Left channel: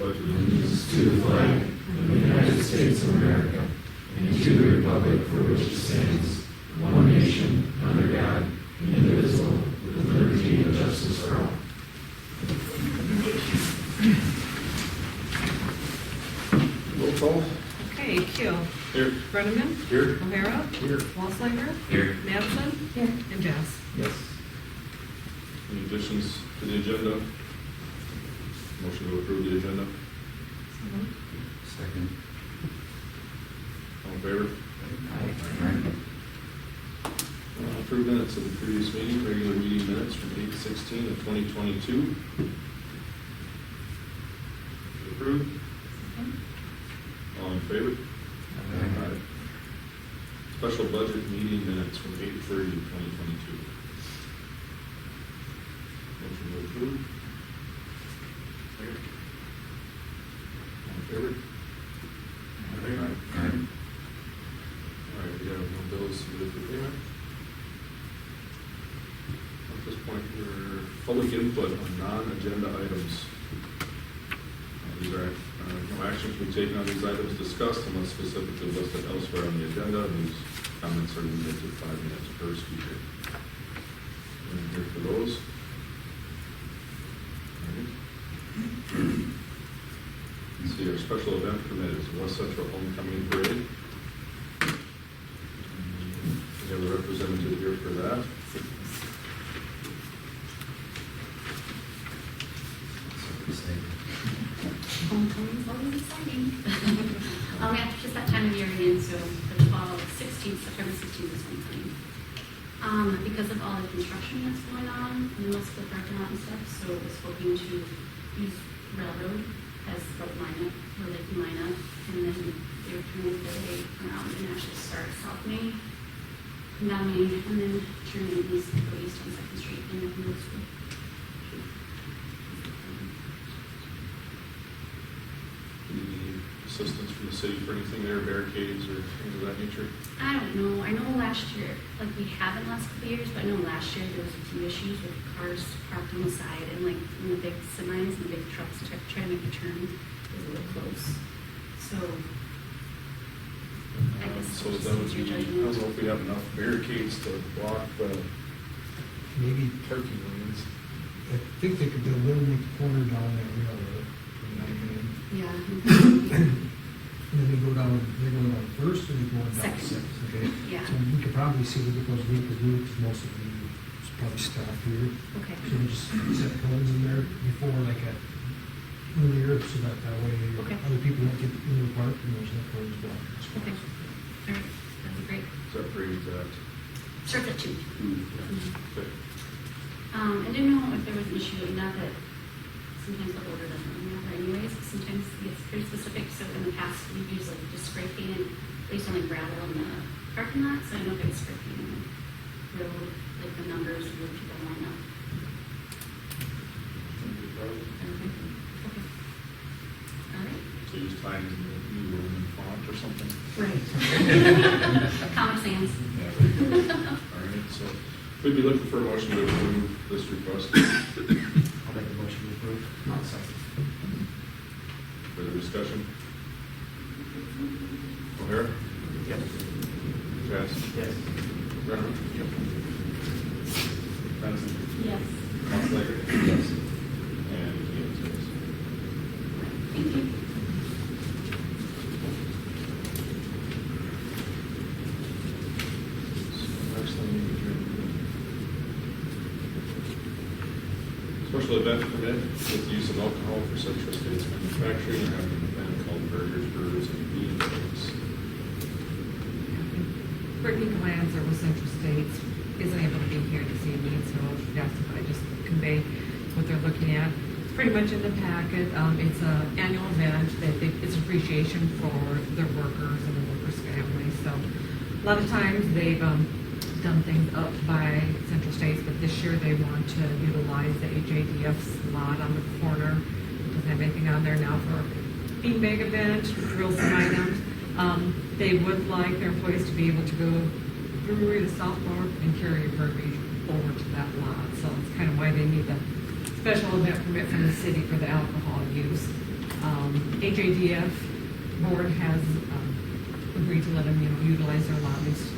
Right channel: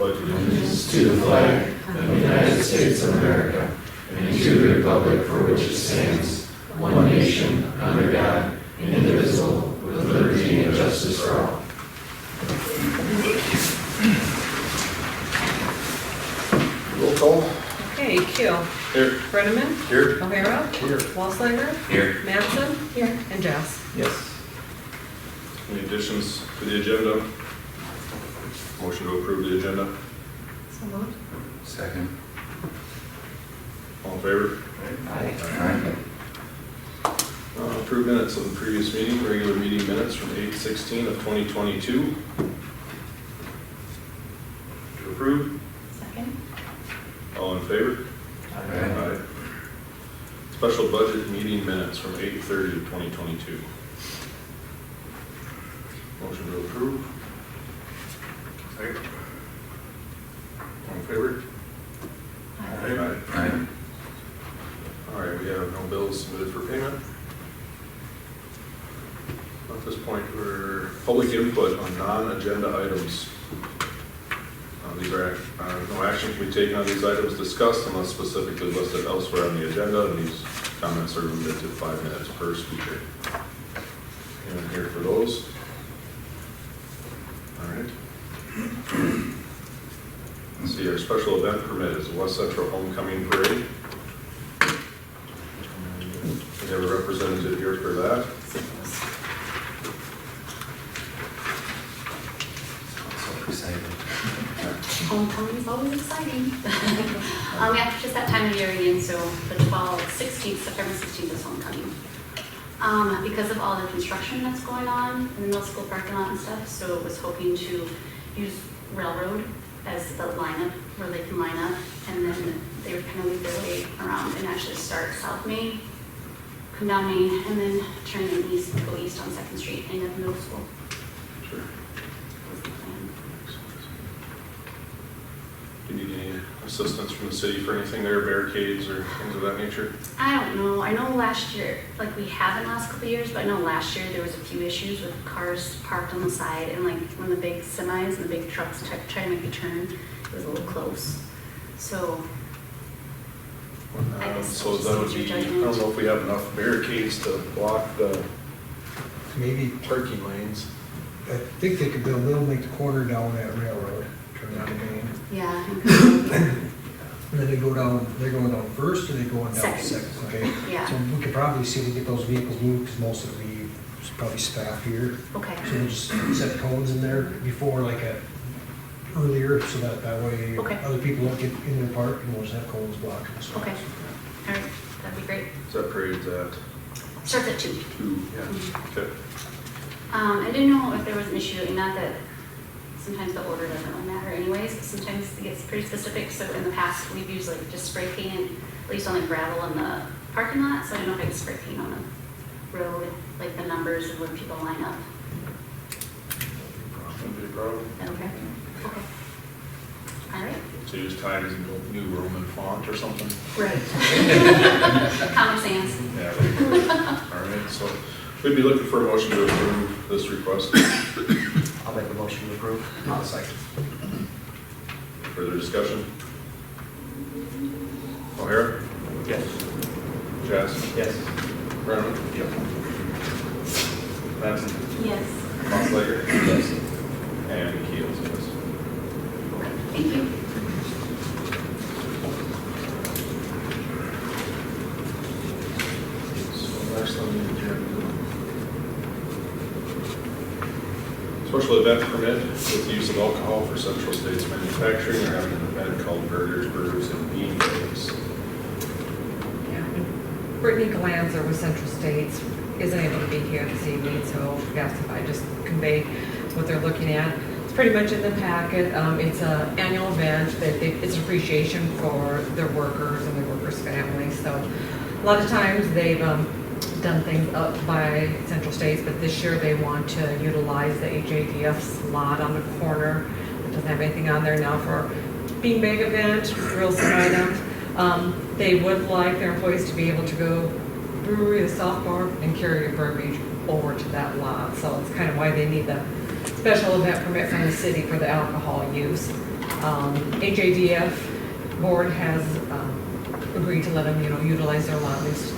pledge allegiance to the flag of the United States of America and to the republic for which it stands, one nation, under God, indivisible, with liberty and justice for all. Roll call. Okay, Keel. Here. Brenneman. Here. O'Hara. Here. Walsliger. Here. Mattson. Here. And Jess. Yes. Any additions to the agenda? Motion to approve the agenda. So moved. Second. All in favor? Aye. Approved minutes of the previous meeting, regular meeting minutes from 8/16 of 2022. To approve. Second. All in favor? Aye. Special budget meeting minutes from 8/30 of 2022. Motion to approve. Aye. All in favor? Aye. All right, we have no bills submitted for payment. At this point, we're public input on non-agenda items. These are, no action can be taken on these items discussed unless specifically listed elsewhere on the agenda, and these comments are limited to 5 minutes per speaker. And here for those. All right. Let's see, our special event permit is the West Central Homecoming Parade. We have a representative here for that. So excited. Homecoming is always exciting. Yeah, just that time of year again, so the 16th, September 16th is homecoming. Because of all the construction that's going on in the middle school parking lot and stuff, so was hoping to use Railroad as the lineup where they can line up, and then they would kind of lead their way around and actually start South Main, come down Main, and then turn east, go east on 2nd Street, end up middle school. Sure. Was the plan. Do you need any assistance from the city for anything there, barricades or things of that nature? I don't know. I know last year, like we have in the last couple of years, but I know last year there was a few issues with cars parked on the side, and like when the big semis and the big trucks try to make a turn, it was a little close. So I guess So we'll just that would use be, your I judgment. don't know if we have enough barricades to block the Maybe, parking lanes. I think they could build, they'll make the corner down that railroad, turn that main. Yeah. I think so. And then they go down, they're going down first, or they going down Second. second, okay? Yeah. So we could probably see to get those vehicles moved, because most of it's probably staff here. Okay. So we just set cones in there before, like earlier, so that way Okay. other people won't get in their park, and we'll just have cones blocking the spots. Okay. All right. That'd be great. Is that parade's at Starts at 2. 2? Mhm. Okay. I didn't know if there was an issue, not that sometimes the order doesn't really matter anyways, but sometimes it gets pretty specific. So in the past, we've used like just spray painted, at least on the gravel in the parking lot. So I don't know if I can spray paint on the road, like the numbers of when people line up. Wouldn't be a problem. Okay. Okay. All right. So use Times New Roman font or something? Right. Comic Sans. Yeah. Right. All right, so we'd be looking for a motion to approve this request. I'll make the motion to approve. I'll second. Further discussion? O'Hara? Yes. Jess? Yes. Brennan? Yep. Mattson? Yes. Mosslager? Yes. And Keel, yes. Thank you. So next on the agenda. Special event permit with the use of alcohol for Central States Manufacturing. They're having an event called Burgers, and Bean Bags. Brittany Galanzer with Central States isn't able to be here this evening, so we asked if I just convey what they're looking at. It's pretty much in the packet. It's an annual event. It's appreciation for their workers and their workers' families. So a lot of times they've done things up by Central States, but this year they want to utilize the HADF lot on the corner. It doesn't have anything on there now for beanbag event, grill some items. They would like their employees to be able to go brewery, the South Bar, and carry your verbiage over to that lot. So it's kind of why they need the special event permit from the city for the alcohol use. HADF board has agreed to let them, utilize their lot, at least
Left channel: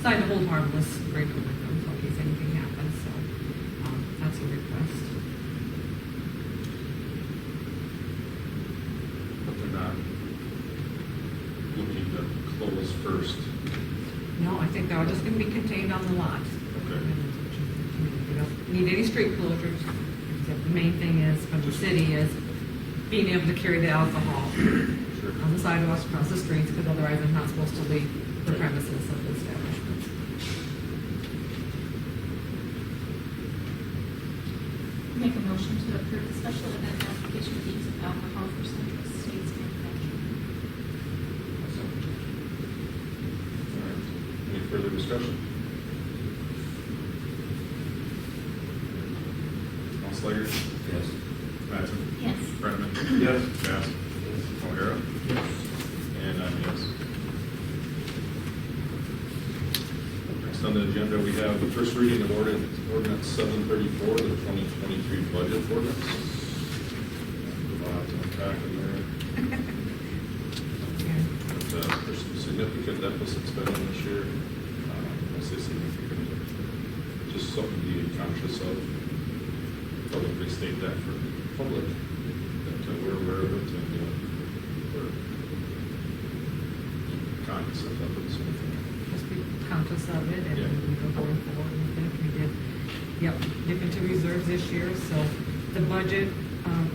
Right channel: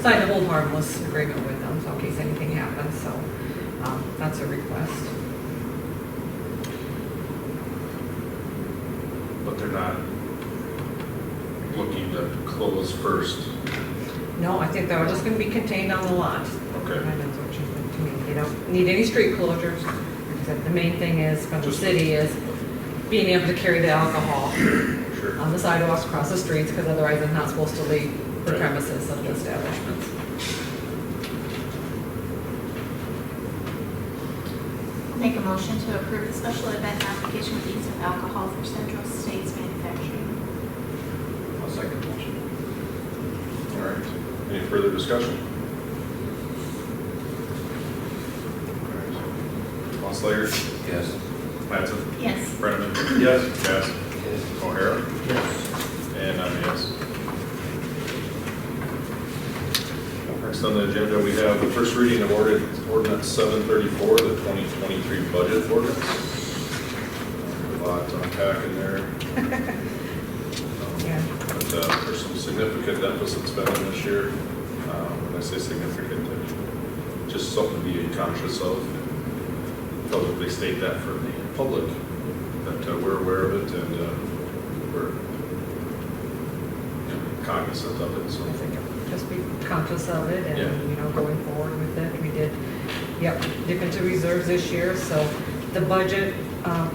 sign a hold harmless agreement with them, so in case anything happens, so that's a request. But they're not looking to close first. No, I think they're just gonna be contained on the lot. Okay. Kind of what you think to me. They don't need any street closures. Except the main thing is, from the Just- city, is being able to carry the alcohol Sure. on the sidewalks, across the streets, because otherwise I'm not supposed to leave the Right. premises of the establishments. I'll make a motion to approve the special event application fees of alcohol for Central States Manufacturing. I'll second the motion. All right. Any further discussion? All right. Slager? Yes. Mattson? Yes. Brenneman? Yes. Bass? Yes. O'Hara? Yes. And I'm a yes. Next on the agenda, we have the first reading of ordinance 734, the 2023 budget ordinance. A lot to unpack in there. Yeah. But there's some significant deficits spending this year. When I say significant, just something to be conscious of. Publicly state that for the public, that we're aware of it and we're cognizant of it, so. I think just be conscious of it and, Yeah. going forward with it. We did, dip into reserves this year, so the budget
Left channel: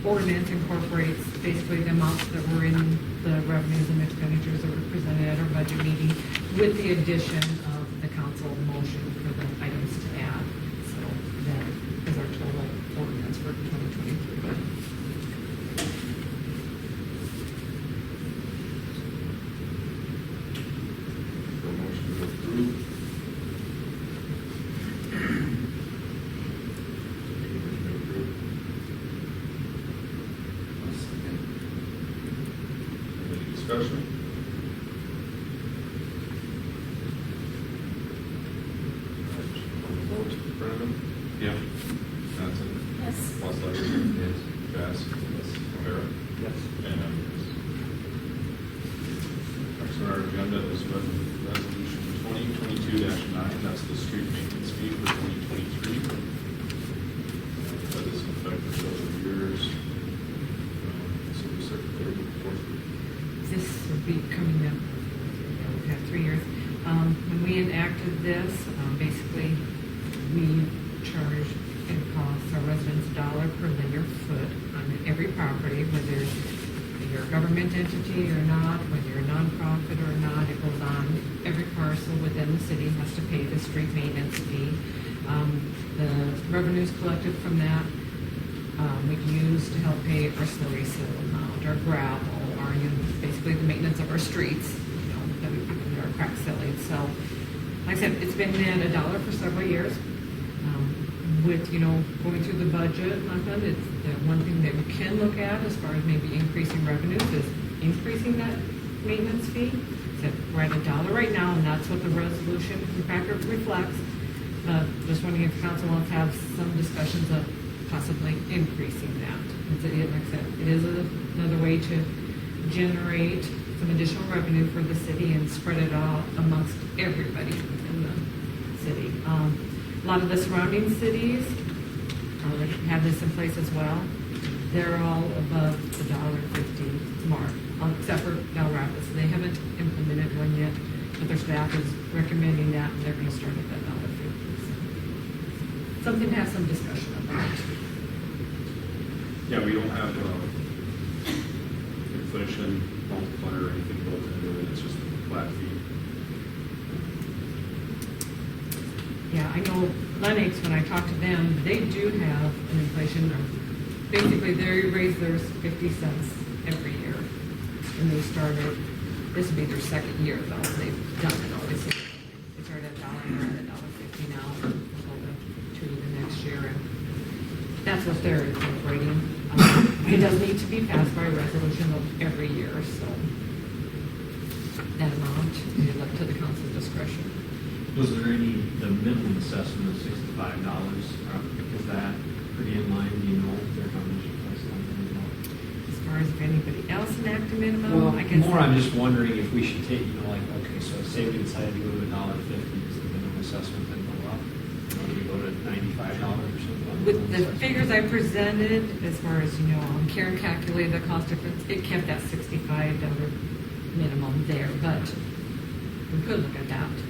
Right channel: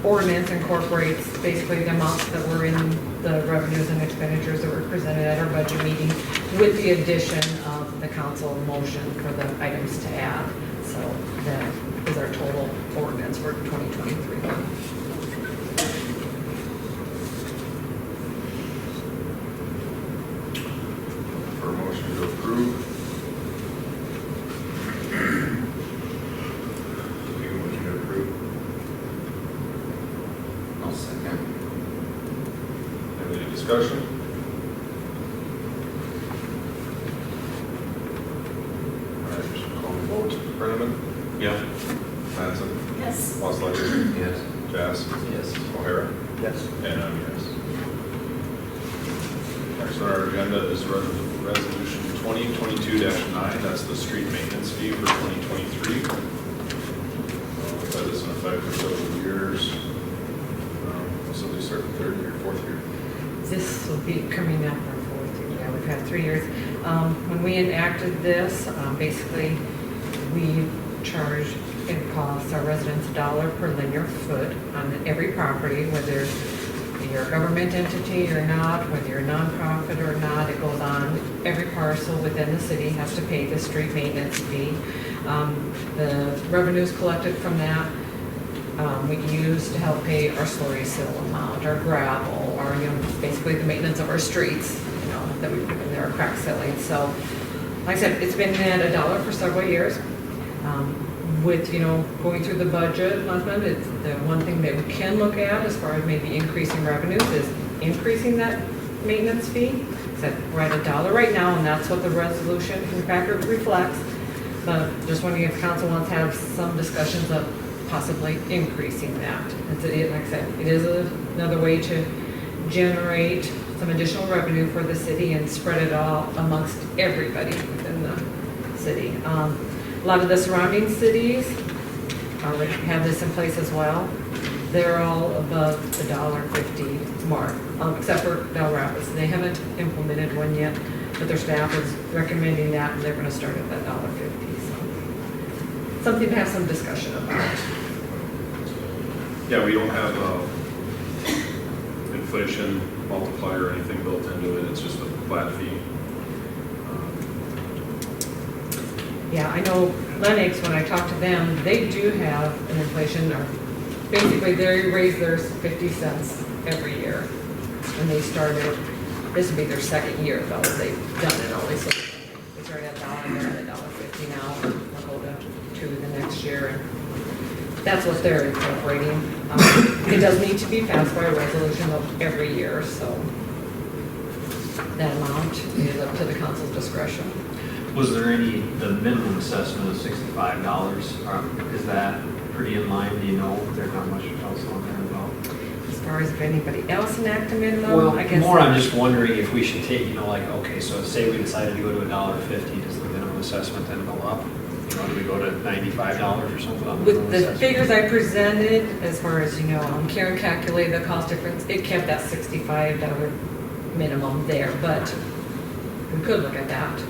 ordinance incorporates basically the amounts that were in the revenues and expenditures that were presented at our budget meeting with the addition of the council motion for the items to add. So that is our total ordinance for 2023. For a motion to approve. Make a motion to approve. I'll second. Any discussion? All right, call the vote. Brenneman? Yeah. Mattson? Yes. Slager? Yes. Bass? Yes. O'Hara? Yes. And I'm yes. Next on our agenda is resolution 2022-9. That's the street maintenance fee for 2023. That is in effect for several years. So they start the third year, fourth year. This will be coming up our fourth year. Yeah, we've had 3 years. When we enacted this, basically, we charge, it costs our residents $1 per linear foot on every property, whether you're a government entity or not, whether you're a nonprofit or not, it goes on. Every parcel within the city has to pay the street maintenance fee. The revenues collected from that, we can use to help pay our slurry seal amount, our gravel, our, basically the maintenance of our streets, that we put in there, our crack sealing. So, like I said, it's been at $1 for several years. With, going through the budget last month, it's the one thing that we can look at as far as maybe increasing revenues is increasing that maintenance fee. So we're at $1 right now, and that's what the resolution in the packet reflects. But just wondering if council wants to have some discussions of possibly increasing that. Like I said, it is another way to generate some additional revenue for the city and spread it all amongst everybody within the city. A lot of the surrounding cities already have this in place as well. They're all above the $1.50 mark, except for Del Rapids. They haven't implemented one yet, but their staff is recommending that, and they're going to start at that $1.50. So something to have some discussion about. Yeah, we don't have inflation multiplier or anything built into it. It's just a flat fee. Yeah, I know Lennox, when I talked to them, they do have an inflation, or basically they raise theirs 50 cents every year. And they started, this would be their second year though, they've done it only, so they started at $1 and they're at $1.50 now, they'll go to $2 the next year, and that's what they're incorporating. It does need to be passed by a resolution every year, so that amount is up to the council's discretion. Was there the minimum assessment of $65? Is that pretty in line? Do you know there's not much else on there about? It's far as if anybody else enact a minimum, Well, I guess. more I'm just wondering if we should take, like, okay, so say we decided to go to $1.50, does the minimum assessment then go up? Do we go to $95 or something? on With minimum the assessment? figures I presented, as far as, Karen calculated the cost difference, it kept that $65 minimum there, but we could look at that.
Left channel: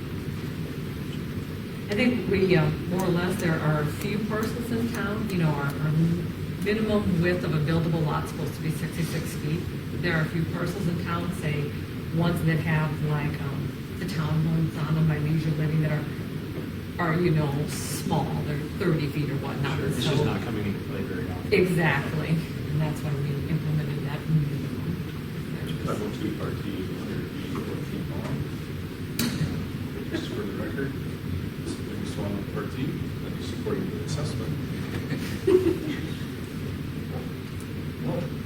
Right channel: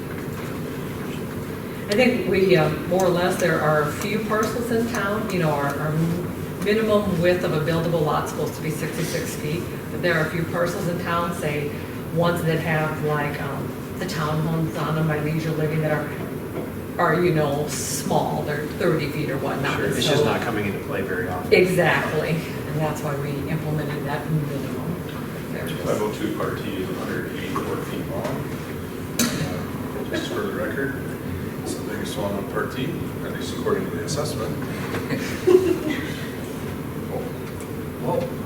I think we, more or less, there are a few parcels in town, our minimum width of a buildable lot is supposed to be 66 feet, but there are a few parcels in town, say, ones that have like, the townhomes on them by leisure living that are, small, they're 30 feet or whatnot. Sure, it's So- just not coming into play very often. Exactly, and that's why we implemented that minimum. There it is. 502 Part T is 184 feet long. Just for the record, it's the biggest one on Part T, at least according to the assessment.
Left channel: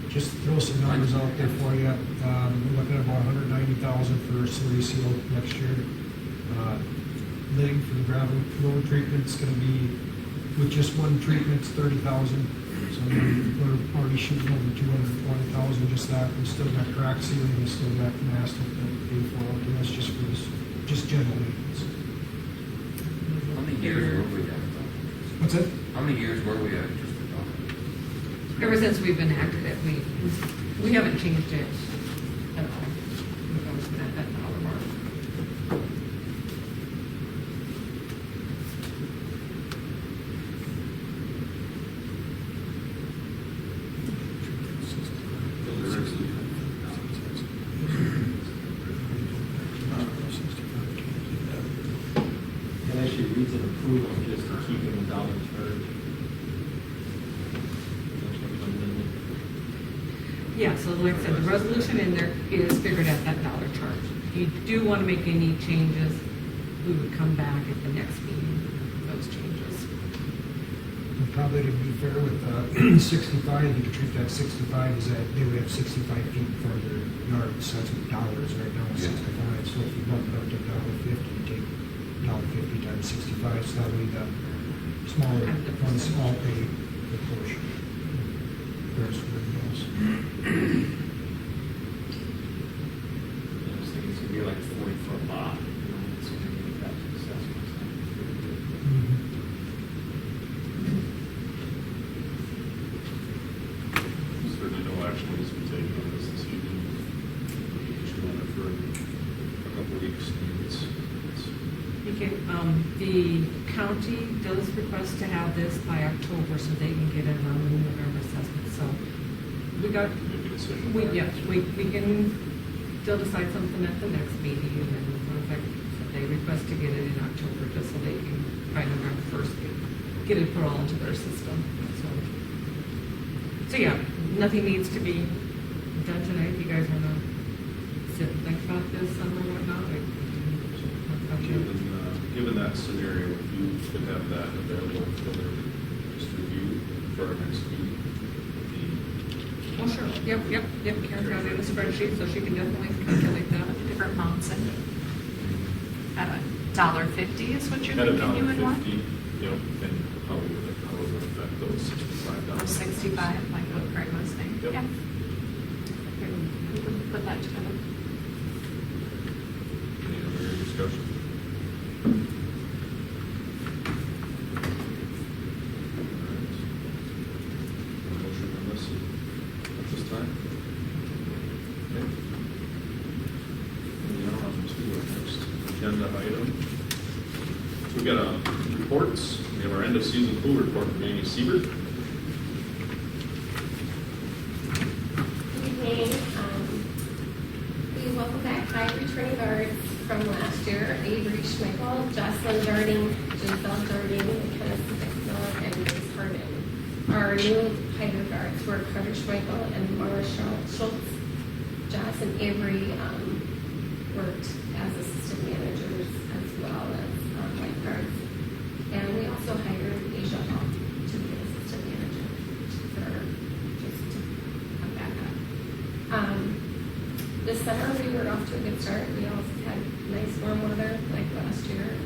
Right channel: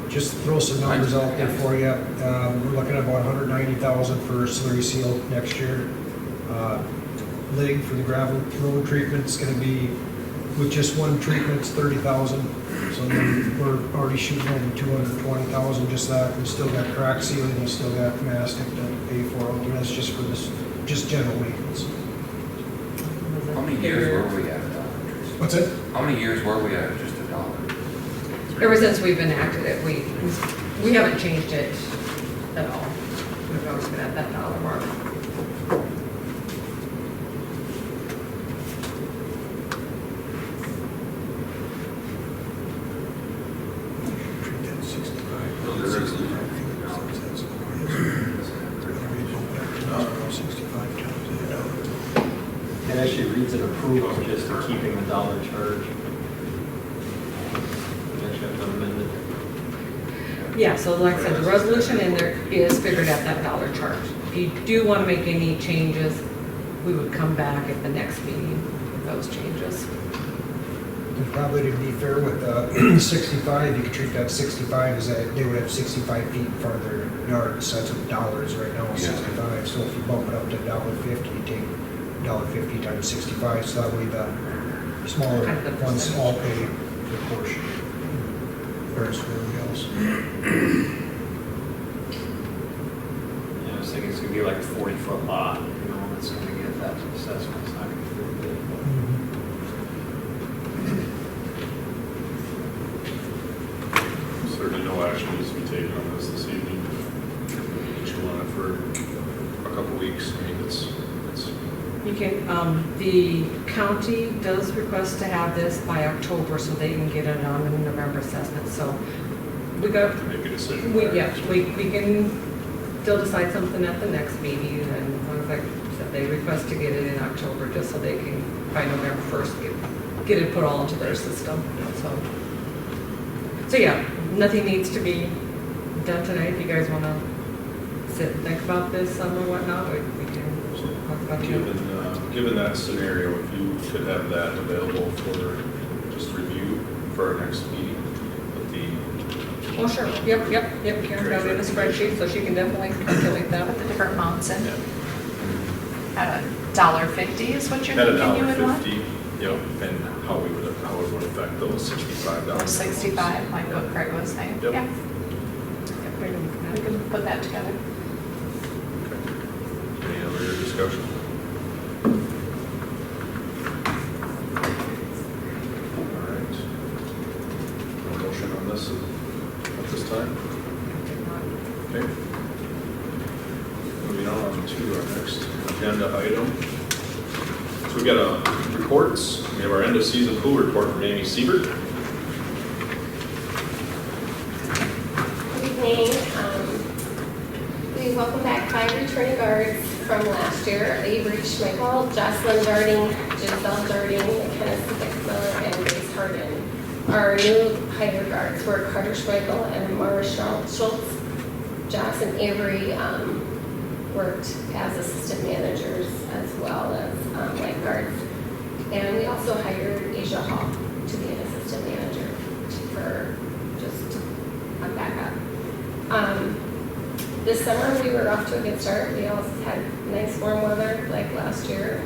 Just throw some numbers out there for you. We're looking at about 190,000 for slurry seal next year. Lig for the gravel road treatment is gonna be, with just one treatment, it's 30,000. So we're already shooting over 220,000 just that. We still got crack sealing, we still got mastic to pay for, and that's just for this, just general maintenance. How many years were we at? What's it? How many years were we at just $1? Ever since we've enacted it, we haven't changed it at all. We've always been at that dollar mark. It actually reads an approval just to keeping the dollar charge. We actually have to amend it. Yeah, so like I said, the resolution in there is figured at that dollar charge. If you do want to make any changes, we would come back at the next meeting with those changes. And probably to be fair with 65, you could treat that 65 as that they would have 65 feet in front of their yard, so that's what dollar is right now, is Yeah. 65. So if you bump it up to $1.50, you take $1.50 times 65, so that way the smaller Kind of the ones percentage. all pay their portion. Whereas everybody else. I was thinking it's gonna be like a 40-foot lot, it's gonna get that assessment. It's not gonna be very big. Certainly no action needs to be taken on this evening. Just want it for a couple weeks. I mean, it's You can, the county does request to have this by October so they can get it on the November assessment, so we got, to make a decision. we can still decide something at the next meeting, and like I said, they request to get it in October just so they can, by November 1st, get it put all into their system, so yeah, nothing needs to be done tonight. If you guys want to sit and think about this some or whatnot, we can talk about it. Given that scenario, if you could have that available for just review for our next meeting, would be Oh, sure, yep, Karen got it in a spreadsheet, so she can definitely calculate that. With the different amounts in, yeah. at $1.50 is what you're At thinking you would want? $1.50, yep, and how it would affect those $65. Or 65, like what Craig was saying, Yep. yeah, We we can put that together. Okay. Any other discussion? All right. No motion on this at this time? Okay. Moving on to our next agenda item. So we got reports. We have our end of season pool report from Amy Siebert. Good evening. We welcome back 5 returning guards from last year: Avery Schmeichel, Jocelyn Jarding, Giselle Jarding, McKenna Stickmiller, and Grace Harden. Our new hire guards were Carter Schmeichel and Mara Schultz. Joss and Avery worked as assistant managers as well as lifeguards. And we also hired Asia Hall to be an assistant manager for just a backup. This summer we were off to a good start. We also had nice warm weather like last year.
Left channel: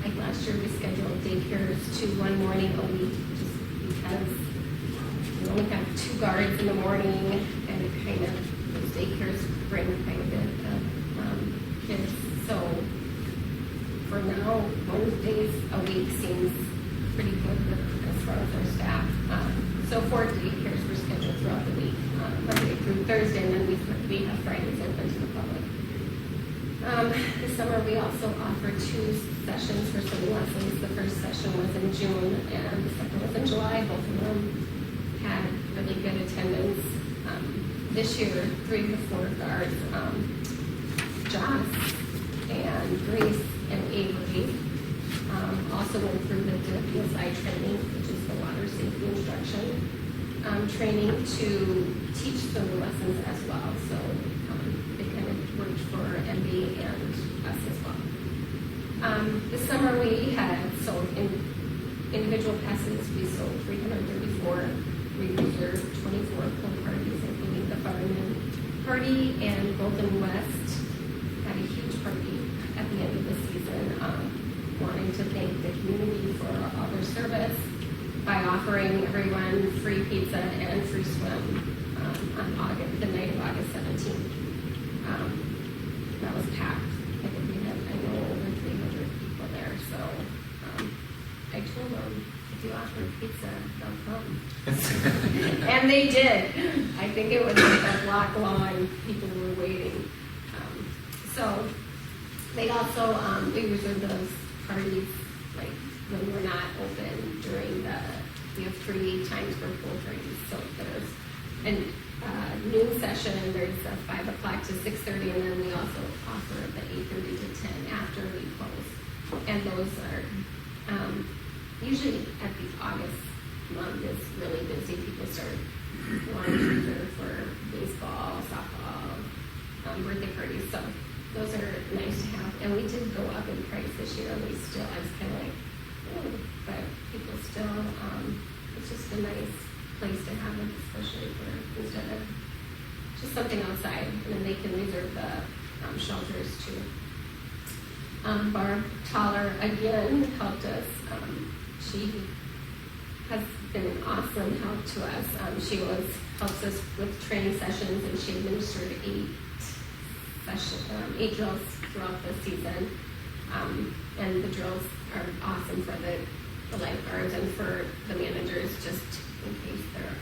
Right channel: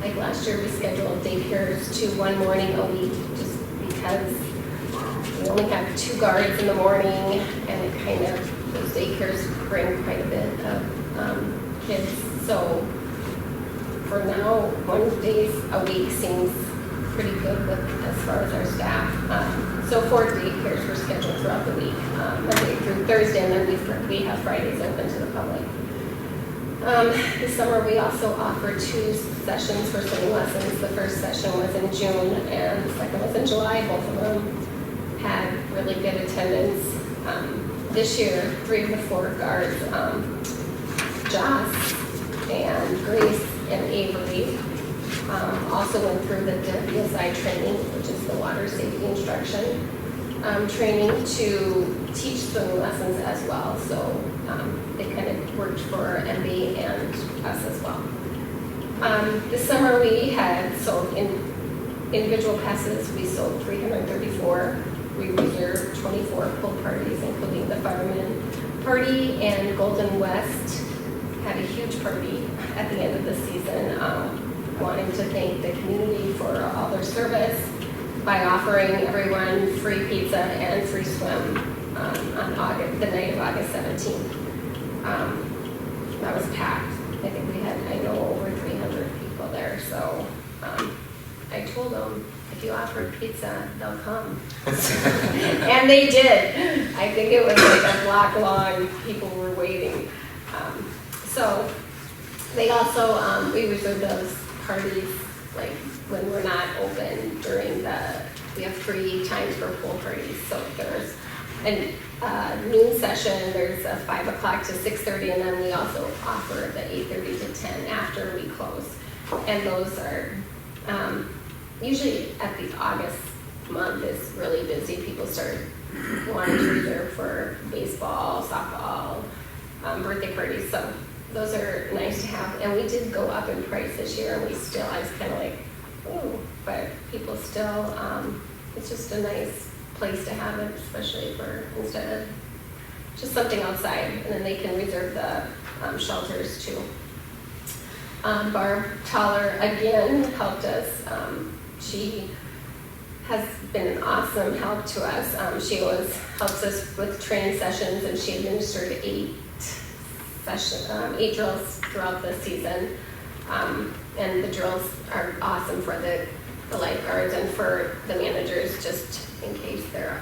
Like last year we scheduled daycares to one morning a week just because We only have 2 guards in the morning, and it kind of, those daycares bring quite a bit of kids. So for now, 1 day a week seems pretty good with, as far as our staff. So 4 daycares were scheduled throughout the week, Monday through Thursday, and then we have Fridays open to the public. This summer, we also offered 2 sessions for swimming lessons. The first session was in June, and the second was in July. Both of them had really good attendance. This year, 3 of the 4 guards, Joss and Grace and Avery, also went through the WSI training, which is the water safety instruction training, to teach swimming lessons as well. So they kind of worked for MB and us as well. This summer we had sold individual passes. We sold 334. We reserved 24 pool parties, including the fireman party, and Golden West had a huge party at the end of the season, wanting to thank the community for all their service by offering everyone free pizza and free swim on the night of August 17th. That was packed. I think we had, over 300 people there. So I told them, if you offer pizza, they'll come. And they did. I think it was like a block long. People were waiting. So they also, we reserve those parties like when we're not open during we have 3 times for pool parties. So there's a noon session, there's a 5 o'clock to 6:30, and then we also offer the 8:30 to 10 after we close. And those are, usually at the August month is really busy. People start wanting to reserve for baseball, softball, birthday parties. So those are nice to have. And we did go up in price this year, and I was kind of like, oh, but people still, it's just a nice place to have it, especially instead of just something outside, and then they can reserve the shelters too. Barb Toller again helped us. She has been an awesome help to us. She always helps us with training sessions, and she administered 8 drills throughout the season. And the drills are awesome for the lifeguards and for the managers, just in case there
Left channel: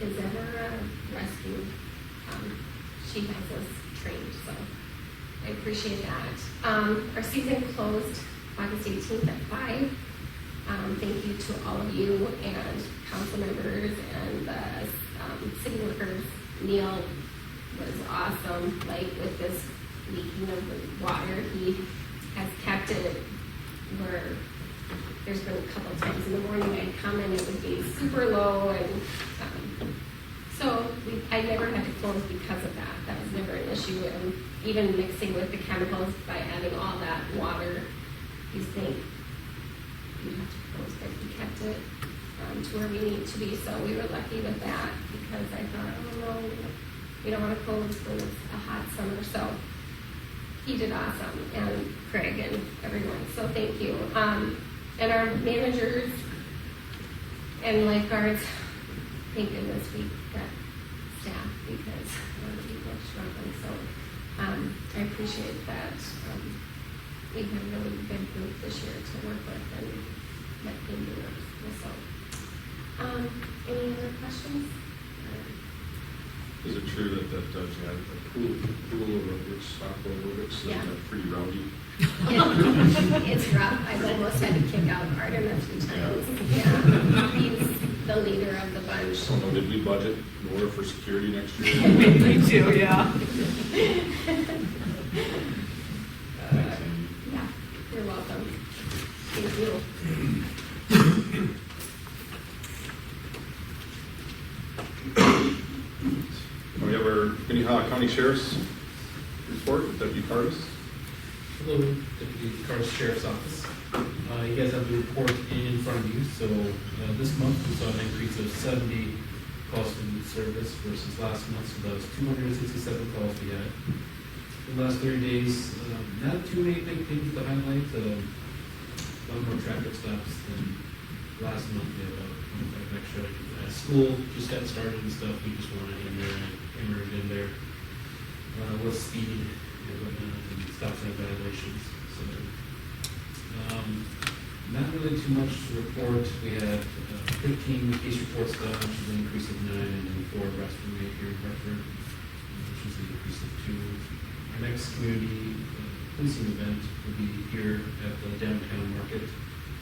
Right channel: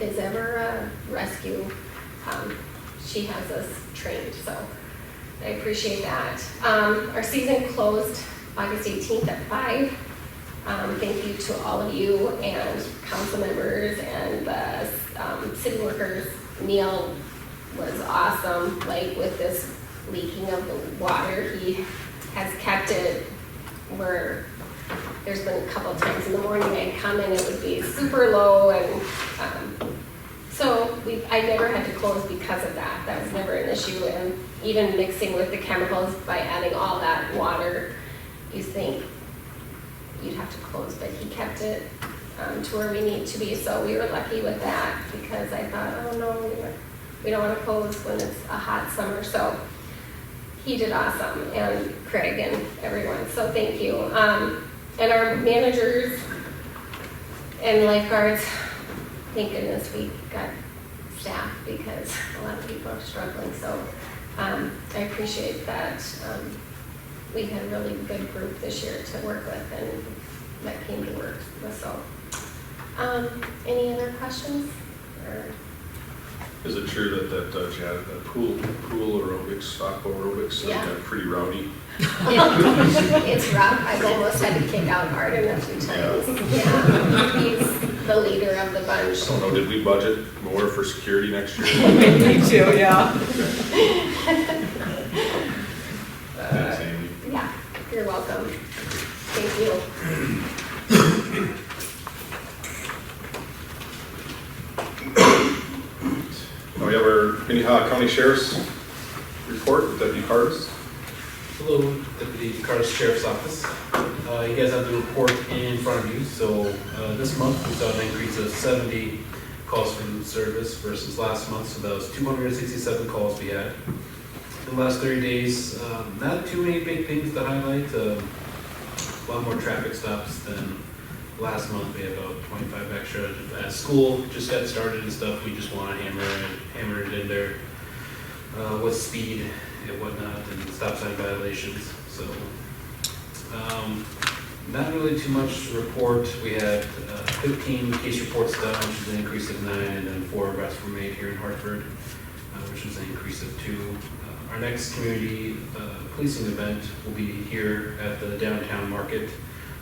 is ever a rescue. She has us trained, so I appreciate that. Our season closed August 18th at 5. Thank you to all of you and council members and the city workers. Neil was awesome, like with this leaking of the water. He has kept it where there's been a couple times in the morning I'd come and it would be super low, and so I never had to close because of that. That was never an issue. And even mixing with the chemicals by adding all that water, you think you'd have to close, but he kept it to where we need to be. So we were lucky with that, because I thought, oh no, we don't want to close when it's a hot summer. So he did awesome, and Craig and everyone. So thank you. And our managers and lifeguards, thank goodness we got staff, because a lot of people are struggling. So I appreciate that. We had a really good group this year to work with, and that came to work. So any other questions? Is it true that Chad, the pool aerobics, aqua aerobics, Yeah. got pretty rowdy? It's rough. I've almost had to kick out Arden a few times. Yeah. He's the leader of the bunch. I don't know, did we budget more for security next year? Me too, yeah. Thanks, Amy. Yeah, you're welcome. Thank you. We have our Minnehaha County Sheriff's report, Deputy Cardis. Hello, Deputy Cardis Sheriff's Office. You guys have the report in front of you. So this month we saw an increase of 70 calls for food service versus last month. So that was 267 calls we had. In the last 30 days, not too many big things to highlight. A lot more traffic stops than last month, we had about 25 extra. As school just got started and stuff, we just want to hammer it in there with speed and whatnot and stop sign violations. So not really too much to report. We had 15 case reports done, which is an increase of 9, and then 4 arrests were made here in Hartford, which is an increase of 2. Our next community policing event will be here at the downtown market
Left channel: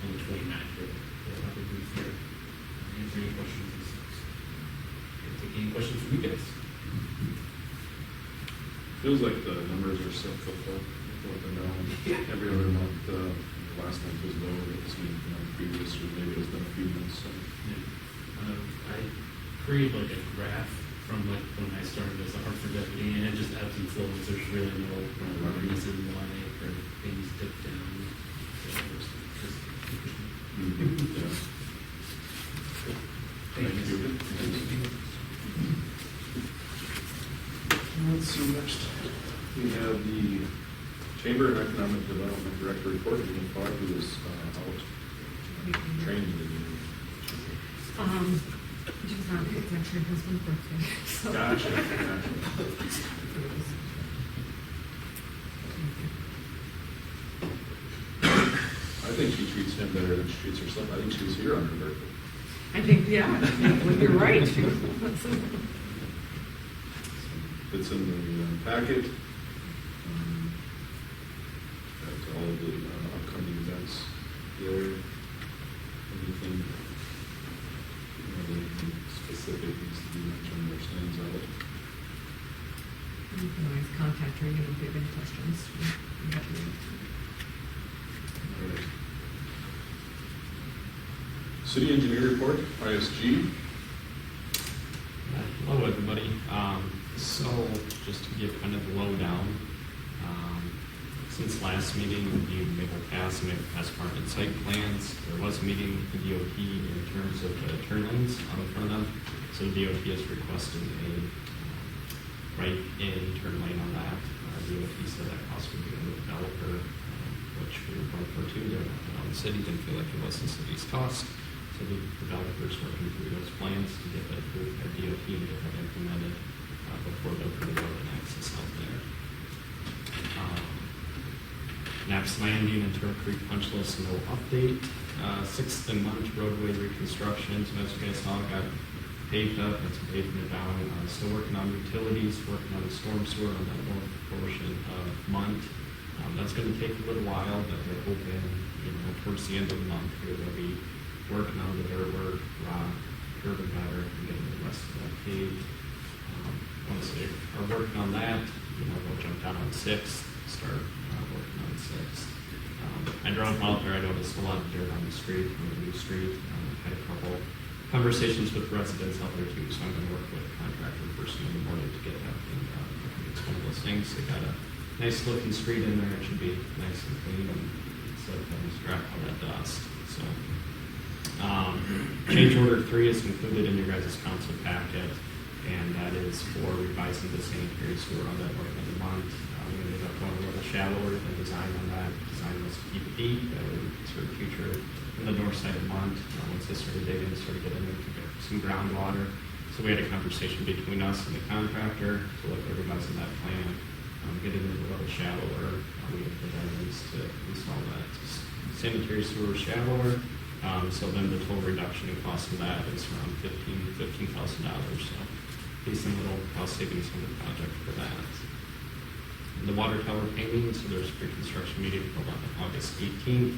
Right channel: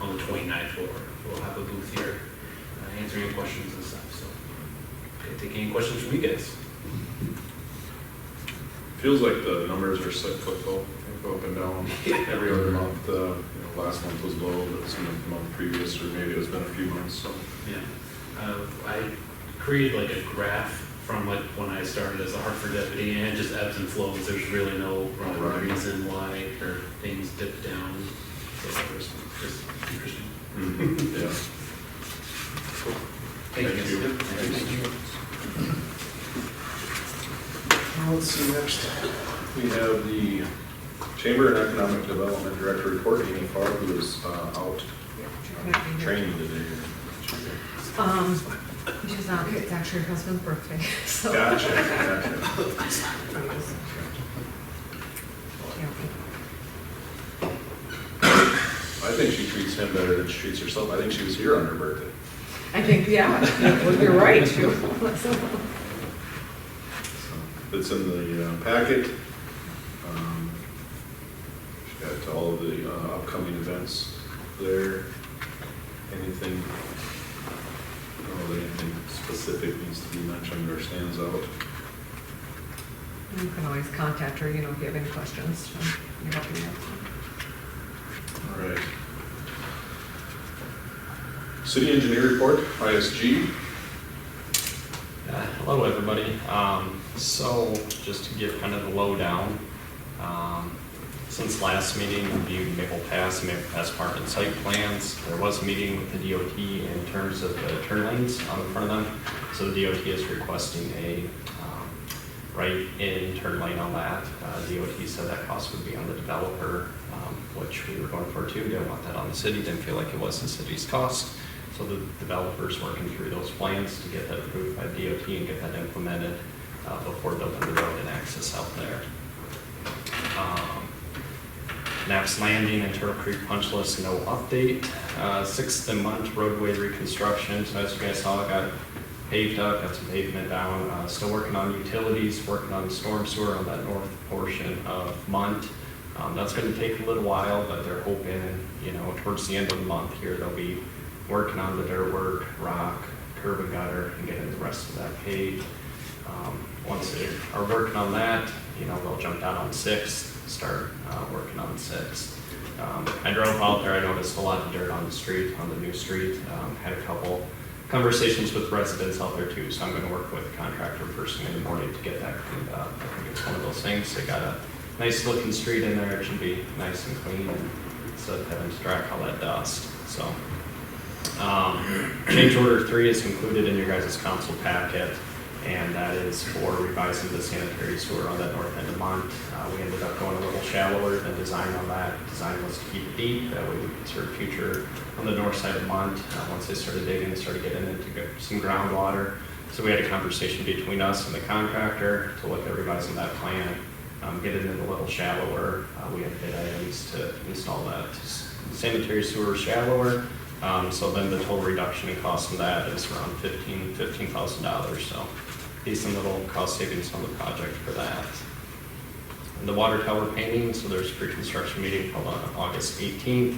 on the 29th floor. We'll have a booth here, answer any questions and stuff. So, okay, take any questions from you guys. Feels like the numbers are cyclical, they go up and down every other month. Last month was low, but some of the month previous, or maybe it's been a few months, so. Yeah. I created like a graph from like when I started as a Hartford deputy, and it just ebbs and flows. There's really no reason why things dip down. So it was interesting. Mm-hmm. Yeah. Thank you. Let's see, next we have the Chamber and Economic Development Director report, Amy Farr, who is out training today. She's not, it's actually her husband's birthday, so. Gotcha. I think she treats him better than she treats herself. I think she was here on her birthday. I think, yeah, well, you're right. It's in the packet. She's got all of the upcoming events there. Anything, I don't know, anything specific needs to be mentioned or stands out. You can always contact her, if you have any questions. We're happy to help. All right. City Engineer Report, ISG. Hello, everybody. So just to give kind of the lowdown, since last meeting, reviewed Maple Pass and Maple Pass Park and site plans. There was a meeting with the DOT in terms of the turn lanes on the front of them. So the DOT is requesting a right-in turn lane on that. DOT said that cost would be on the developer, which we were going for too. Didn't want that on the city. Didn't feel like it was the city's cost. So the developer's working through those plans to get that approved by DOT and get that implemented before building the road and access out there. Knapp's Landing and Turtle Creek punch list, no update. 6th and Munt roadway reconstruction. So as you guys saw, I got paved up, got some pavement down. Still working on utilities, working on storm sewer on that north portion of Munt. That's going to take a little while, but they're hoping, towards the end of the month here, they'll be working on the dirt work, rock, curb and gutter, and getting the rest of that paved. Once they are working on that, they'll jump down on 6th, start working on 6th. I drove out there, I noticed a lot of dirt on the street, on the new street. Had a couple conversations with residents out there too, so I'm going to work with the contractor first thing in the morning to get that cleaned up. I think it's one of those things, they got a nice looking street in there, it should be nice and clean, and instead of having to track all that dust. So, change order 3 is included in your guys' council packet, and that is for revising the sanitary sewer on that north end of Mont. We ended up going a little shallower than design on that. Design was to keep it deep, that way we could serve future on the north side of Mont. Once they started digging, they started getting into some groundwater. So we had a conversation between us and the contractor to look at revising that plan, get it in a little shallower. We have bid items to install that sanitary sewer shallower. So then the total reduction in cost of that is around $15,000. So decent little cost savings on the project for that. And the water tower painting, so there's a pre-construction meeting held on August 18th.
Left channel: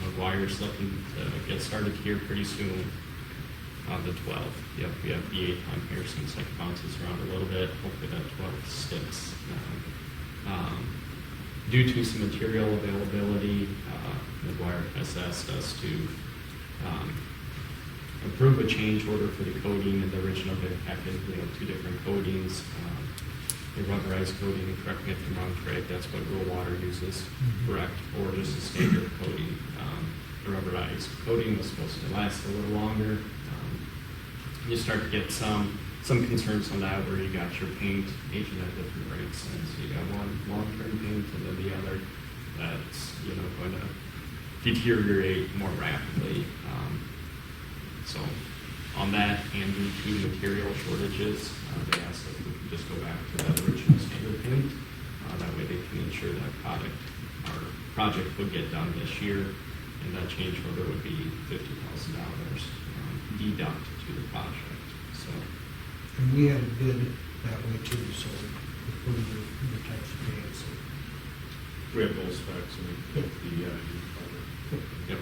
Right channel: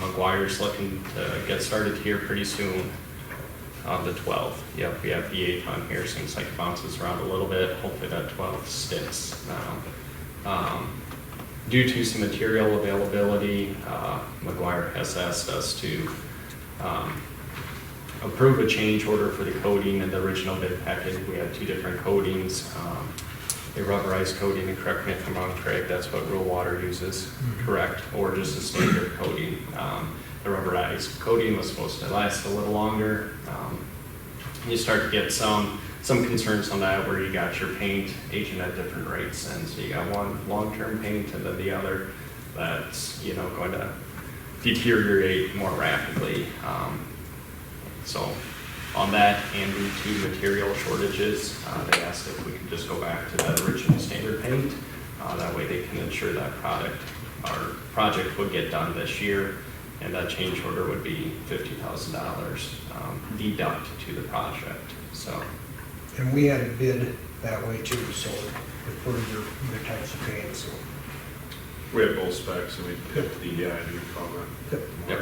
McGuire's looking to get started here pretty soon on the 12th. Yep, we have the 8th on here. Seems like it bounces around a little bit. Hopefully that 12th sticks now. Due to some material availability, McGuire has asked us to approve a change order for the coating and the original bid package. We have 2 different coatings. A rubberized coating, and correct me if I'm wrong, Craig, that's what rural water uses, correct? Or just a standard coating. The rubberized coating was supposed to last a little longer. You start to get some concerns on that where you got your paint aging at different rates, and so you got one long-term paint and then the other that's going to deteriorate more rapidly. So on that, and due to material shortages, they asked if we could just go back to that original standard paint. That way they can ensure that project would get done this year, and that change order would be $50,000 deduct to the project. So, And we had a bid that way too, so for your types of paint, so. We have both specs and we picked the ID cover. yep.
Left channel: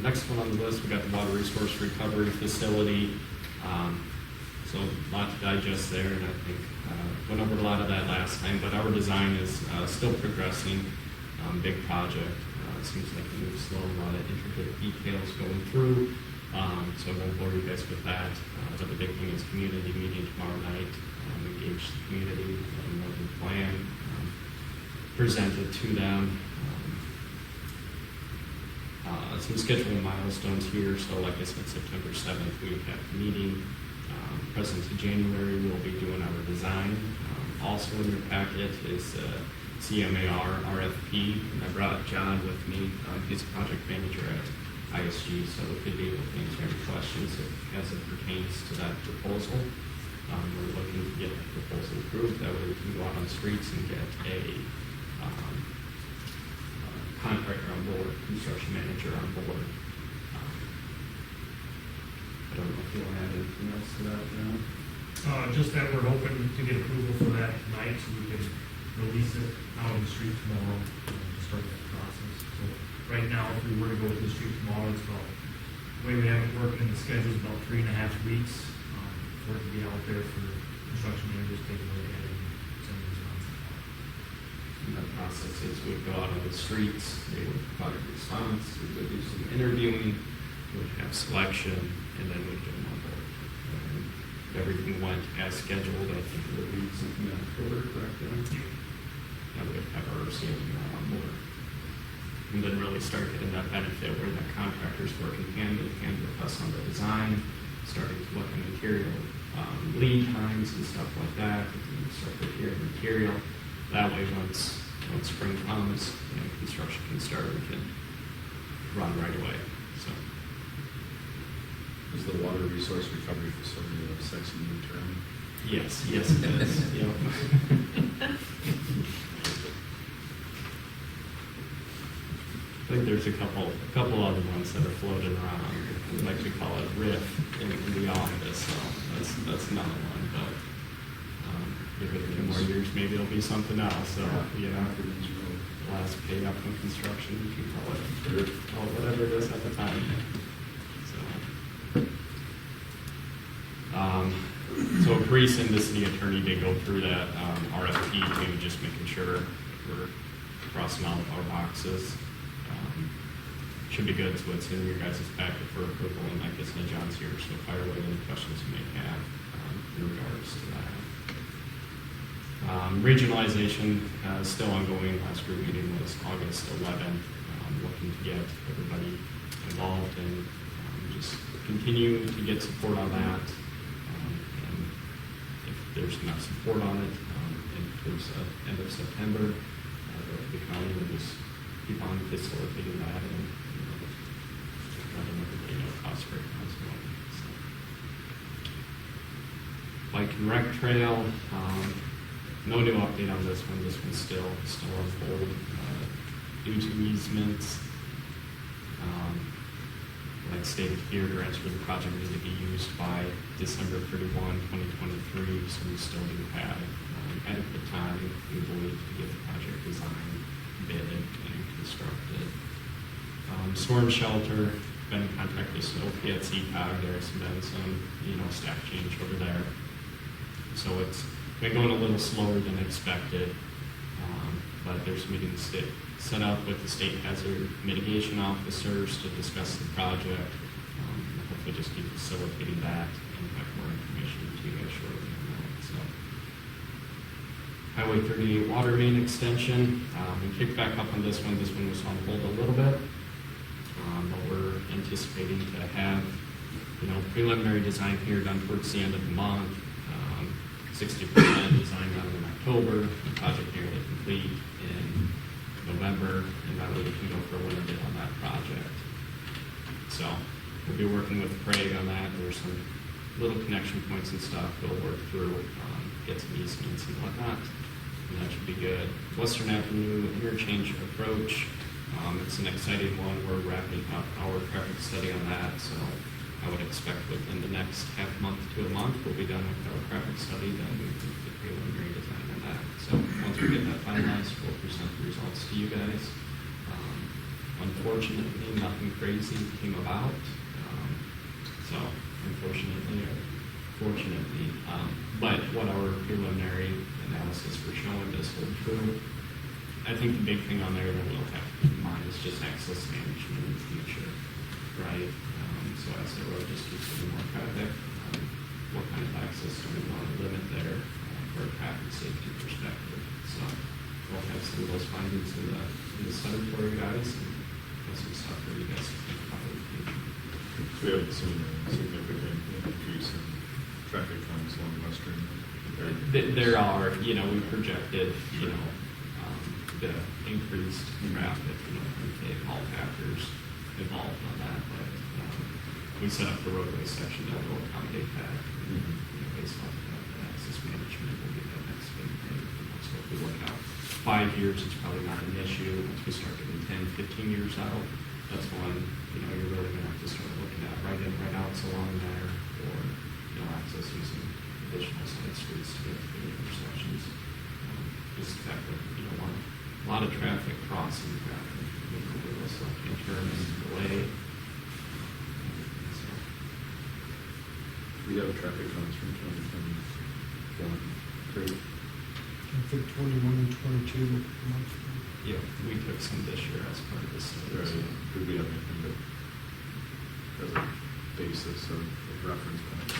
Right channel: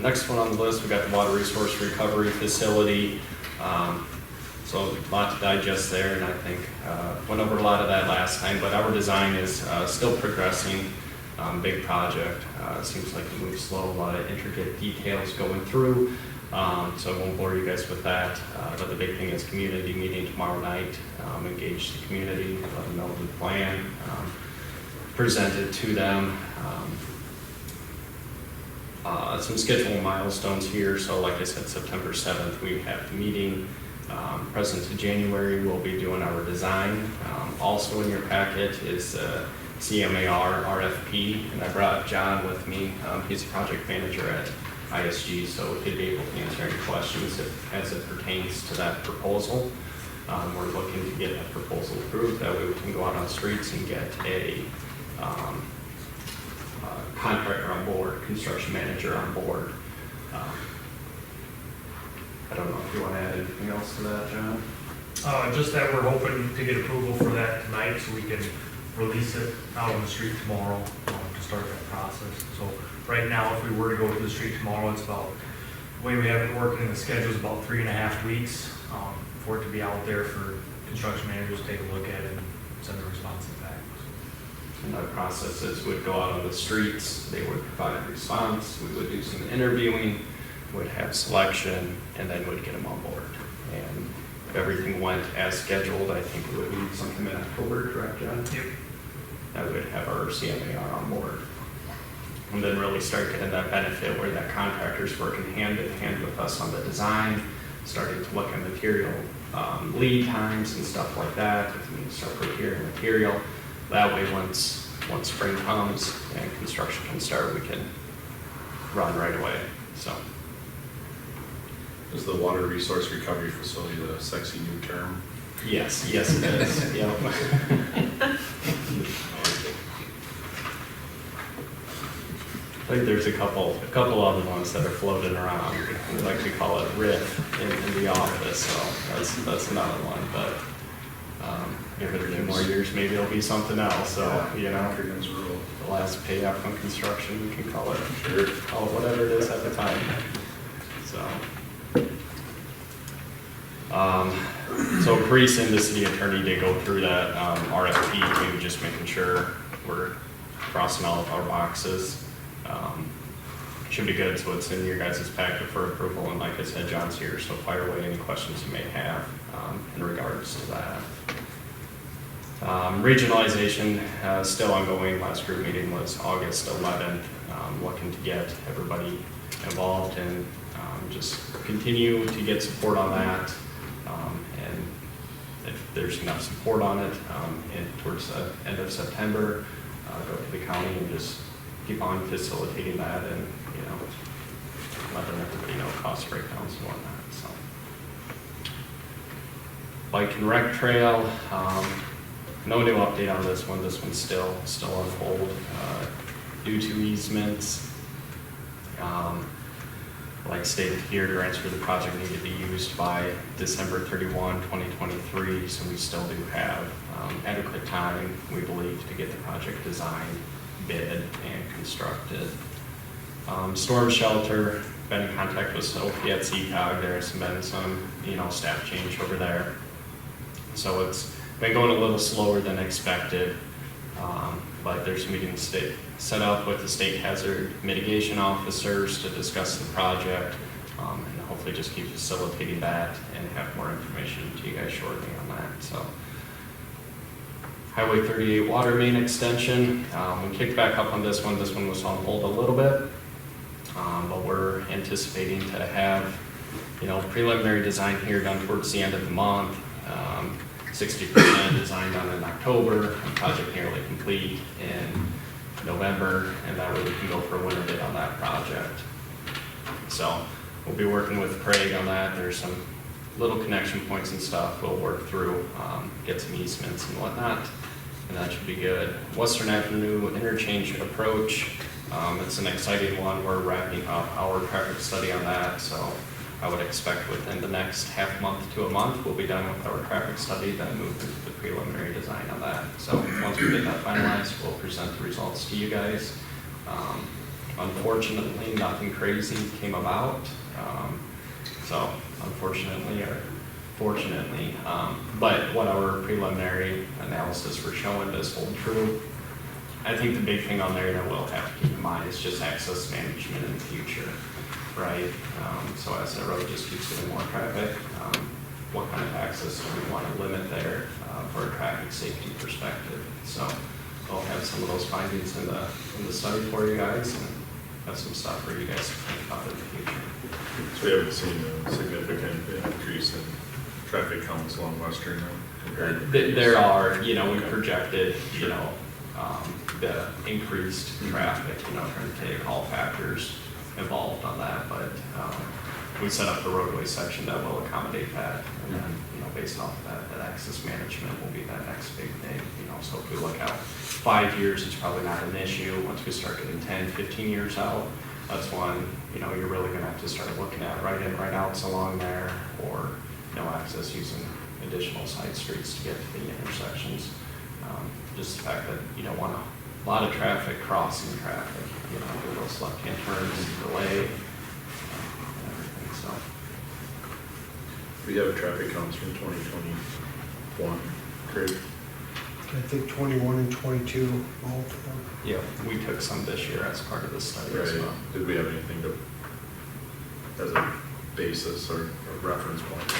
Next one on the list, we got the water resource recovery facility. So a lot to digest there, and I think went over a lot of that last time, but our design is still progressing. Big project. Seems like it moves slow, a lot of intricate details going through. So I won't bore you guys with that. But the big thing is community meeting tomorrow night. Engage the community, let them know the plan, present it to them. Some schedule milestones here. So like I said, September 7th, we have the meeting. Present to January, we'll be doing our design. Also in your packet is CMAR RFP, and I brought John with me. He's a project manager at ISG, so he'd be able to answer any questions as it pertains to that proposal. We're looking to get that proposal approved. That way we can go out on the streets and get a contractor on board, construction manager on board. I don't know if you want to add anything else to that, John? Just that we're hoping to get approval for that tonight so we can release it out on the street tomorrow to start that process. So right now, if we were to go to the street tomorrow, it's about, the way we have it working in the schedule is about 3.5 weeks for it to be out there for construction managers to take a look at it and send a response back. And that process is would go out on the streets, they would provide a response, we would do some interviewing, would have selection, and then would get them on board. And if everything went as scheduled, I think we would need something in October, correct, John? Yep. That would have our CMAR on board. And then really start getting that benefit where that contractor's working hand in hand with us on the design, starting to look at material lead times and stuff like that. If we start procuring material, that way once spring comes and construction can start, we can run right away. So. Is the water resource recovery facility the sexy new term? Yes, it is. Yep. I think there's a couple other ones that are floating around. We like to call it RIF in the office, so that's another one. But give it a few more years, maybe it'll be something else. So the last pay up on construction, we can call it whatever it is at the time. So Carice and the city attorney did go through that RFP, maybe just making sure we're crossing all of our boxes. Should be good, so it's in your guys' packet for approval, and like I said, John's here, so fire away any questions you may have in regards to that. Regionalization still ongoing. Last group meeting was August 11th. Looking to get everybody involved and just continue to get support on that. And if there's enough support on it, and towards the end of September, go to the county and just keep on facilitating that and, letting everybody know cost breakdowns and whatnot, so. Bike and rec trail, no new update on this one. This one's still on hold, due to easements. Like stated here, grants for the project need to be used by December 31, 2023, so we still do have adequate time, we believe, to get the project designed, bid, and constructed. Storm shelter, been in contact with Sophie at CCOG. There's been some, staff change over there. So it's been going a little slower than expected, but there's meetings set up with the state hazard mitigation officers to discuss the project, and hopefully just keep facilitating that and have more information to you guys shortly on that. So, Highway 38 water main extension, we kicked back up on this one. This one was on hold a little bit, but we're anticipating to have, preliminary design here done towards the end of the month. 60% design done in October, project nearly complete in November, and that way we can go for a winter bid on that project. So we'll be working with Craig on that. There's some little connection points and stuff we'll work through, get some easements and whatnot, and that should be good. Western Avenue interchange approach, it's an exciting one. We're wrapping up our traffic study on that, so I would expect within the next half month to a month, we'll be done with our traffic study, then move into the preliminary design on that. So once we get that finalized, we'll present the results to you guys. Unfortunately, nothing crazy came about. So unfortunately, or fortunately, but what our preliminary analysis we're showing does hold true. I think the big thing on there that we'll have to keep in mind is just access management in the future, right? So as the road just keeps getting more traffic, what kind of access do we want to limit there for a traffic safety perspective? So we'll have some of those findings in the study for you guys, and have some stuff for you guys to think about in the future. So we haven't seen a significant increase in traffic counts along Western now? There are, we projected, the increased traffic, trying to take all factors involved on that, but we set up the roadway section that will accommodate that, and then, based off of that access management will be that next big thing, so if we look out 5 years, it's probably not an issue. Once we start getting 10, 15 years out, that's when, you're really gonna have to start looking at right in, right outs along there, or no access using additional side streets to get to the intersections. Just the fact that you don't want a lot of traffic crossing traffic, do those left-hand turns, delay, everything, so. We have traffic counts from 2021, Craig? I think 21 and 22, all of them. Yeah, we took some this year as part of the study as Right. well. Did we have anything as a basis or a reference point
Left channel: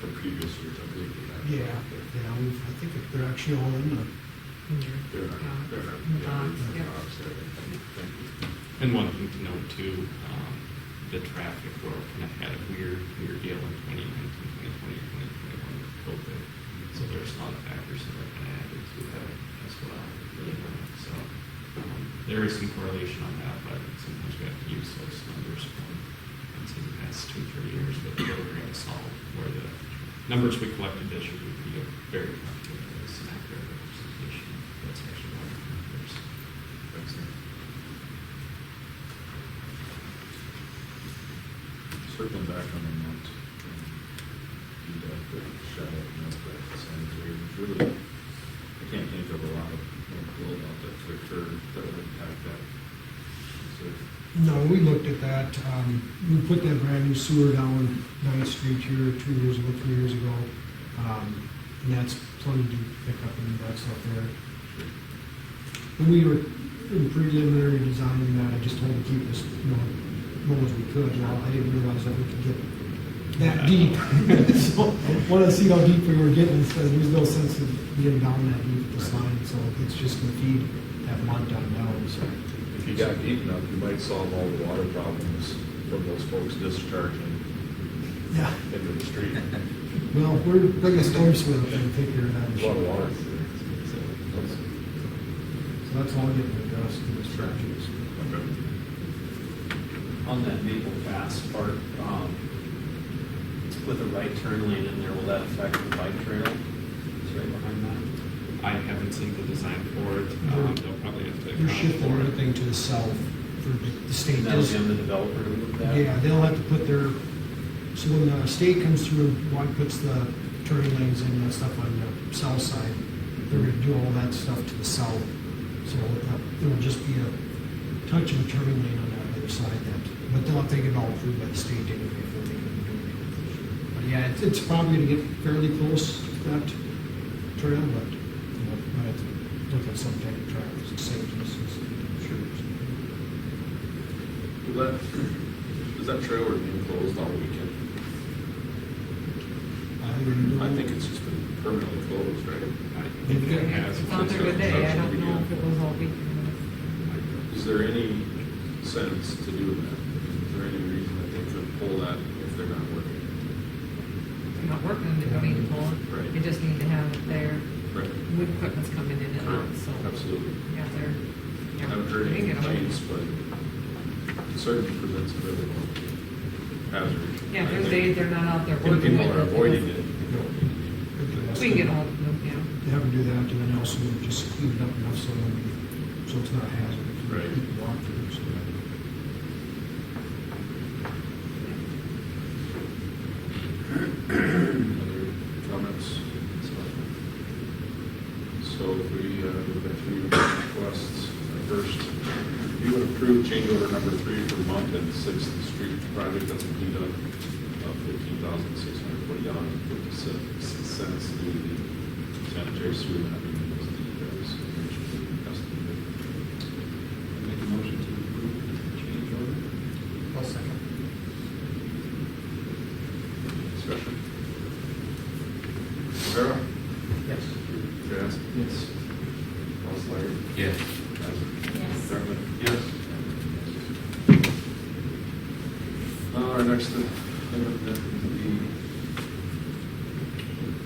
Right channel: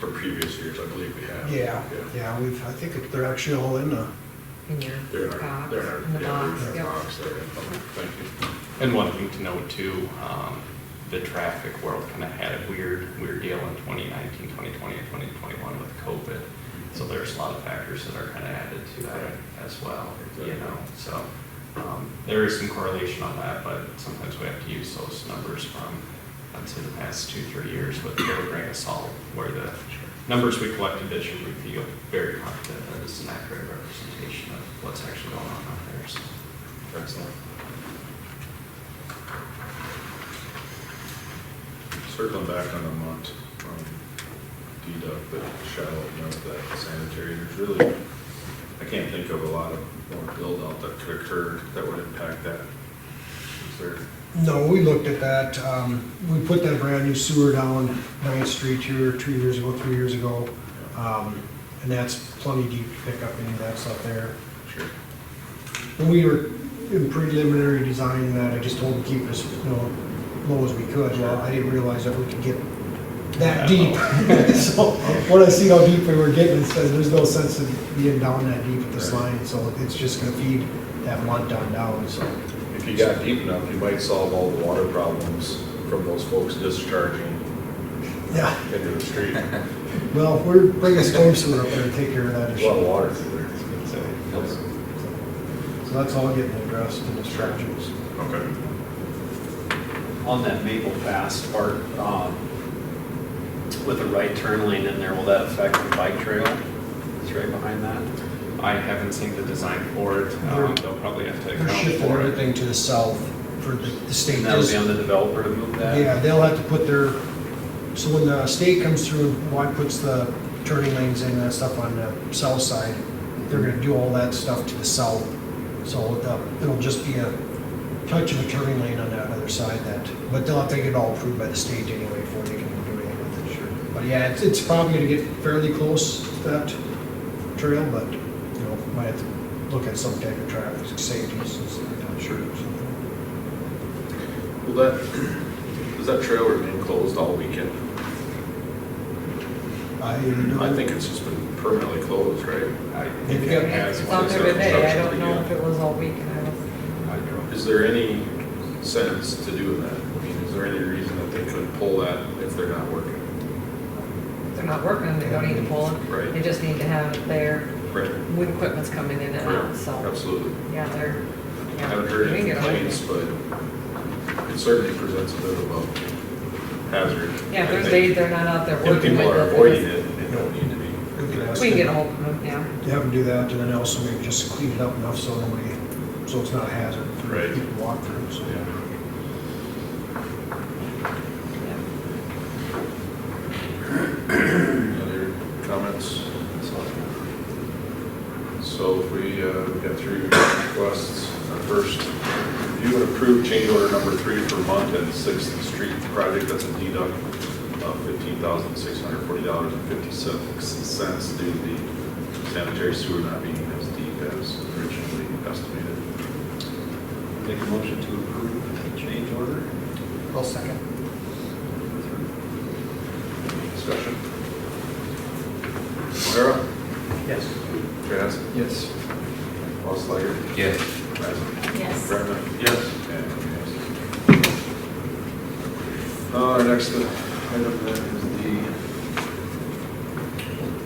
for previous years? I believe we have. Yeah, I think they're actually all in the, In your They're in our, box, they're in our, in the yeah, box, they're in yep. our box there. Thank you. And one thing to note too, the traffic world kind of had a weird deal in 2019, 2020, and 2021 with COVID. So there's a lot of factors that are kind of added to that as well, so there is some correlation on that, but sometimes we have to use those numbers from, I'd say, the past 2-3 years with a grain of salt, where the numbers we collected this year, we feel very confident that it's an accurate representation of what's actually going on out there, so. Excellent. Circling back on the Mont, deduct, the shallow, that sanitary, there's really, I can't think of a lot of more build out that could occur that would impact that. Is there? no, we looked at that. We put that brand new sewer down 9th Street here 2 years ago, 3 years ago. And that's plenty deep to pick up any of that stuff there. Sure. When we were in preliminary designing that, I just told them to keep us, low as we could. Well, I didn't realize that we could get that deep. So when I see how deep we were getting, it says there's no sense in being down that deep at this line, so it's just gonna feed that Mont down, so. If you got deep enough, you might solve all the water problems from those folks discharging Yeah, into the street. well, we're bringing a storm sewer up there to take care of that There's a issue. lot of water through there. So that's all getting addressed in this project. Okay. On that Maple Pass part, with the right turn lane in there, will that affect the bike trail? It's right behind that. I haven't seen the design for it. They'll probably have to They're account shifting for it. everything to the south for the state. And that'll does- be on the developer to move that? Yeah, they'll have to put their, so when the state comes through, puts the turning lanes in and stuff on the south side, they're gonna do all that stuff to the south. So it'll just be a touch of a turning lane on that other side but they'll have to get it all approved by the state anyway before they can do anything with it, sure. But yeah, it's probably gonna get fairly close to that trail, but, might have to look at some type of traffic safety, I'm sure, or something. Does that trail remain closed all weekend? I think it's just been permanently closed, right? I They've think got- it has. It's out there today, I don't know if it was all weekend. Is there any sense to doing that? I mean, is there any reason that they could pull that if they're not working? If they're not working, they don't need to pull it. Right. They just need to have it there Right. when equipment's coming in and out, so. Absolutely. Yeah, they're, I yeah. haven't heard we any can get a hold of complaints, it. but it certainly presents a bit of a hazard. Yeah, if I there's think days they're not out there If working. people with are it, avoiding it's- it, they don't need to be. We can ask We can get a them. hold of them, yeah. You have them do that, and then also maybe just clean it up enough so nobody, so it's not a hazard for Right. people to walk through, so. Yeah. Any other comments? So if we get through requests, first, review and approve change order number 3 for Monk and 6th Street project. That's a deduct of $15,640.56 due to the sanitary sewer not being as deep as originally estimated. Make a motion to approve the change order? I'll second. Discussion? O'Hara? Yes. Jazz? Yes. Loslawler? Yes. Yes. Brenneman? Yes. And yes. Next item then is the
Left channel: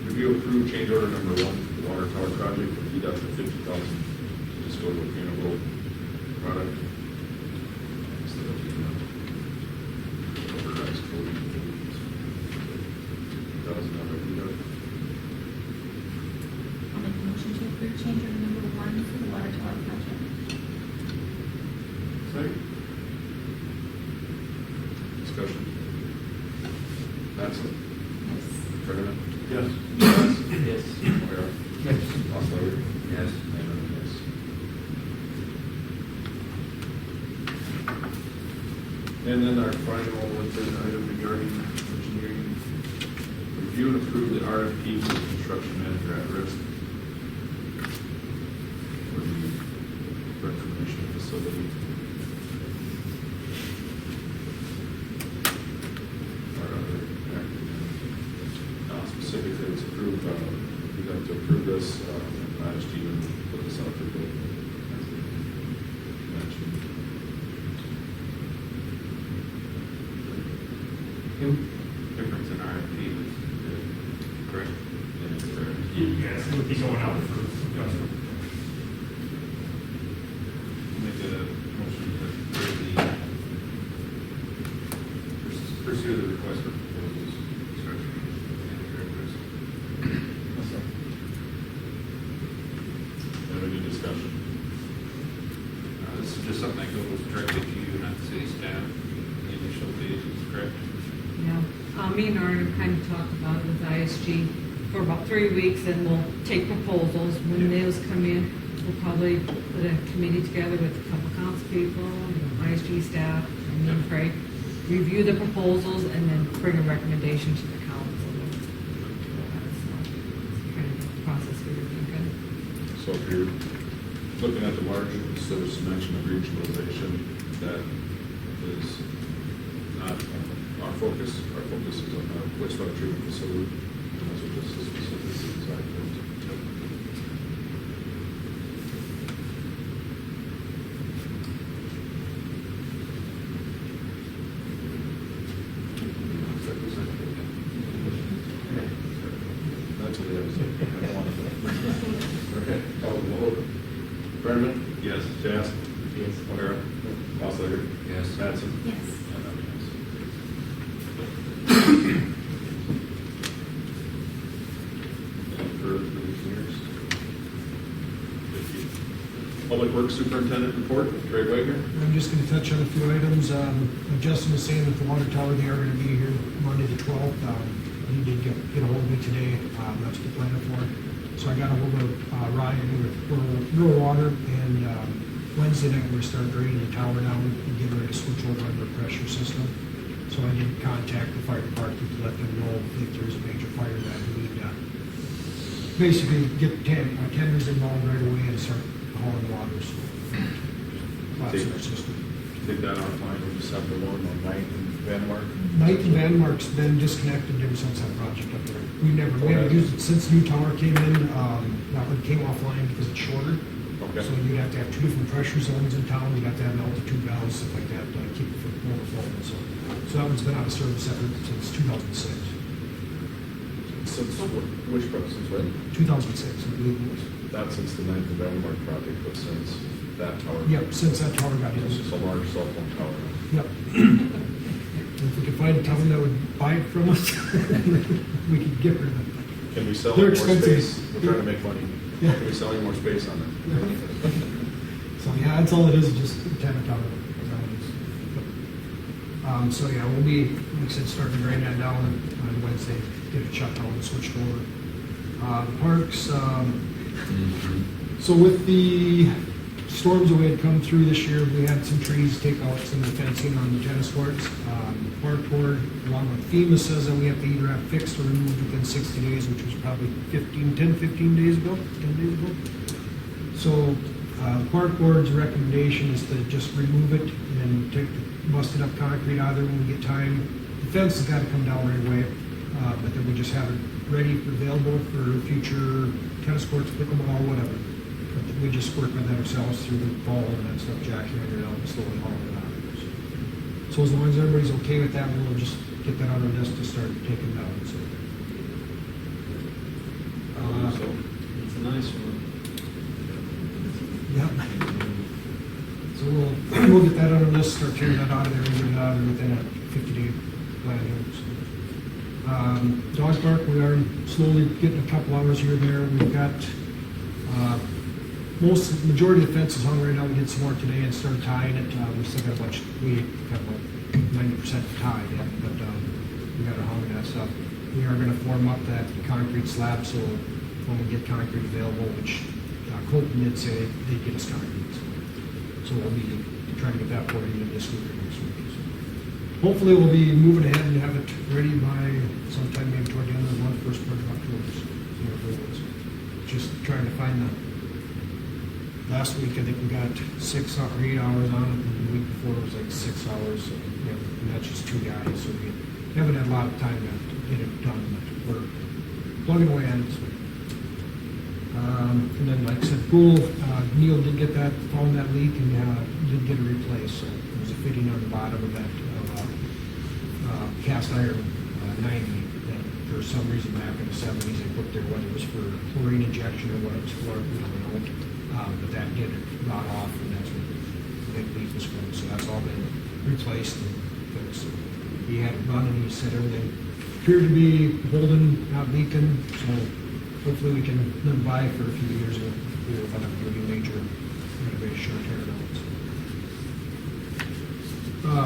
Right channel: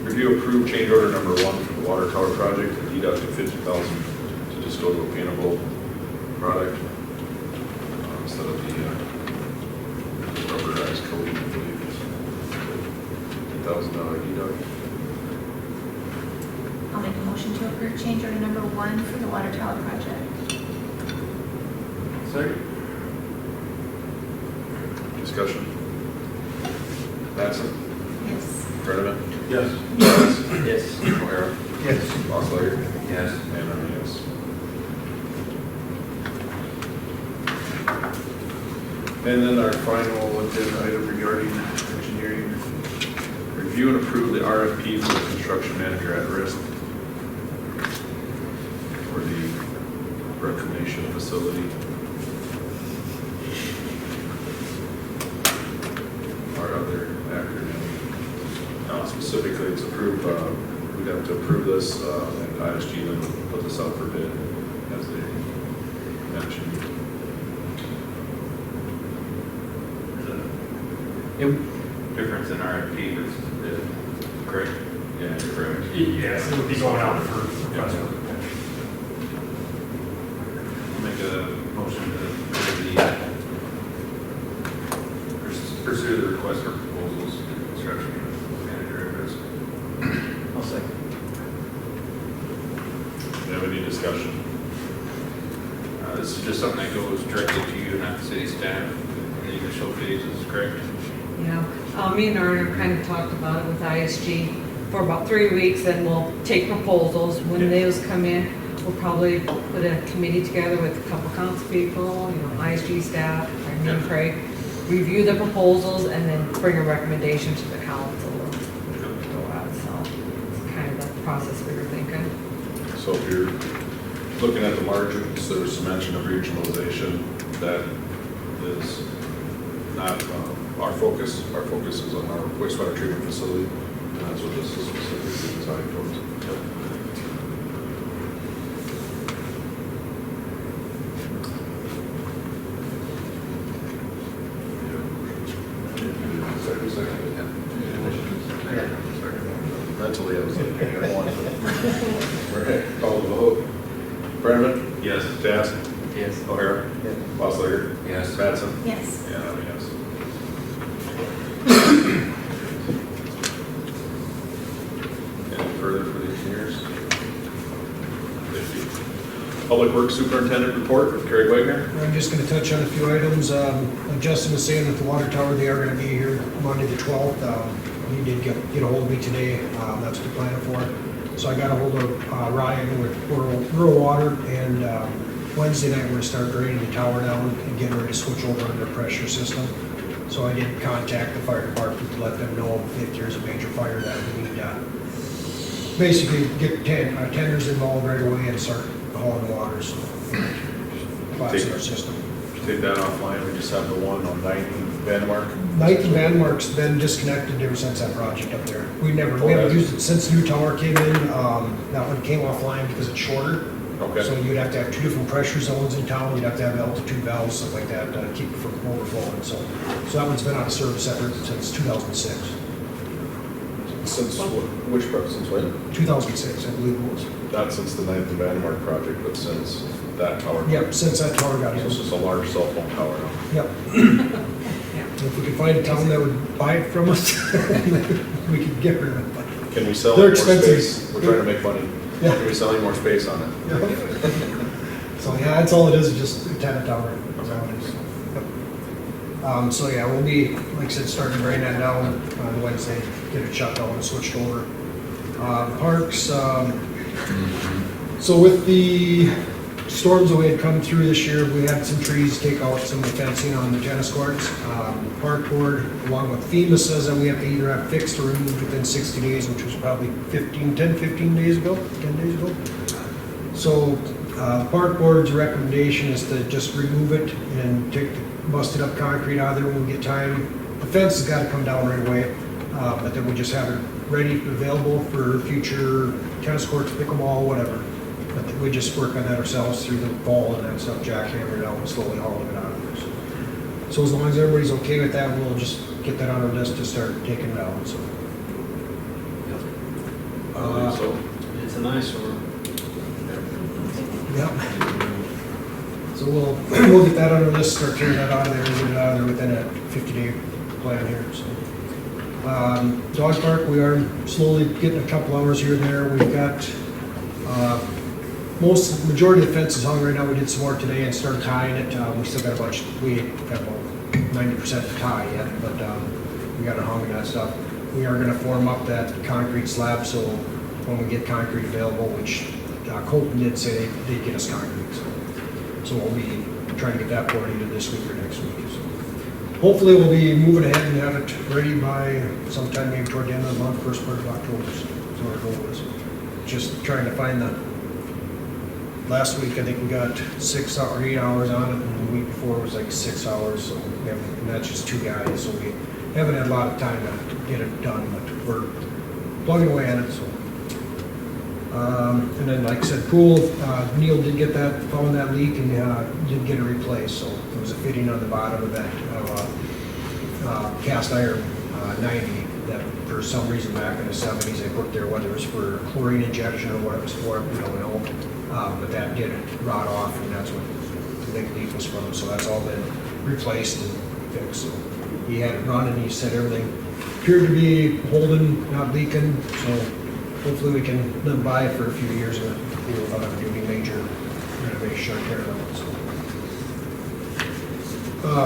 review approved change order number 1 for the water tower project, deduct of $50,000 to just go to a paintable product instead of the rubberized coating, I believe. $50,000 deduct. I'll make a motion to approve change order number 1 for the water tower project. Second. Discussion. Mattson? Yes. Brenneman? Yes. Yes. Yes. O'Hara? Yes. Loslawler? Yes. And I'm a yes. And then our final agenda item regarding engineering. Review and approve the RFP for the construction manager at risk for the reclamation facility. Our other acronym. Specifically, it's approved, we'd have to approve this, and ISG then put this out for bid, as they mentioned. Difference in RFP versus bid. Correct. Yeah, correct. Yes, it would be going out for. Make a motion to pursue the request for proposals for construction manager at risk. I'll second. Do you have any discussion? This is just something that goes directly to you, not the city staff, in the initial phases, correct? Yeah, me and Aaron have kind of talked about it with ISG for about 3 weeks, and we'll take proposals. When those come in, we'll probably put a committee together with a couple council people, ISG staff, me and Craig, review the proposals, and then bring a recommendation to the council. So it's kind of the process we were thinking. So if you're looking at the margins, there's some mention of regionalization. That is not our focus. Our focus is on our wastewater treatment facility, and that's what this is specifically designed for. Mentally, I was like, I want it. All right, call the vote. Brenneman? Yes. Jazz? Yes. O'Hara? Loslawler? Yes. Mattson? Yes. And I'm a yes. Any further for the engineers? Thank you. Public Works Superintendent report with Craig Wagner. I'm just gonna touch on a few items. Like Justin was saying, with the water tower, they are gonna be here Monday the 12th. He did get a hold of me today. That's what they're planning for. So I got a hold of Ryan with Rural Water, and Wednesday night we're gonna start draining the tower down and getting ready to switch over to their pressure system. So I did contact the fire department to let them know if there's a major fire that we need to basically get tenders involved right away and start hauling water, so collapsing our system. Take that offline, we just have the one on 9th and Vanmark. 9th and Vanmark's been disconnected ever since that project up there. We haven't used it since the new tower came in. That one came offline because it's shorter. Okay. So you'd have to have 2 different pressure zones in town. You'd have to have altitude valves, stuff like that, to keep it from overflowing. So that one's been out of service since 2006. Since which project, since when? 2006, I believe it was. Not since the 9th and Vanmark project, but since that tower. Yep, since that tower got in. This is a large cell phone tower now. Yep. If we could find a town that would buy it from us, we could get rid of it. But Can we sell They're more expensive. space? We're trying to make money. Yeah. Can we sell any more space on it? So, yeah, that's all it is just a tenant tower. Yep. So, yeah, we'll be, like I said, starting writing that down on Wednesday, get it shut down and switched over. Parks, so with the storms that we had come through this year, we had some trees take out some of the fencing on the tennis courts. Park board, along with FEMA, says that we have to either have fixed or removed within 60 days, which was probably 10 days ago, 10 days ago. So the park board's recommendation is to just remove it and take the busted up concrete out of there when we get time. The fence has got to come down right away, but then we just have it ready, available for future tennis courts, pickleball, whatever. But we just work on that ourselves through the fall and that stuff, jackhammer it out and slowly hauling it out of there. So as long as everybody's okay with that, we'll just get that on our list to start taking down, so. So, It's a nice one. Yep. So we'll get that on our list, start tearing that out of there, and get it out of there within a 50-day plan here, so. Dog park, we are slowly getting a couple hours here and there. We've got, majority of the fence is hung right now. We did some more today and started tying it. We still got a bunch, we have about 90% to tie yet, but we got it hung and that stuff. We are gonna form up that concrete slab, so when we get concrete available, which Colton did say they'd get us concrete, so we'll be trying to get that poured either this week or next week. So hopefully we'll be moving ahead and have it ready by sometime maybe toward the end of the month, first part of October. So our goal is just trying to find the, last week I think we got 6 or 8 hours on it, and the week before it was like 6 hours, so we have, and that's just 2 guys, so we haven't had a lot of time to get it done, but we're plugging away at it, so. And then, like I said, pool, Neil did get that, found that leak and did get it replaced, so there was a fitting on the bottom of that cast iron 90 that for some reason back in the 70s they put there, whether it was for chlorine injection or what it was for, we don't know. But that did rot off, and that's what the big leak was from, so that's all been replaced and fixed. So he had it run and he said everything appeared to be holding, not leaking, so hopefully we can live by for a few years and without having to do any major renovation or tear it out. So.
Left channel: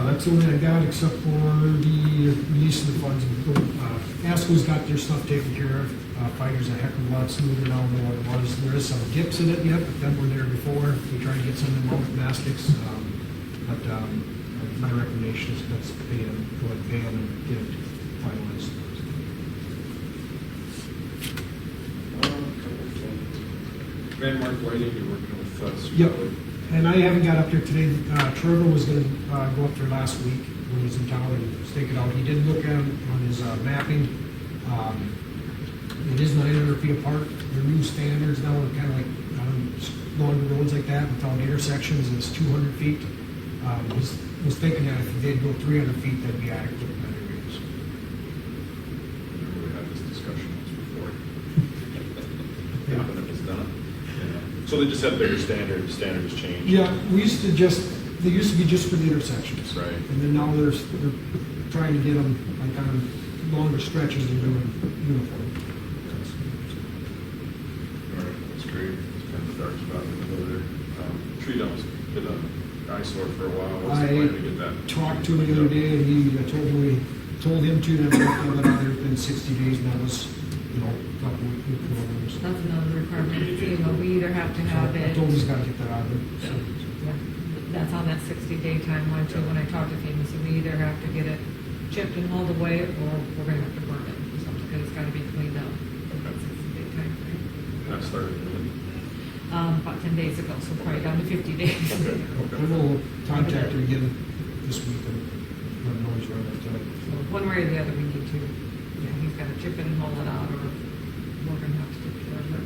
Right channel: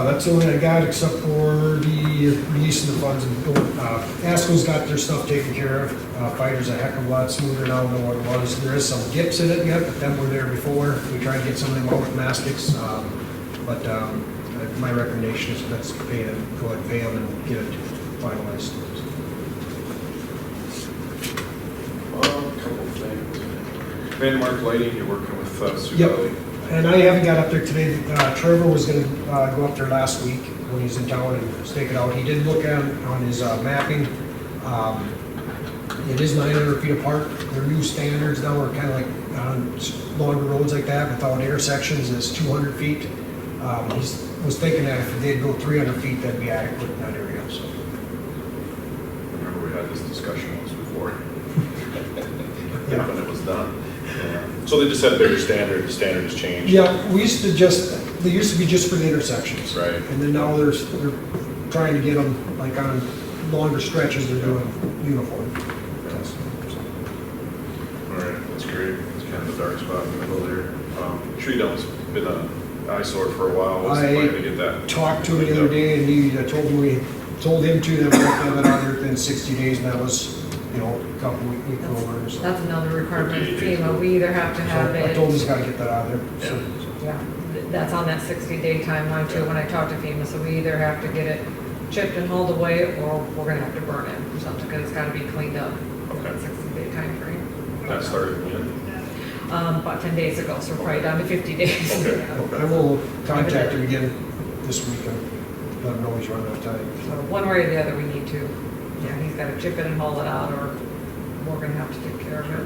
That's the only I got except for the release of the funds. ASCO's got their stuff taken care of. Fighter's a heck of a lot smoother now than what it was. There is some dips in it yet, but them were there before. We tried to get some of them out with mastics, but my recommendation is let's pay them, go ahead and pay them and get it finalized. couple things. Landmark lighting, you're working with Sue Yep. Kelly. And I haven't got up there today. Trevor was going to go up there last week when he's in town and stake it out. He did look at it on his mapping. It is 900 feet apart. Their new standards now are kind of like on longer roads like that without intersections is 200 feet. He was thinking that if they'd go 300 feet, that'd be adequate in that area. So. Remember we had this discussion once before. When it was done. So they just had bigger standard, the standard has changed. Yeah, they used to be just for the intersections. Right. And then now they're trying to get them, like on longer stretches, they're doing uniform. All right, that's great. It's kind of the dark spot in the middle there. Tree dump's been an eyesore for a while. What's the plan to get that? Talked to him the other day, and he told him too that we have to have it out there within 60 days, and that was, a couple weeks over. So. That's another requirement of FEMA. We either have to have So I it. told him he's got to get that out of there. So. Yeah, that's on that 60-day timeline too, when I talked to FEMA, so we either have to get it chipped and hauled away, or we're gonna have to burn it or something, because it's gotta be cleaned up in that 60-day timeframe. That started when? About 10 days ago, so we're probably down to 50 days. Okay. I will contact him again this week and let him know he's running out of time. So one way or the other, we need to, he's gotta chip it and haul it out, or we're gonna have to take care of it.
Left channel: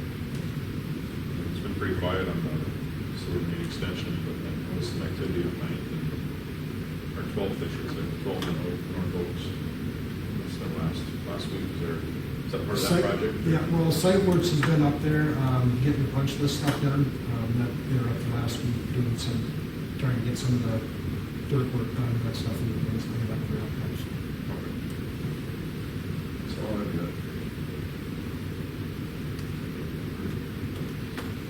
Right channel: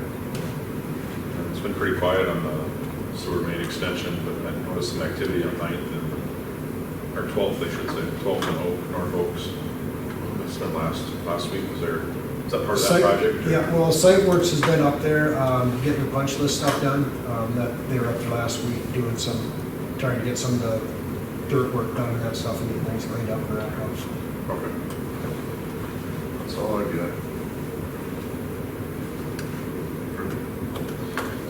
It's been pretty quiet on the sewer main extension, but I noticed some activity on 9th and, or 12th, I should say, 12th and North Oaks. It's been last week, is that part of that project? Yeah, well, Site Works has been up there, getting the punch list stuff done. That they were up there last week doing trying to get some of the dirt work done and that stuff and get things cleaned up and wrapped up. So. Okay. That's all I got.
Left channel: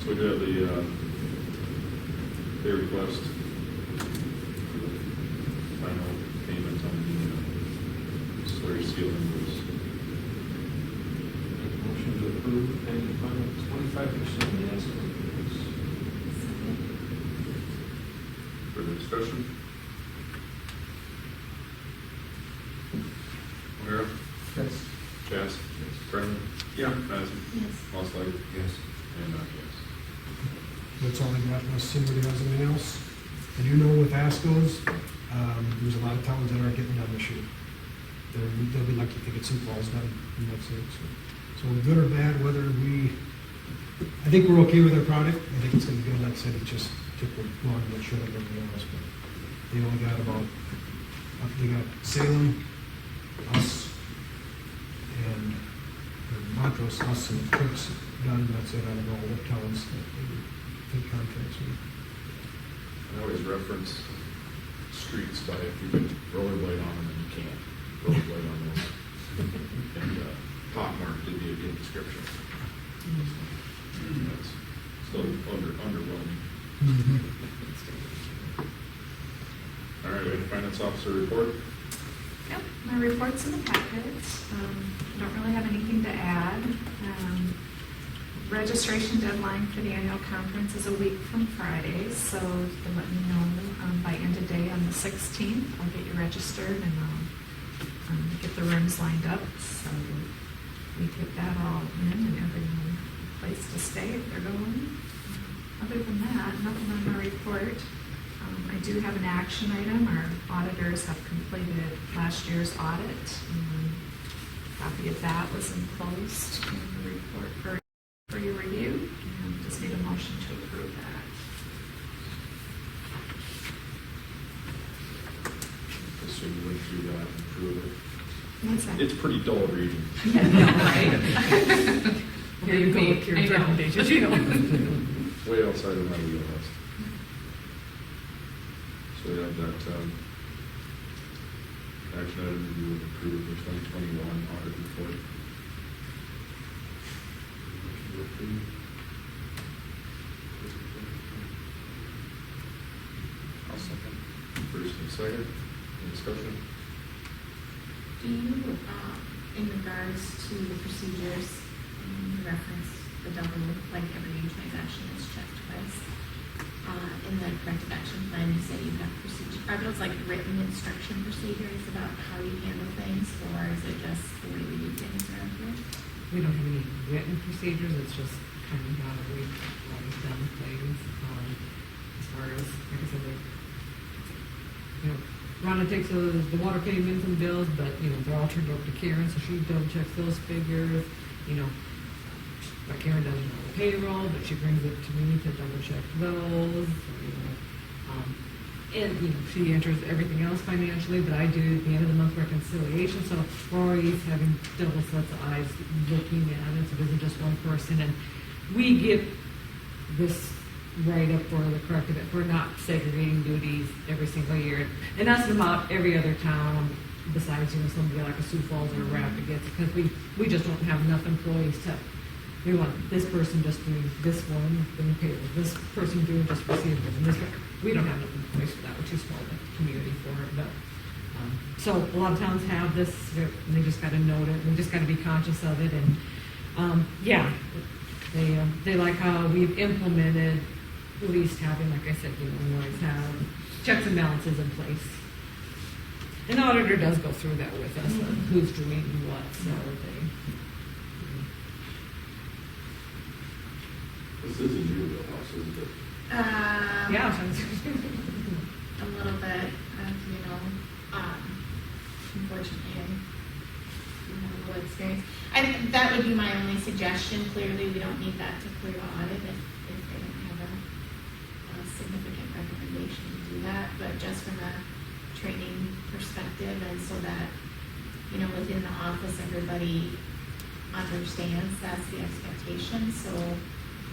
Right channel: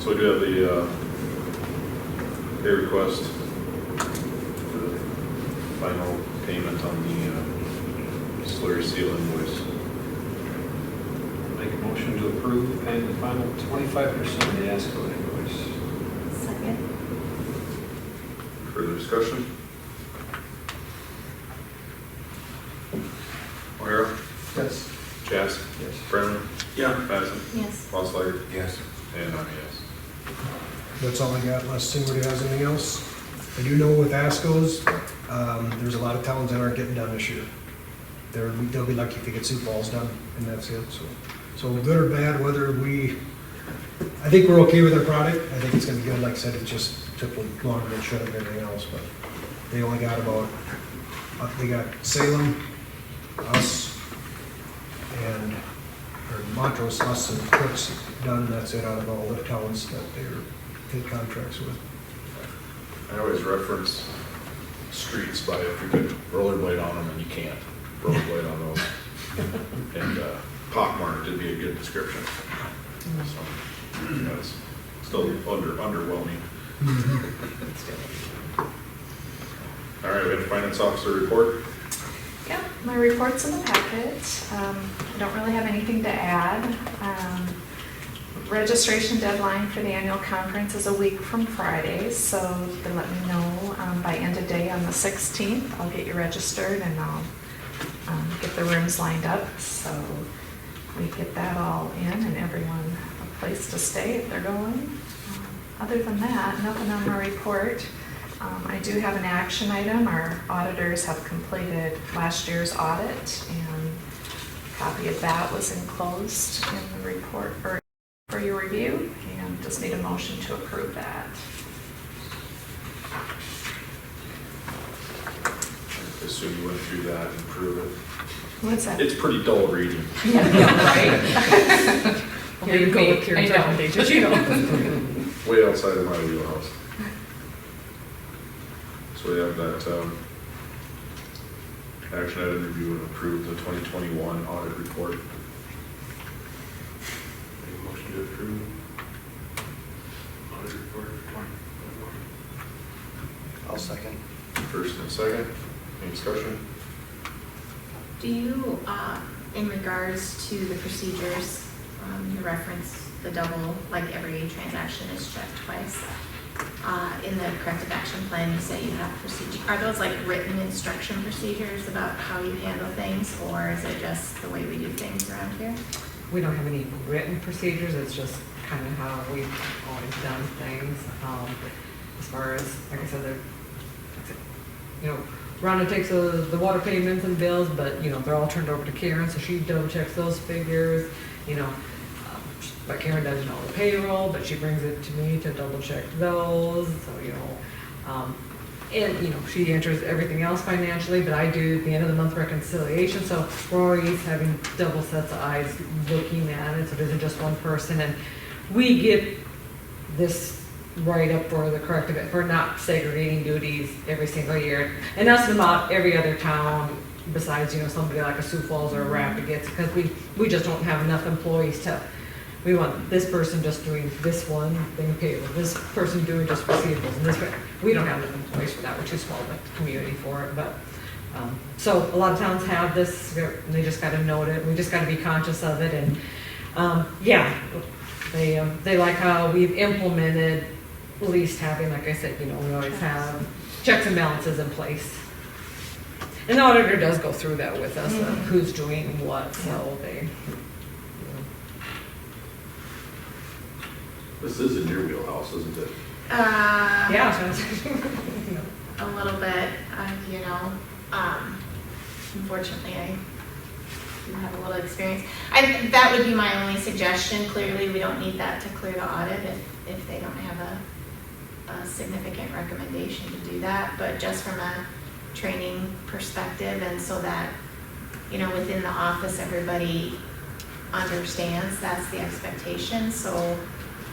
So we do have the pay request for the final payment on the slurry seal invoice. Make a motion to approve paying the final 25% of the ASCO invoice. Second. Further discussion? O'Hara? Yes. Chaz? Yes. Brennan? Yeah. Madison? Yes. Losley? Yes. And I'm a yes. That's all I got, unless anybody has anything else. I do know with ASCOs, there's a lot of towns that aren't getting done this year. They'll be lucky if they get Sioux Falls done, and that's it, so good or bad, whether I think we're okay with our product, I think it's gonna be good, like I said, it just took longer than it should have, and everything else, but they only got they got Salem, us, and, or Montrose, us and Crooks done, that's it out of all the towns that they're in contracts with. I always reference streets by if you could rollerblade on them and you can't rollerblade on those. And pockmarked would be a good description. So that's still underwhelming. All right, we have finance officer report. Yep, my report's in the packet. I don't really have anything to add. Registration deadline for the annual conference is a week from Friday, so you can let me know by end of day on the 16th. I'll get you registered and I'll get the rooms lined up, so we get that all in and everyone a place to stay if they're going. Other than that, nothing on my report. I do have an action item. Our auditors have completed last year's audit, and a copy of that was enclosed in the report for your review, and just need a motion to approve that. I assume you went through that and approved it. What's that? It's pretty dull reading. Yeah, right? Here you go with your recommendations, you know. Way outside of my wheelhouse. So we have that action item review and approve the 2021 audit report. Any motion to approve audit report? I'll second. First and second, any discussion? Do you, in regards to the procedures, you reference the double, like every transaction is checked twice. In the corrective action plan, you say you have procedure. Are those like written instruction procedures about how you handle things, or is it just the way we do things around here? We don't have any written procedures, it's just kind of how we've always done things. As far as, like I said, Rhonda takes the water payments and bills, but, they're all turned over to Karen, so she double checks those figures, but Karen does, the payroll, but she brings it to me to double check those, so, and, she enters everything else financially, but I do the end of the month reconciliation, so we're always having double sets of eyes looking at it, so it isn't just one person, and we get this right up for the corrective, for not segregating duties every single year, and that's about every other town besides, somebody like a Sioux Falls or a Rapid gets, because we just don't have enough employees we want this person just doing this one thing payroll, this person doing just receivables, and we don't have enough employees for that. We're too small of a community for it, but so a lot of towns have this, and they just got to note it. We just got to be conscious of it, and they like how we've implemented at least having, like I said, we always have checks and balances in place. And the auditor does go through that with us, who's doing what, so they. This is in your wheelhouse, isn't it? Yeah. A little bit, unfortunately, I do have a little experience. That would be my only suggestion. Clearly, we don't need that to clear the audit if they don't have a significant recommendation to do that. But just from a training perspective, and so that, within the office, everybody understands that's the expectation. So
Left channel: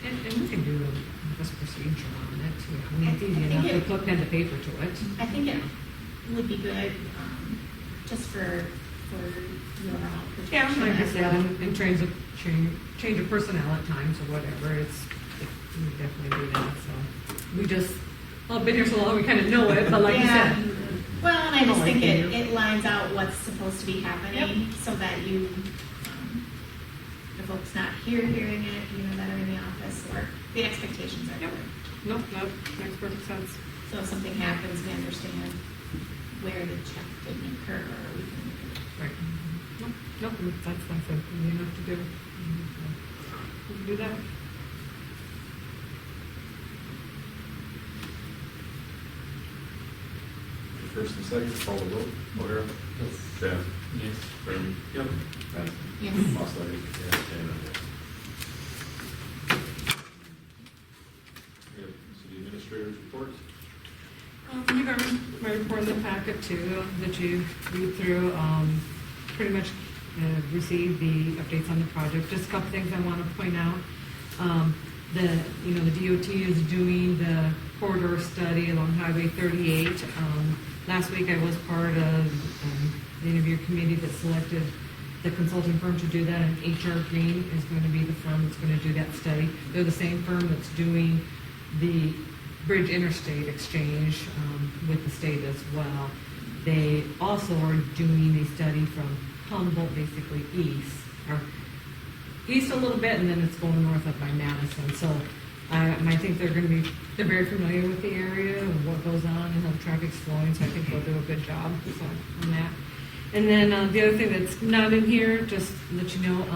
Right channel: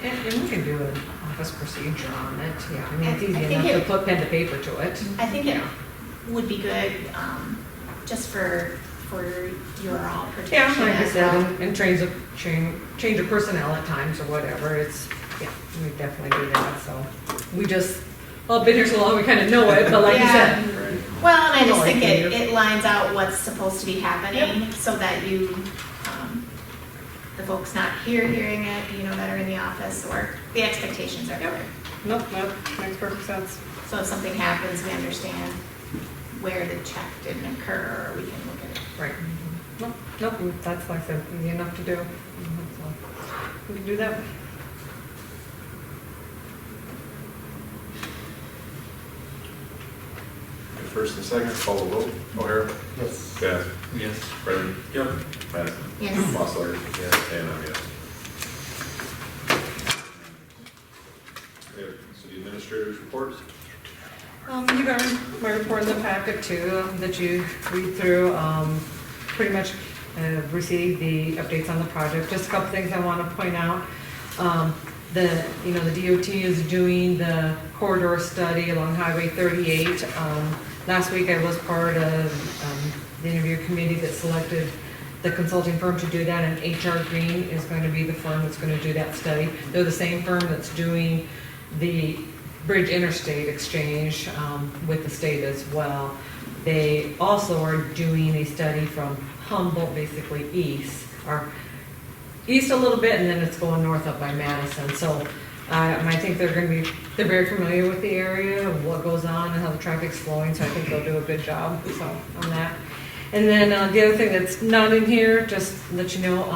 And we can do an office procedure on it, yeah. I mean, it's I easy think enough to it- put pen to paper to it. I think it would be good, just for your all Yeah, protection like I as said, well. and change of personnel at times or whatever, it's, yeah, we definitely do that, so. We just, well, been here so long, we kind of know it, but like you Yeah. said. Well, and I just Oh, I think hear you. it lines out what's supposed to be happening, so that you, the folks not here hearing it, you know, that are in the office, or the expectations are Yep. clear. Nope, that makes perfect sense. So if something happens, we understand where the check didn't occur, or we can look at it. Right. Nope, nope, that's like I said, easy enough to do. So, we can do that. Okay, first and second, call the vote. O'Hara? Yes. Bath? Yes. Brennan? Yep. Madison? Yes. Mossler? Yes. And I'm yes. We have city administrators report. You got my report in the packet too, that you read through. Pretty much received the updates on the project. Just a couple things I want to point out. The DOT is doing the corridor study along Highway 38. Last week I was part of the interview committee that selected the consulting firm to do that, and HR Green is going to be the firm that's going to do that study. They're the same firm that's doing the Bridge Interstate Exchange with the state as well. They also are doing a study from Humboldt, basically east, or east a little bit, and then it's going north up by Madison. So I think they're very familiar with the area, of what goes on and how the traffic's flowing, so I think they'll do a good job on that. And then the other thing that's not in here, just to let you know,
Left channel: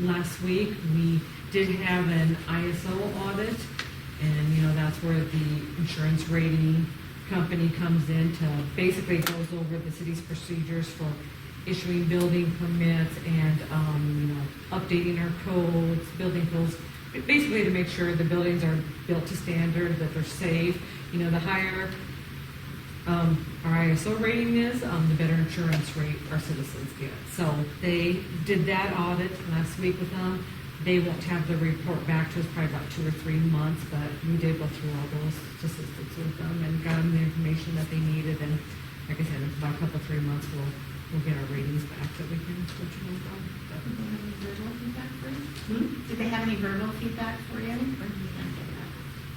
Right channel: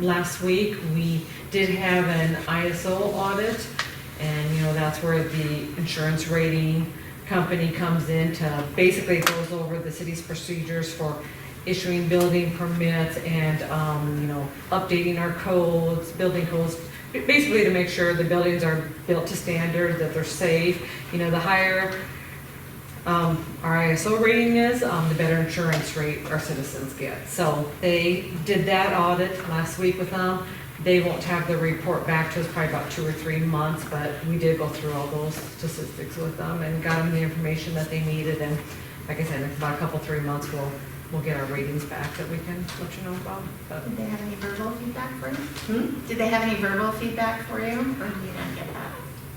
last week we did have an ISO audit, and that's where the insurance rating company comes in to basically goes over the city's procedures for issuing building permits and updating our codes, building codes, basically to make sure the buildings are built to standard, that they're safe. The higher our ISO rating is, the better insurance rate our citizens get. So they did that audit last week with them. They won't have the report back to us probably about 2 or 3 months, but we did go through all those statistics with them and got them the information that they needed. And like I said, in about a couple, 3 months, we'll get our ratings back that we can let you know about. But, Did they have any verbal feedback for you? hmm? Did they have any verbal feedback for you, or did you not get that?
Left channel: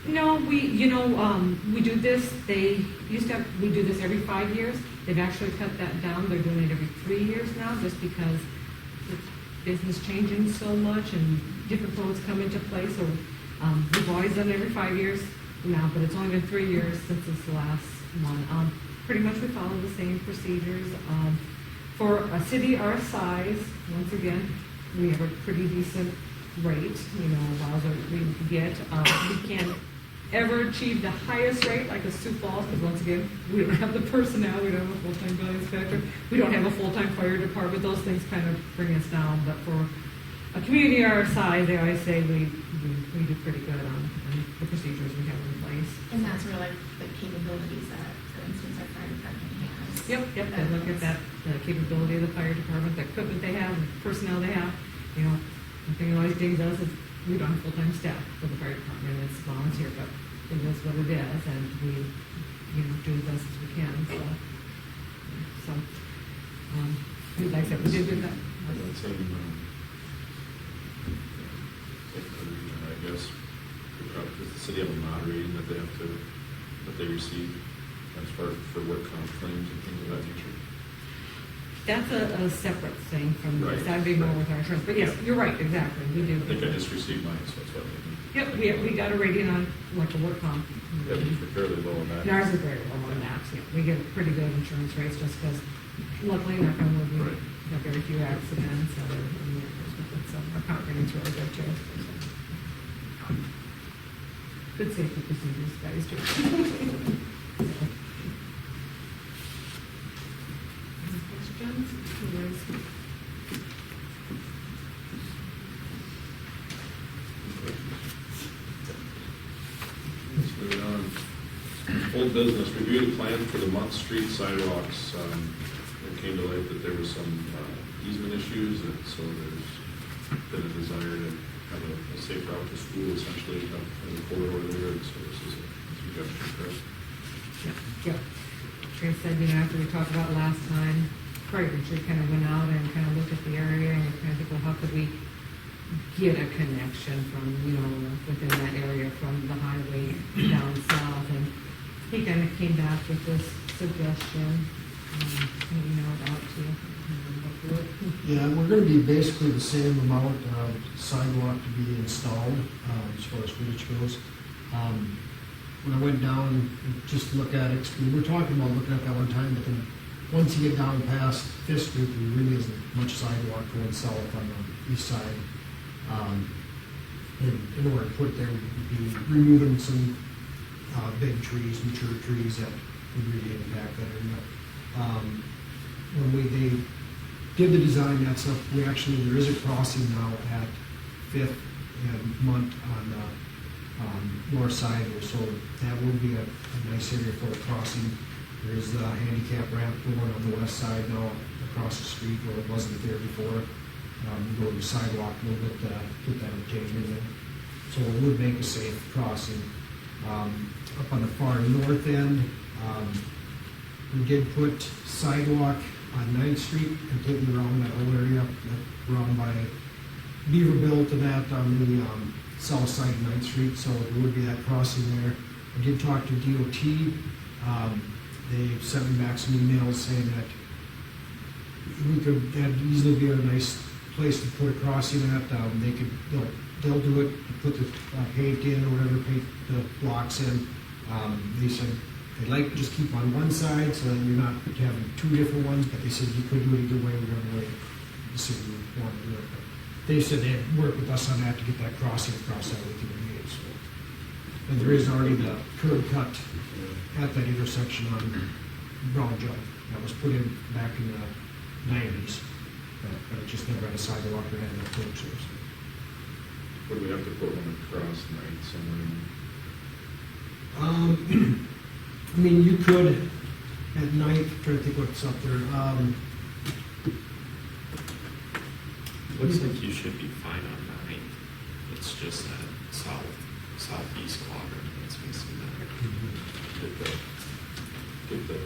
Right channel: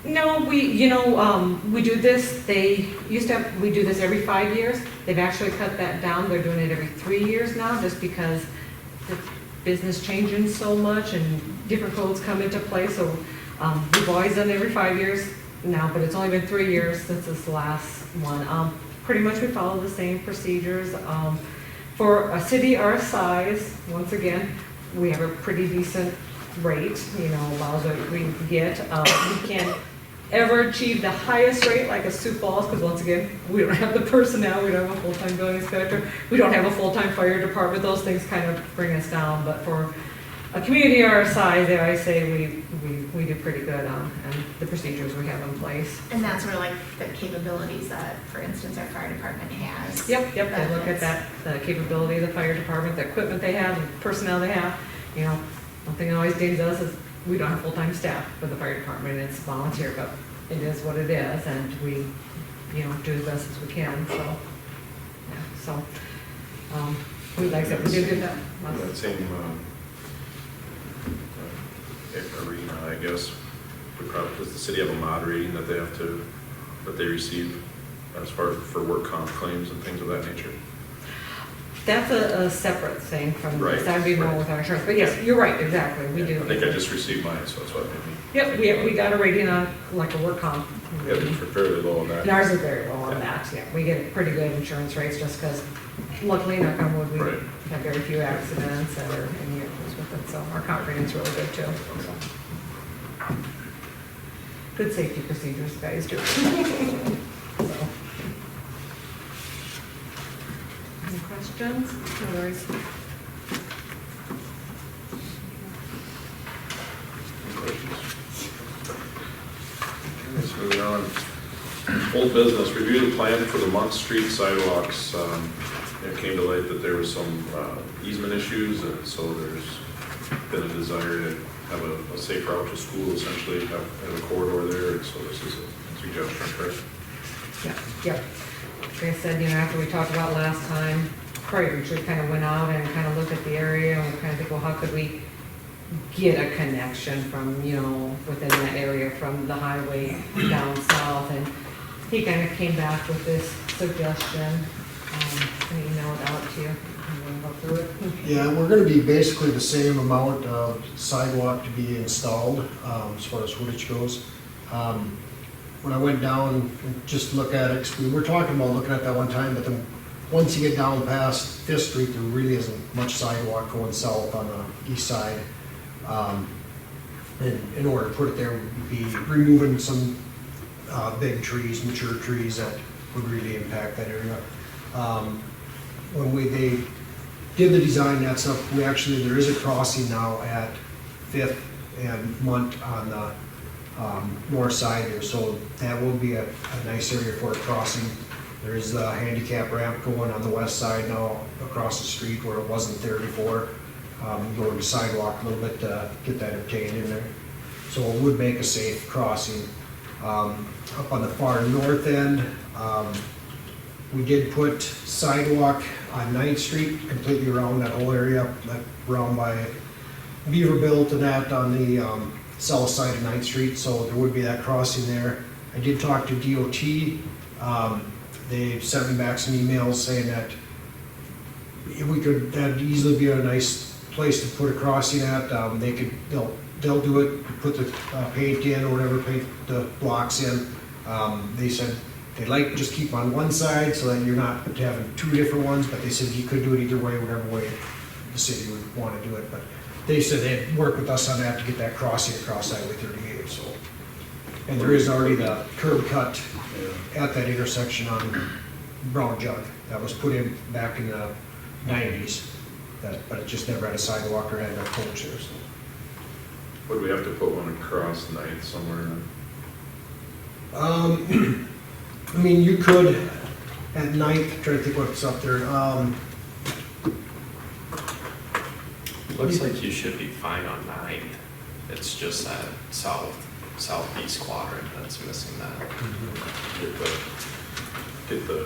No, we do this, we do this every 5 years. They've actually cut that down. They're doing it every 3 years now, just because the business changing so much and different codes come into play. So we've always done it every 5 years now, but it's only been 3 years since this last one. Pretty much we follow the same procedures. For a city our size, once again, we have a pretty decent rate, allows what we can get. We can't ever achieve the highest rate like a Sioux Falls, because once again, we don't have the personnel, we don't have a full-time building inspector, we don't have a full-time fire department. Those things kind of bring us down, but for a community our size, I say we do pretty good on and the procedures we have in place. And that's where like the capabilities that, for instance, our fire department has. Yep, they look at that, the capability of the fire department, the equipment they have, the personnel they have. One thing that always dings us is we don't have full-time staff for the fire department, it's volunteer, but it is what it is, and we, do as best as we can, so, yeah, so, like I said, we did do that. That same arena, I guess, does the city have a mod rating that they receive as far as for work comp claims and things of that nature? That's a separate thing from this, Right, that'd be more right. with our insurance, but yes, you're right, exactly, we do. I think I just received mine, so that's what I'm thinking. Yep, we got a rating on, like a work comp. Yeah, they're fairly low on that. And ours is very low on that, yeah, we get pretty good insurance rates just because luckily, knock on wood, we Right. have very few accidents or any issues with it, so our comp rating's really good too. So. Good safety procedures, guys, too. So. Any questions? Otherwise, Moving on, old business, review the plan for the Monk Street sidewalks. It came to light that there was some easement issues, and so there's been a desire to have a safe route to school, essentially, have a corridor there, so this is a suggestion, correct? Yeah. Like I said, after we talked about last time, Prairie Retreat kind of went out and kind of looked at the area and we kind of think, well, how could we get a connection from, within that area from the highway down south? And he kind of came back with this suggestion. I emailed it out to you. You wanna go through it? Yeah, we're gonna be basically the same amount of sidewalk to be installed, as far as footage goes. When I went down and just look at it, 'cause we were talking about looking at that one time, but then once you get down past Fifth Street, there really isn't much sidewalk going south on the east side. And in order to put it there, we'd be removing some, big trees, mature trees that would really impact that area. When they did the design, that stuff, there is a crossing now at Fifth and Munt on the north side there, so that will be a nice area for a crossing. There is the handicap ramp going on the west side now across the street where it wasn't there before. Go to the sidewalk a little bit to get that obtained in there. So it would make a safe crossing. Up on the far north end, we did put sidewalk on 9th Street completely around that whole area, that around by Beaverbilt and that on the south side of 9th Street, so there would be that crossing there. I did talk to DOT. They sent me back some emails saying that that'd easily be a nice place to put a crossing at. They'll do it, put the paint in or whatever, paint the blocks in. They said they'd like to just keep on one side so that you're not having two different ones, but they said you could do it either way, whatever way the city would want to do it. But they said they'd work with us on that to get that crossing across Highway 38, so. And there is already the curb cut at that intersection on Brown Jug that was put in back in the 90s, but it just never had a sidewalk or had enough coach there, so. Would we have to put one across 9th somewhere then? You could at 9th, trying to think what's up there. Looks like you should be fine on 9th. It's just that southeast quadrant that's missing that. Get the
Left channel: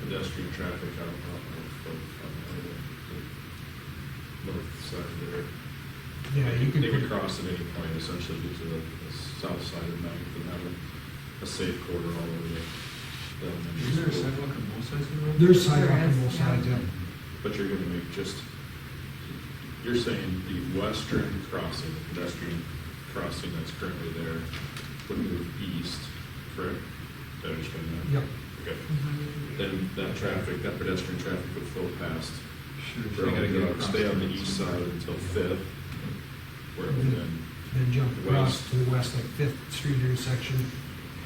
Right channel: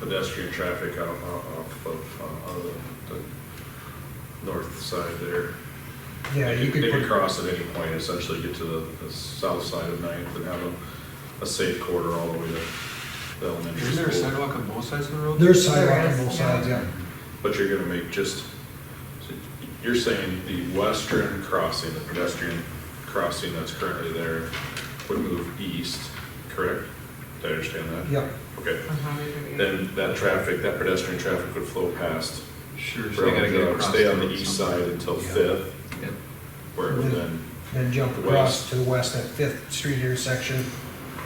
pedestrian traffic out of the north side there. Yeah, you could They put. could cross at any point, essentially get to the south side of 9th and have a safe corridor all the way to the elementary school. Is there a sidewalk on both sides of the road? There's sidewalk There on is, both sides, yeah. But you're gonna make you're saying the western crossing, the pedestrian crossing that's currently there would move east, correct? Did I understand that? Yep. Okay, On Highway 38. then that pedestrian traffic would flow past, Sure, so they gotta get across. stay on the road east somewhere. side until Yeah. 5th, Yep. where it would then Then jump across West. to the west at 5th Street intersection,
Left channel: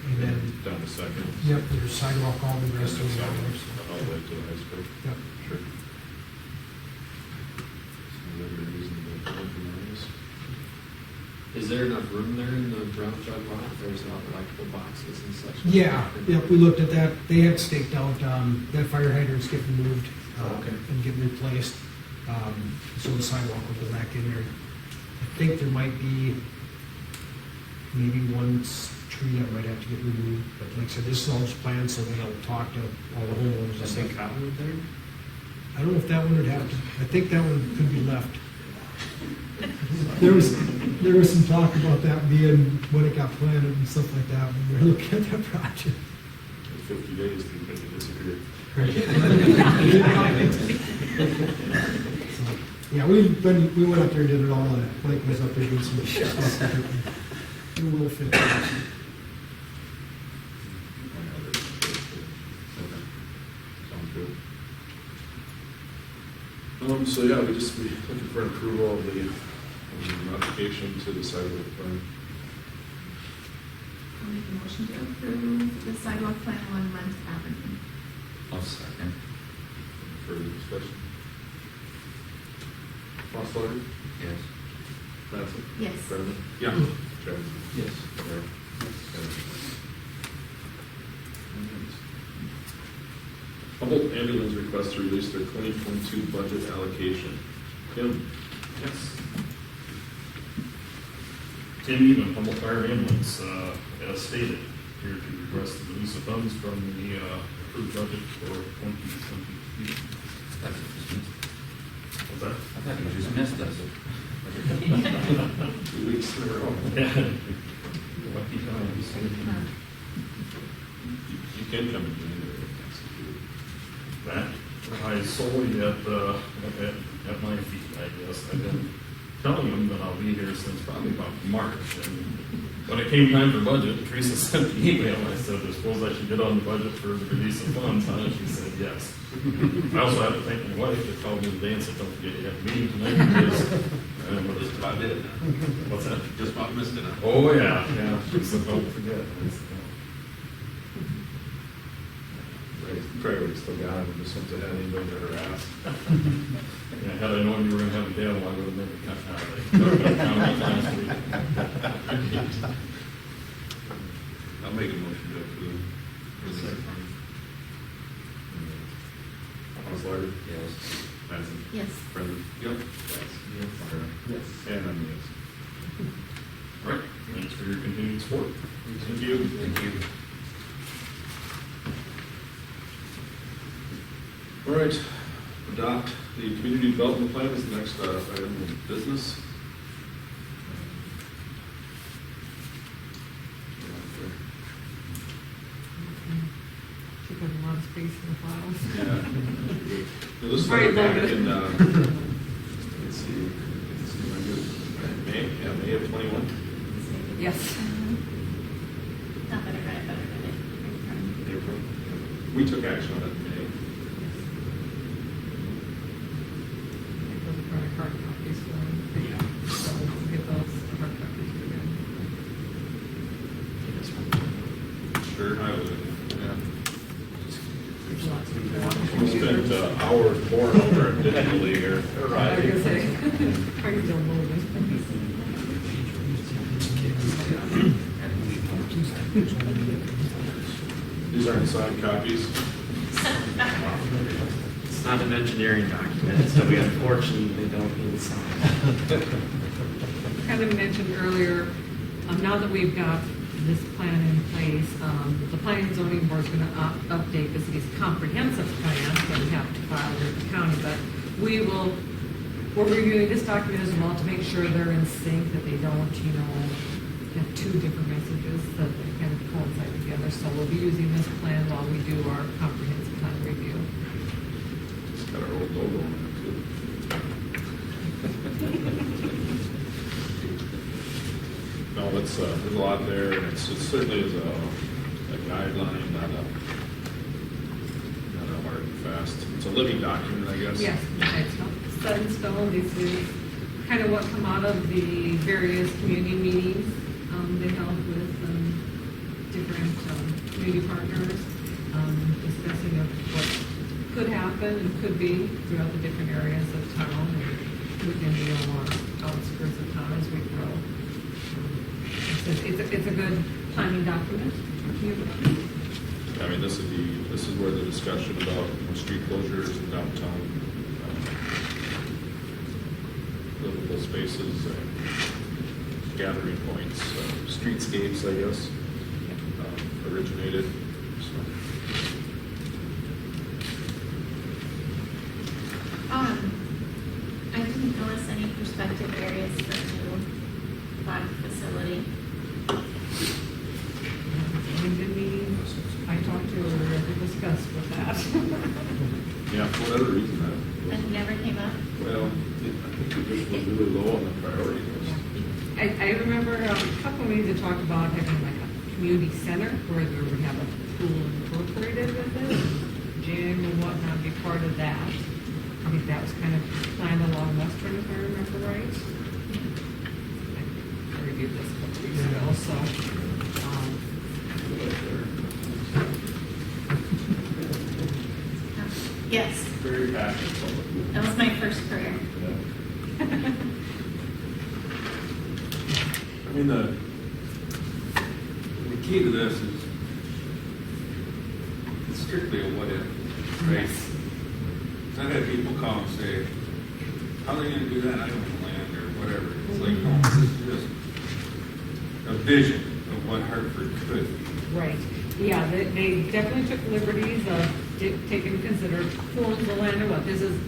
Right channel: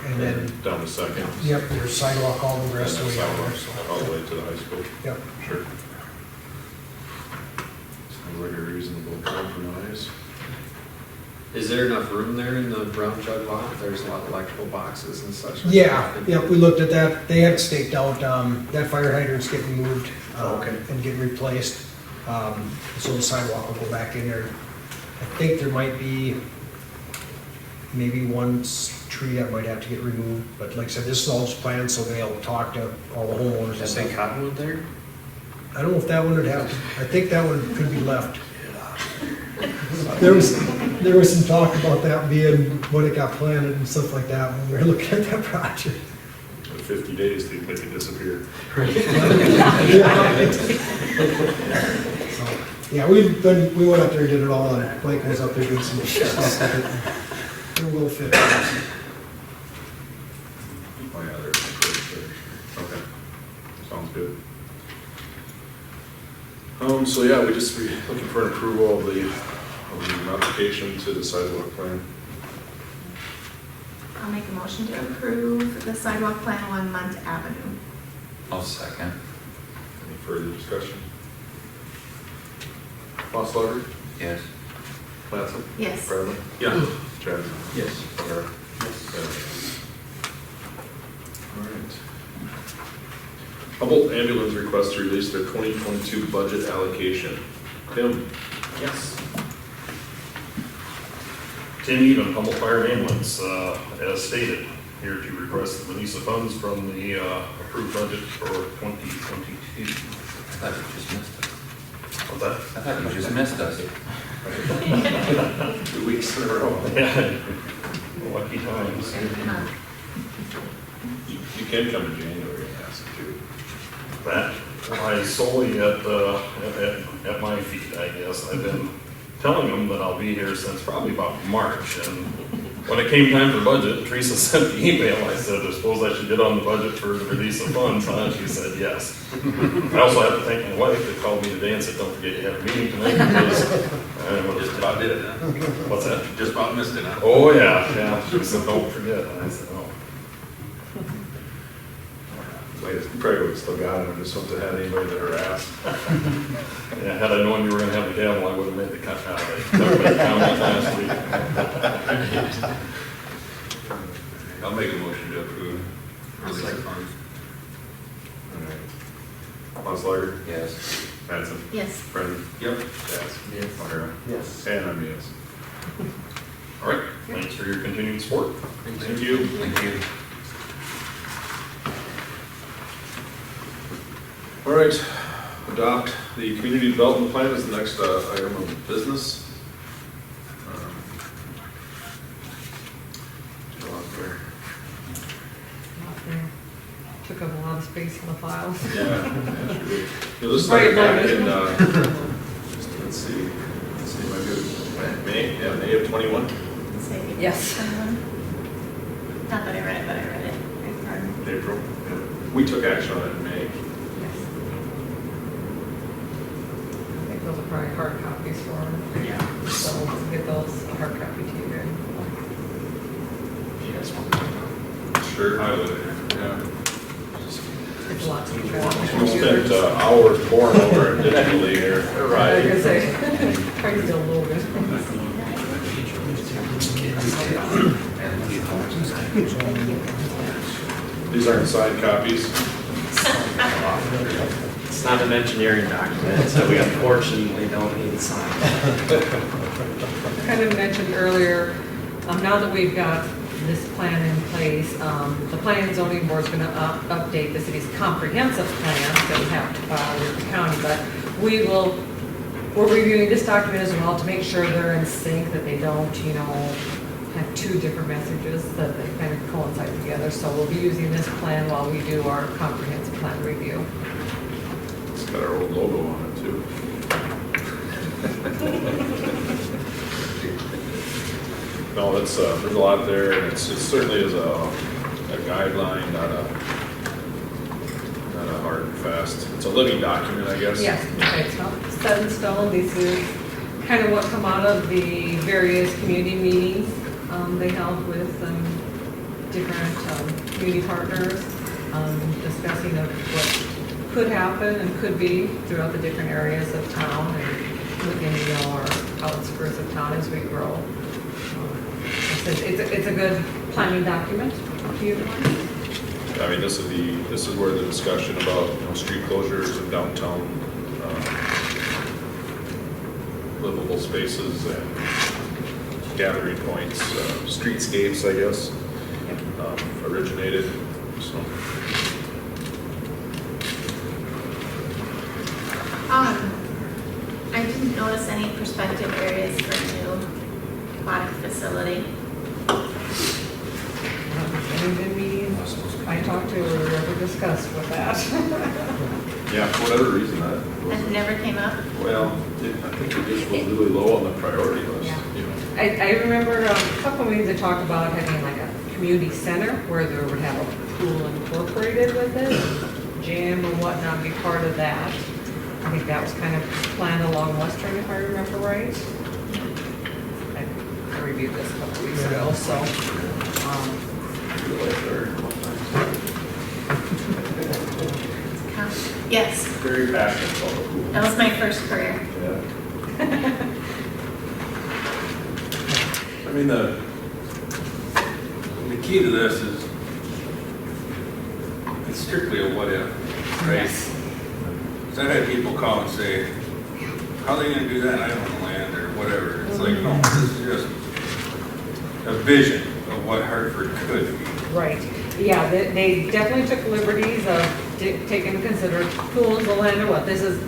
and then, down to 2nd. yep, there's sidewalk all the And rest then of the way down there, sidewalks so. all the way to the high school. Yep. Sure. Sounds like a reasonable compromise. Is there enough room there in the brown jug lot? There's a lot of electrical boxes and such. Yeah, yep, we looked at that. They had staked out, that fire hydrant's getting moved, Okay. and getting replaced. So the sidewalk will go back in there. I think there might be maybe one tree that might have to get removed, but like I said, this is all just planned, so they'll talk to all the homeowners. Just say cottonwood there? I don't know if that one would have to, I think that one could be left. There was some talk about that being, when it got planted and stuff like that, when we were looking at that project. In 50 days, they'd make it disappear. So, yeah, we went up there and did it all, and Mike was up there doing some stuff with it. It will fit. Oh, yeah, there's some good there. Okay, sounds good. So yeah, we just be looking for an approval of the modification to the sidewalk plan. I'll make a motion to approve the sidewalk plan along Munt Avenue. I'll second. Any further discussion? Osler? Yes. Mattson? Yes. Bradley? Yeah. Chad? Yes. Eric? All right. Humboldt Ambulance requests to release their 2022 budget allocation. Tim? Yes. continued on Humboldt Fire and Ambulance, as stated. Here to request the release of funds from the approved budget for 2022. What's that? I thought you just missed us. 2 weeks in a row. Yeah. Lucky times. You can come in January and ask too. That lies solely at my feet, I guess. I've been telling them that I'll be here since probably about March, and when it came time for budget, Teresa sent the email. I said, I suppose I should get on the budget for the release of funds, huh? She said, yes. I also have to thank my wife that called me today and said, don't forget you have a meeting tonight, because Just about did it, huh? what's that? Just about missed it, huh? Oh, yeah, yeah. She said, don't forget. I said, oh. Wait, you probably would have still got it. I just wouldn't have had anybody to harass. Yeah, had I known you were gonna have a gavel, I would have made the cut out of it. Last week. I'll make a motion to approve. Release of funds. Osler? Yes. Mattson? Yes. Brennan? Yep. Yes. Yes. O'Hara? Yes. And I'm yes. All right, thanks for your continued support. Thank you. Thank you. All right, adopt the community development plan is the next item of business. Go on there. Not there. Took up a lot of space in the files. Yeah. That's good. You'll just Right, like back right. in, let's see, am I good? May, yeah, May of 21. Yes. Not that I read it, but I read it. April. We took action on it in May. Yes. I think those are probably hard copies for them. Yeah. So we'll get those hard copy to you then. If you guys want to. Sure. I would. Yeah. It's a lot to keep We spent hours pouring over it digitally here. I was gonna say, probably still a little bit. These aren't signed copies. It's not an engineering document, so we unfortunately don't need to sign it. I kind of mentioned earlier, now that we've got this plan in place, the Planning and Zoning Board is going to update the city's comprehensive plan that we have to file with the county, but we're reviewing this document as well to make sure they're in sync, that they don't, have two different messages, that they kind of coincide together. So we'll be using this plan while we do our comprehensive plan review. It's got our old logo on it too. No, it's, there's a lot there, and it certainly is a guideline, not a hard and fast. It's a living document, I guess. Yes, okay, it's not set in stone. This is kind of what come out of the various community meetings they held with different community partners, discussing of what could happen and could be throughout the different areas of town and within our outskirts of town as we grow. It's a good planning document to utilize. I mean, this is where the discussion about street closures and downtown livable spaces and gathering points, streetscapes, I guess, originated. So. I didn't notice any prospective areas for a new body facility. Any good meetings I talked to or ever discussed with that. Yeah, for whatever reason, That never came up. well, I think it just was really low on the priority list. Yeah. You know. I remember a couple of meetings they talked about having like a community center where they would have a pool incorporated with it, gym and whatnot be part of that. I think that was kind of planned along Western, if I remember right. I reviewed this a couple weeks ago, so. Yes, Very passionate about the pool. that was my first career. Yeah. I mean, the key to this is, it's strictly a what if, right? Yes. So I had people call and say, how are they gonna do that? I own land or whatever. It's like, no, this is just, a vision of what Hartford could be. Right, yeah, they definitely took liberties of taking into consideration who owns the land or what. This is,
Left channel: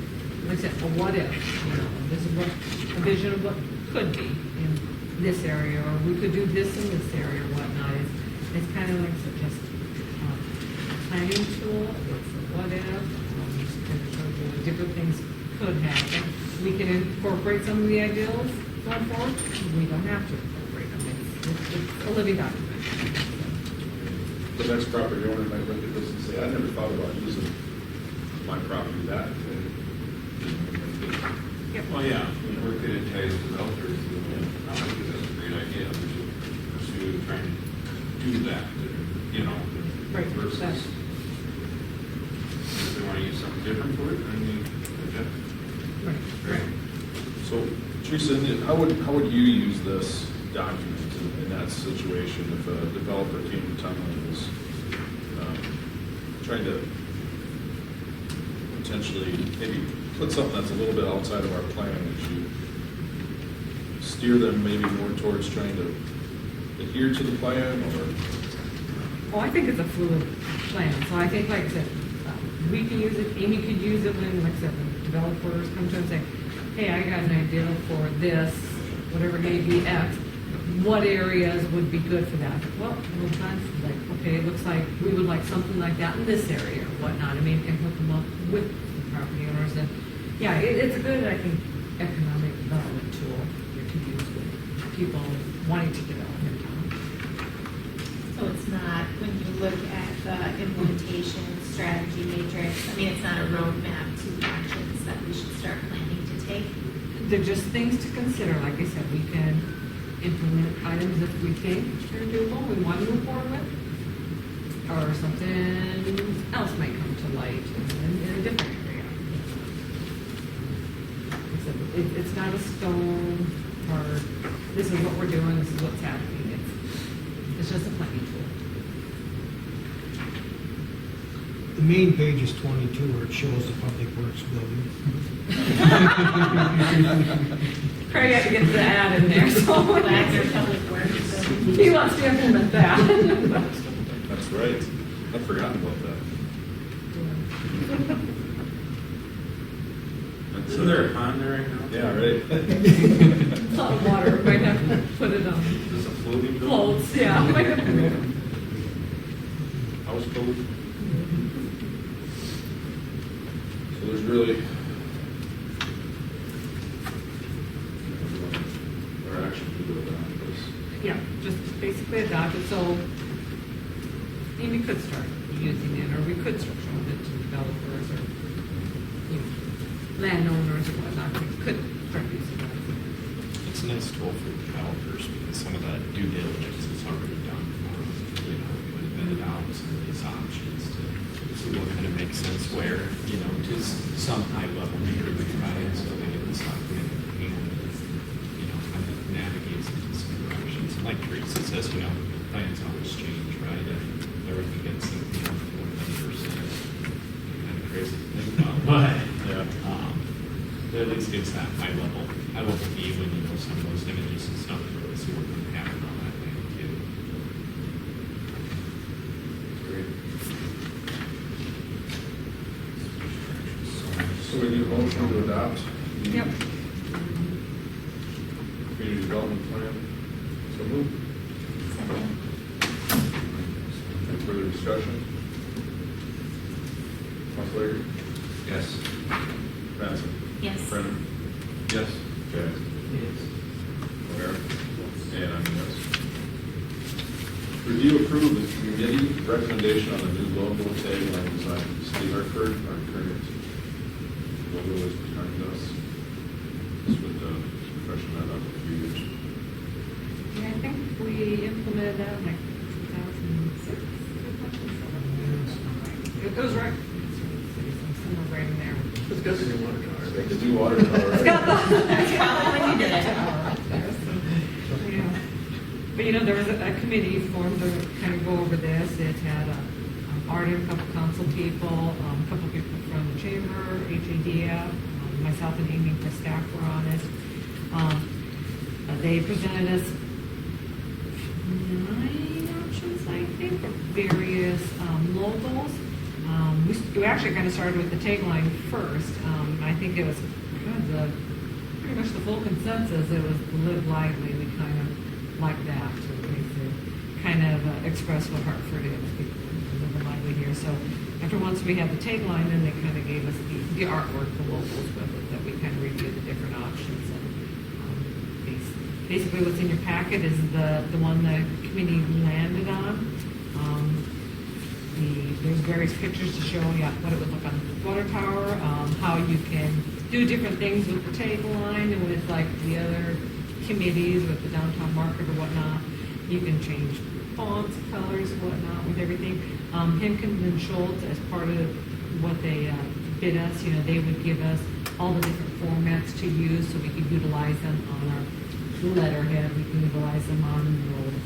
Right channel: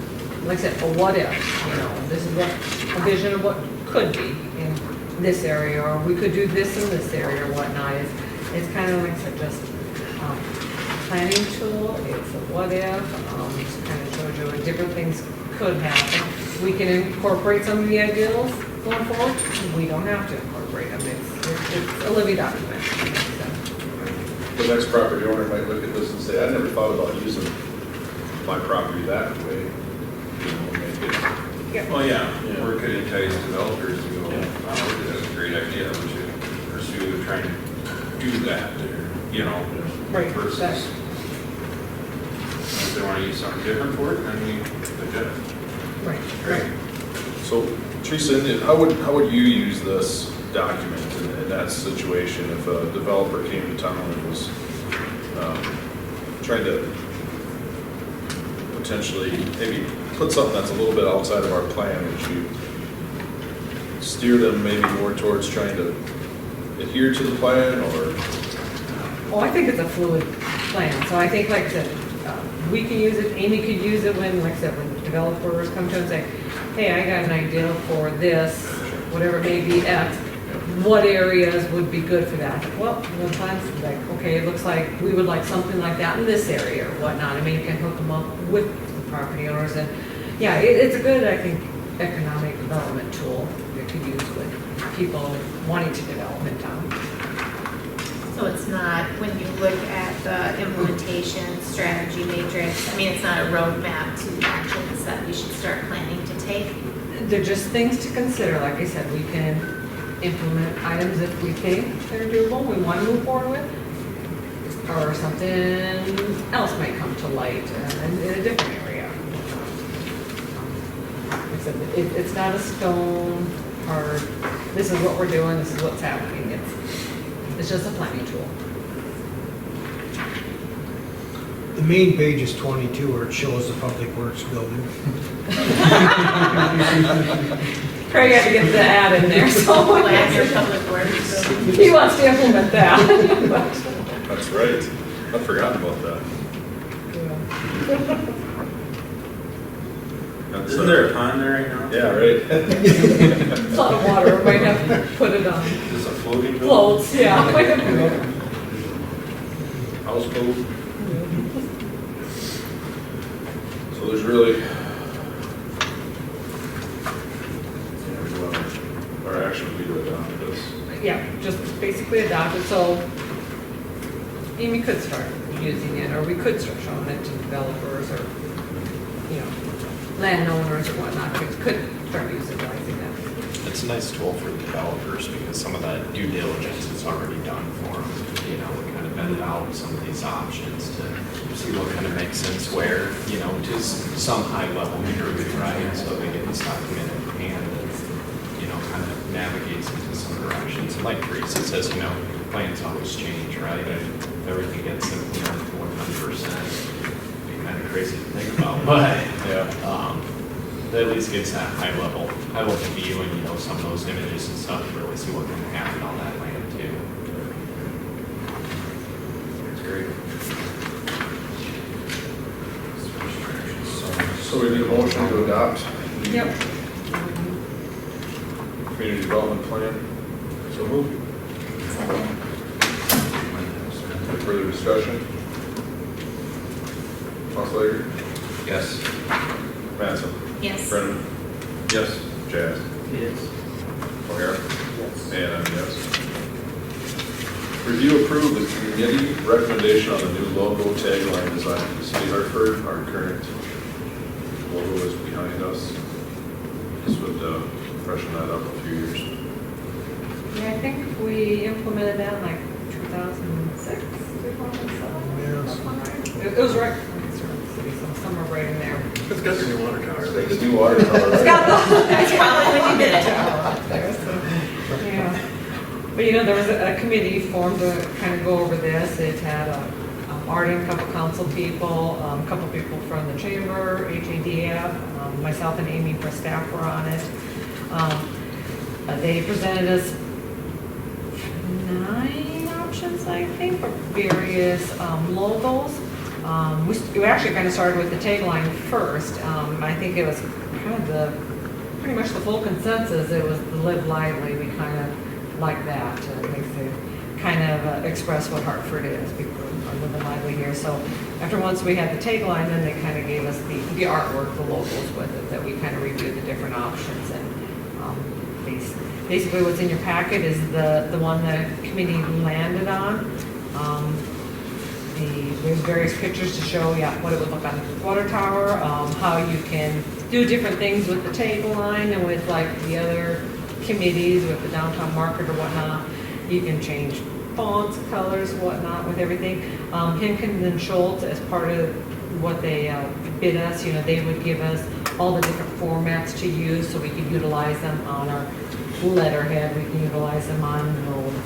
like I said, a what if, you know, this is what, a vision of what could be in this area, or we could do this in this area or whatnot. It's kind of like I said, just planning tool, it's a what if, it kind of shows you like different things could happen. We can incorporate some of the ideals going forward, we don't have to incorporate them, it's a living document. The next property owner might look at this and say, I never thought about using my property that way. You know, make it. Yeah. Well, yeah, or could entice developers to go, wow, that's a great idea, we should pursue trying to do that, or, you know, Right, versus that- if they want to use something different for it, then you adjust. Right. So Teresa, how would you use this document in that situation if a developer came to town and was trying to potentially maybe put something that's a little bit outside of our plan, would you steer them maybe more towards trying to adhere to the plan, or? Oh, I think it's a fluid plan, so I think, like I said, we can use it, Amy could use it when, like I said, when developers come to us and say, hey, I got an idea for this, whatever it may be, X, what areas would be good for that? Well, one time's like, okay, it looks like we would like something like that in this area or whatnot, and maybe you can hook them up with the property owners, and, yeah, it's a good, I think, economic development tool that could use with people wanting to develop in town. So it's not, when you look at the implementation strategy matrix, I mean, it's not a roadmap to actions that we should start planning to take. They're just things to consider. Like I said, we can implement items if we think they're doable, we want to move forward with, or something else might come to light in a different area. Like I said, it's not a stone hard, this is what we're doing, this is what's happening. It's just a planning tool. The main page is 22 where it shows the public works building. Craig had to get the ad in there, so. Plan your public works. He wants to implement that. That's right. I forgot about that. Isn't there a pond there right now? Yeah, right. It's a lot of water, we might have to put it on Is this a floating building? floats, yeah. Might have to- Houseboat. So there's really, our action would be to adopt this. Yeah, just basically adopt it, so Amy could start using it, or we could start showing it to developers, or, you know, landowners or whatnot, could start utilizing it. It's a nice tool for developers because some of that due diligence is already done for them. You know, we kind of vetted out some of these options to see what kind of makes sense where, you know, to some high level degree, right? So they get this document in hand and, you know, kind of navigates into some directions. And like Teresa says, you know, plans always change, right? And everything gets implemented 100%. Kind of crazy to think about, but at least gives that high level view, and you know, some of those images and stuff to really see what can happen on that land too. That's great. So we need a motion to adopt the Yep. community development plan. So move. Any further discussion? Osler? Yes. Mattson? Yes. Brennan? Yes. Jazz? Yes. O'Hara? And I'm yes. Review approve the committee recommendation on the new logo tagline design for City of Hartford. Our current logo is behind us. This would freshen that up a few years. Yeah, I think we implemented that in like 2006, 2007. Yes. Something right. It was right, so somewhere right in there. It's got the new watercolor. The new watercolor. It's got the. That's probably what you did. Up there, so, yeah. But you know, there was a committee formed to kind of go over this. It had Art and a couple council people, a couple people from the chamber, HADF, myself and Amy for staff were on it. They presented us 9 options, I think, for various logos. We actually kind of started with the tagline first. I think it was kind of pretty much the full consensus. It was the Live Lively. We kind of like that. It makes it kind of express what Hartford is. People are living lively here. So once we had the tagline, then they kind of gave us the artwork, the logos with it, that we kind of reviewed the different options. And basically what's in your packet is the one the committee landed on. There's various pictures to show what it would look on the water tower, how you can do different things with the tagline and with like the other committees with the downtown market or whatnot. You can change fonts, colors, whatnot with everything. Henkin and Schultz, as part of what they bid us, they would give us all the different formats to use so we could utilize them on our letterhead. We can utilize them on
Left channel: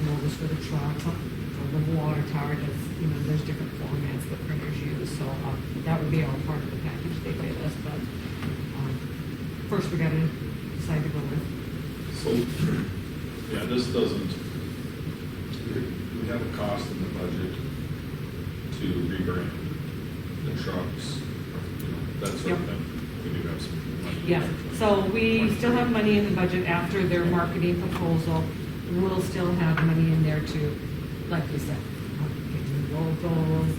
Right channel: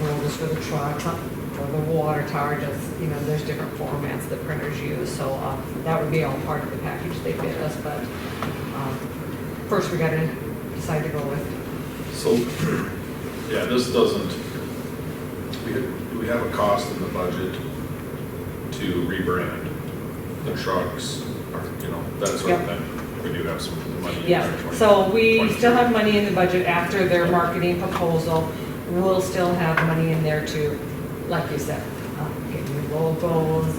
logos for the truck, for the water tower. Just there's different formats that printers use. So that would be all part of the package they bid us. But first we got to decide to go with. So, yeah, this doesn't, we have a cost in the budget to rebrand the trucks, or, that sort of thing. We do have some money. Yeah, so we still have money in the budget after their marketing proposal. We'll still have money in there to, like you said, get new logos,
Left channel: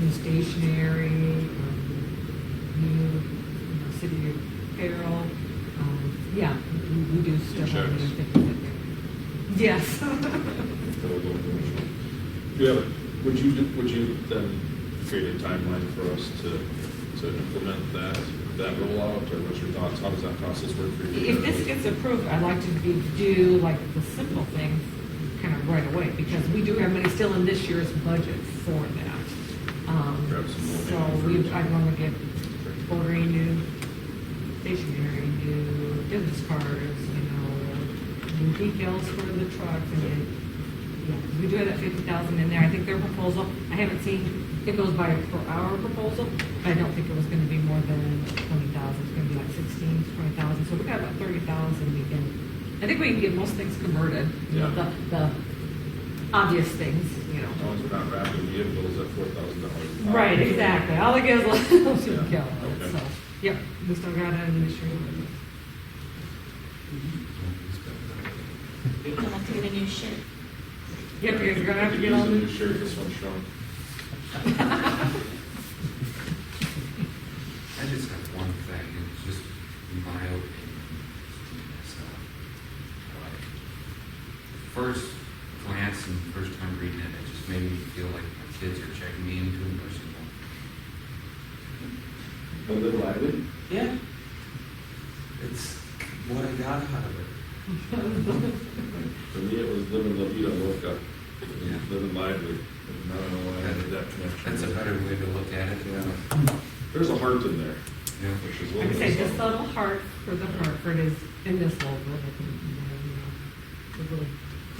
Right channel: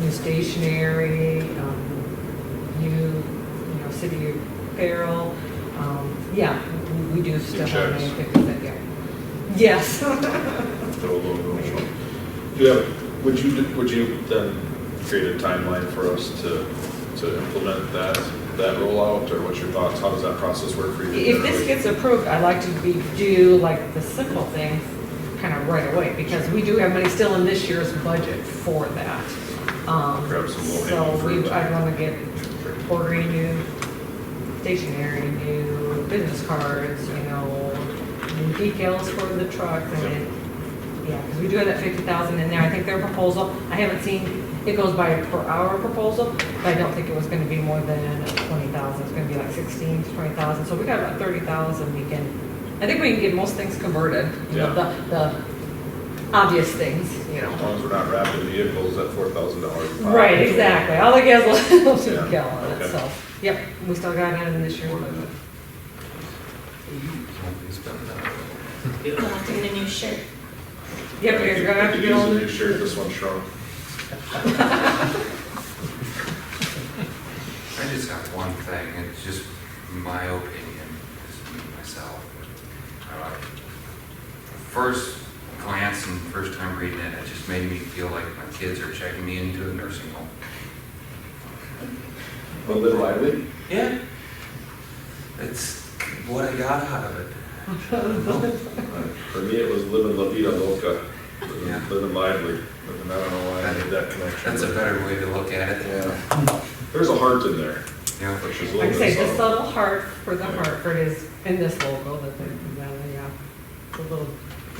new stationery, new, city apparel. Yeah, we do still have money. Yeah. Yes. Would you then create a timeline for us to implement that rollout, or what's your thoughts? How does that process work for you? If this gets approved, I'd like to do like the simple things kind of right away, because we do have money still in this year's budget for that. Grab some low-hanging fruit. I'd want to get ordering new stationery, new business cards, new decals for the truck. Because we do have that 50,000 in there. I think their proposal, I haven't seen, it goes by a per hour proposal, but I don't think it was going to be more than 20,000. It's going to be like 16 to 20,000. So we got about 30,000. I think we can get most things converted. The obvious things. As long as we're not wrapping vehicles at $4,000. Right, exactly. All the gas will Yeah. kill on it. Okay. So, yep, we still got that in this year's budget. We'll have to get a new shirt. Yep, you guys are gonna have to get use a on. new shirt. This one's shrunk. I just got one thing, and it's just my opinion, just myself. First glance and first time reading it, it just made me feel like my kids are checking me into a nursing home. A little bit lively? Yeah. It's what I got out of it. For me, it was living La Vida Loca, Yeah. living lively. And I don't know why I made that connection. That's a better way to look at it. Yeah. There's a heart in there, Yeah. which is a Like I little say, bit the subtle. subtle heart for the Hartford is in this logo, the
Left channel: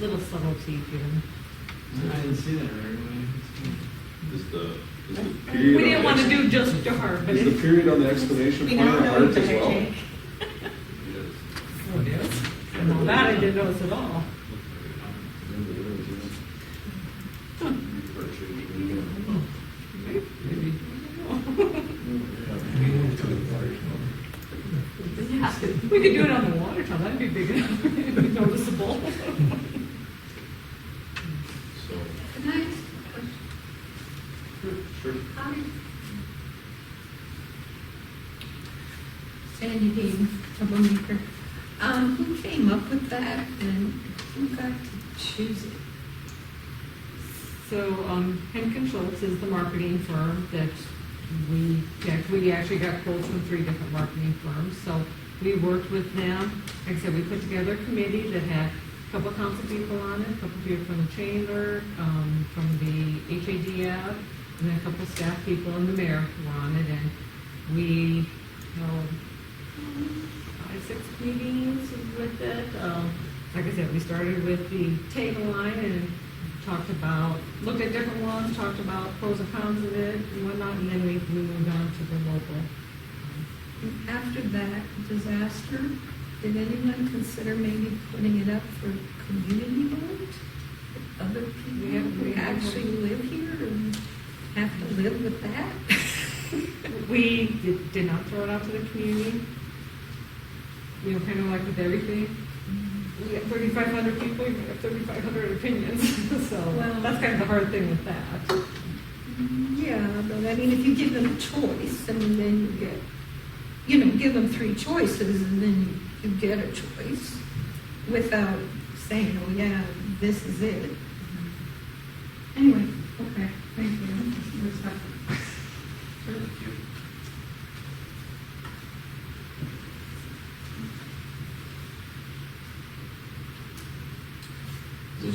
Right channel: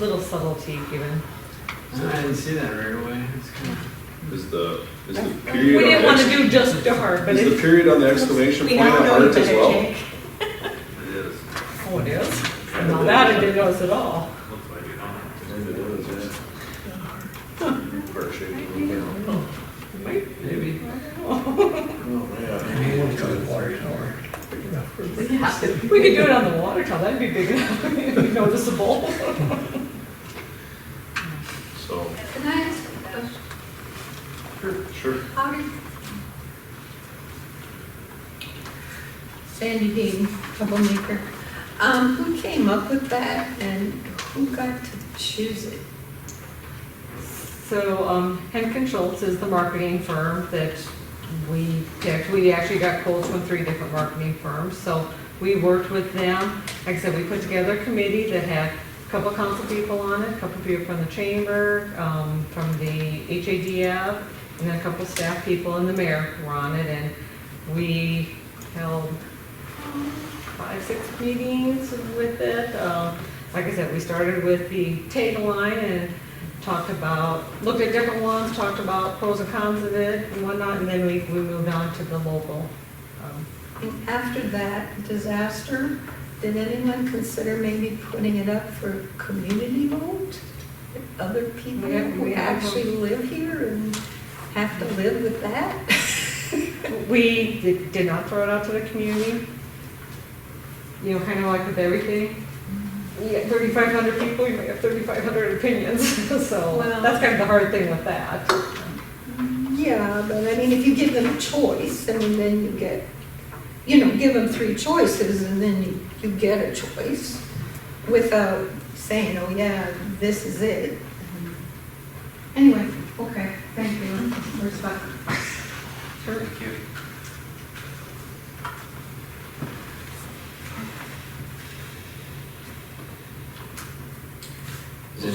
little subtlety given. I didn't see that right away. It's kind of. Is the period. We on didn't the want to ex- do just a heart, but Is the it's, period on the exclamation we point now a know heart you as better, well? Jake. It is. Oh, it is? Now that I didn't notice at all. Heart shaped a little bit. Maybe. Yeah, we could do it on the water tower, that'd be big enough, it'd be noticeable. So, Can I ask a question? sure. How did Sandy Dean, troublemaker, who came up with that and who got to choose it? So, Henkin Schultz is the marketing firm that we picked. We actually got quotes from 3 different marketing firms, so we worked with them. Like I said, we put together a committee that had a couple council people on it, a couple people from the chamber, from the HADF, and then a couple staff people, and the mayor were on it, and we held 5-6 meetings with it. Like I said, we started with the tagline and looked at different ones, talked about pros and cons of it and whatnot, and then we moved on to the local. And after that disaster, did anyone consider maybe putting it up for community vote? other people We who have actually live here and have to live with that? We did not throw it out to the community. You know, kind of like with everything. You get 3,500 people, you might have 3,500 opinions. So Well- that's kind of the hard thing with that. Yeah, but I mean, if you give them a choice, I mean, then you get, you know, give them 3 choices and then you get a choice without saying, oh yeah, this is it. Anyway, okay, thank you. Respect. Sure. Thank you.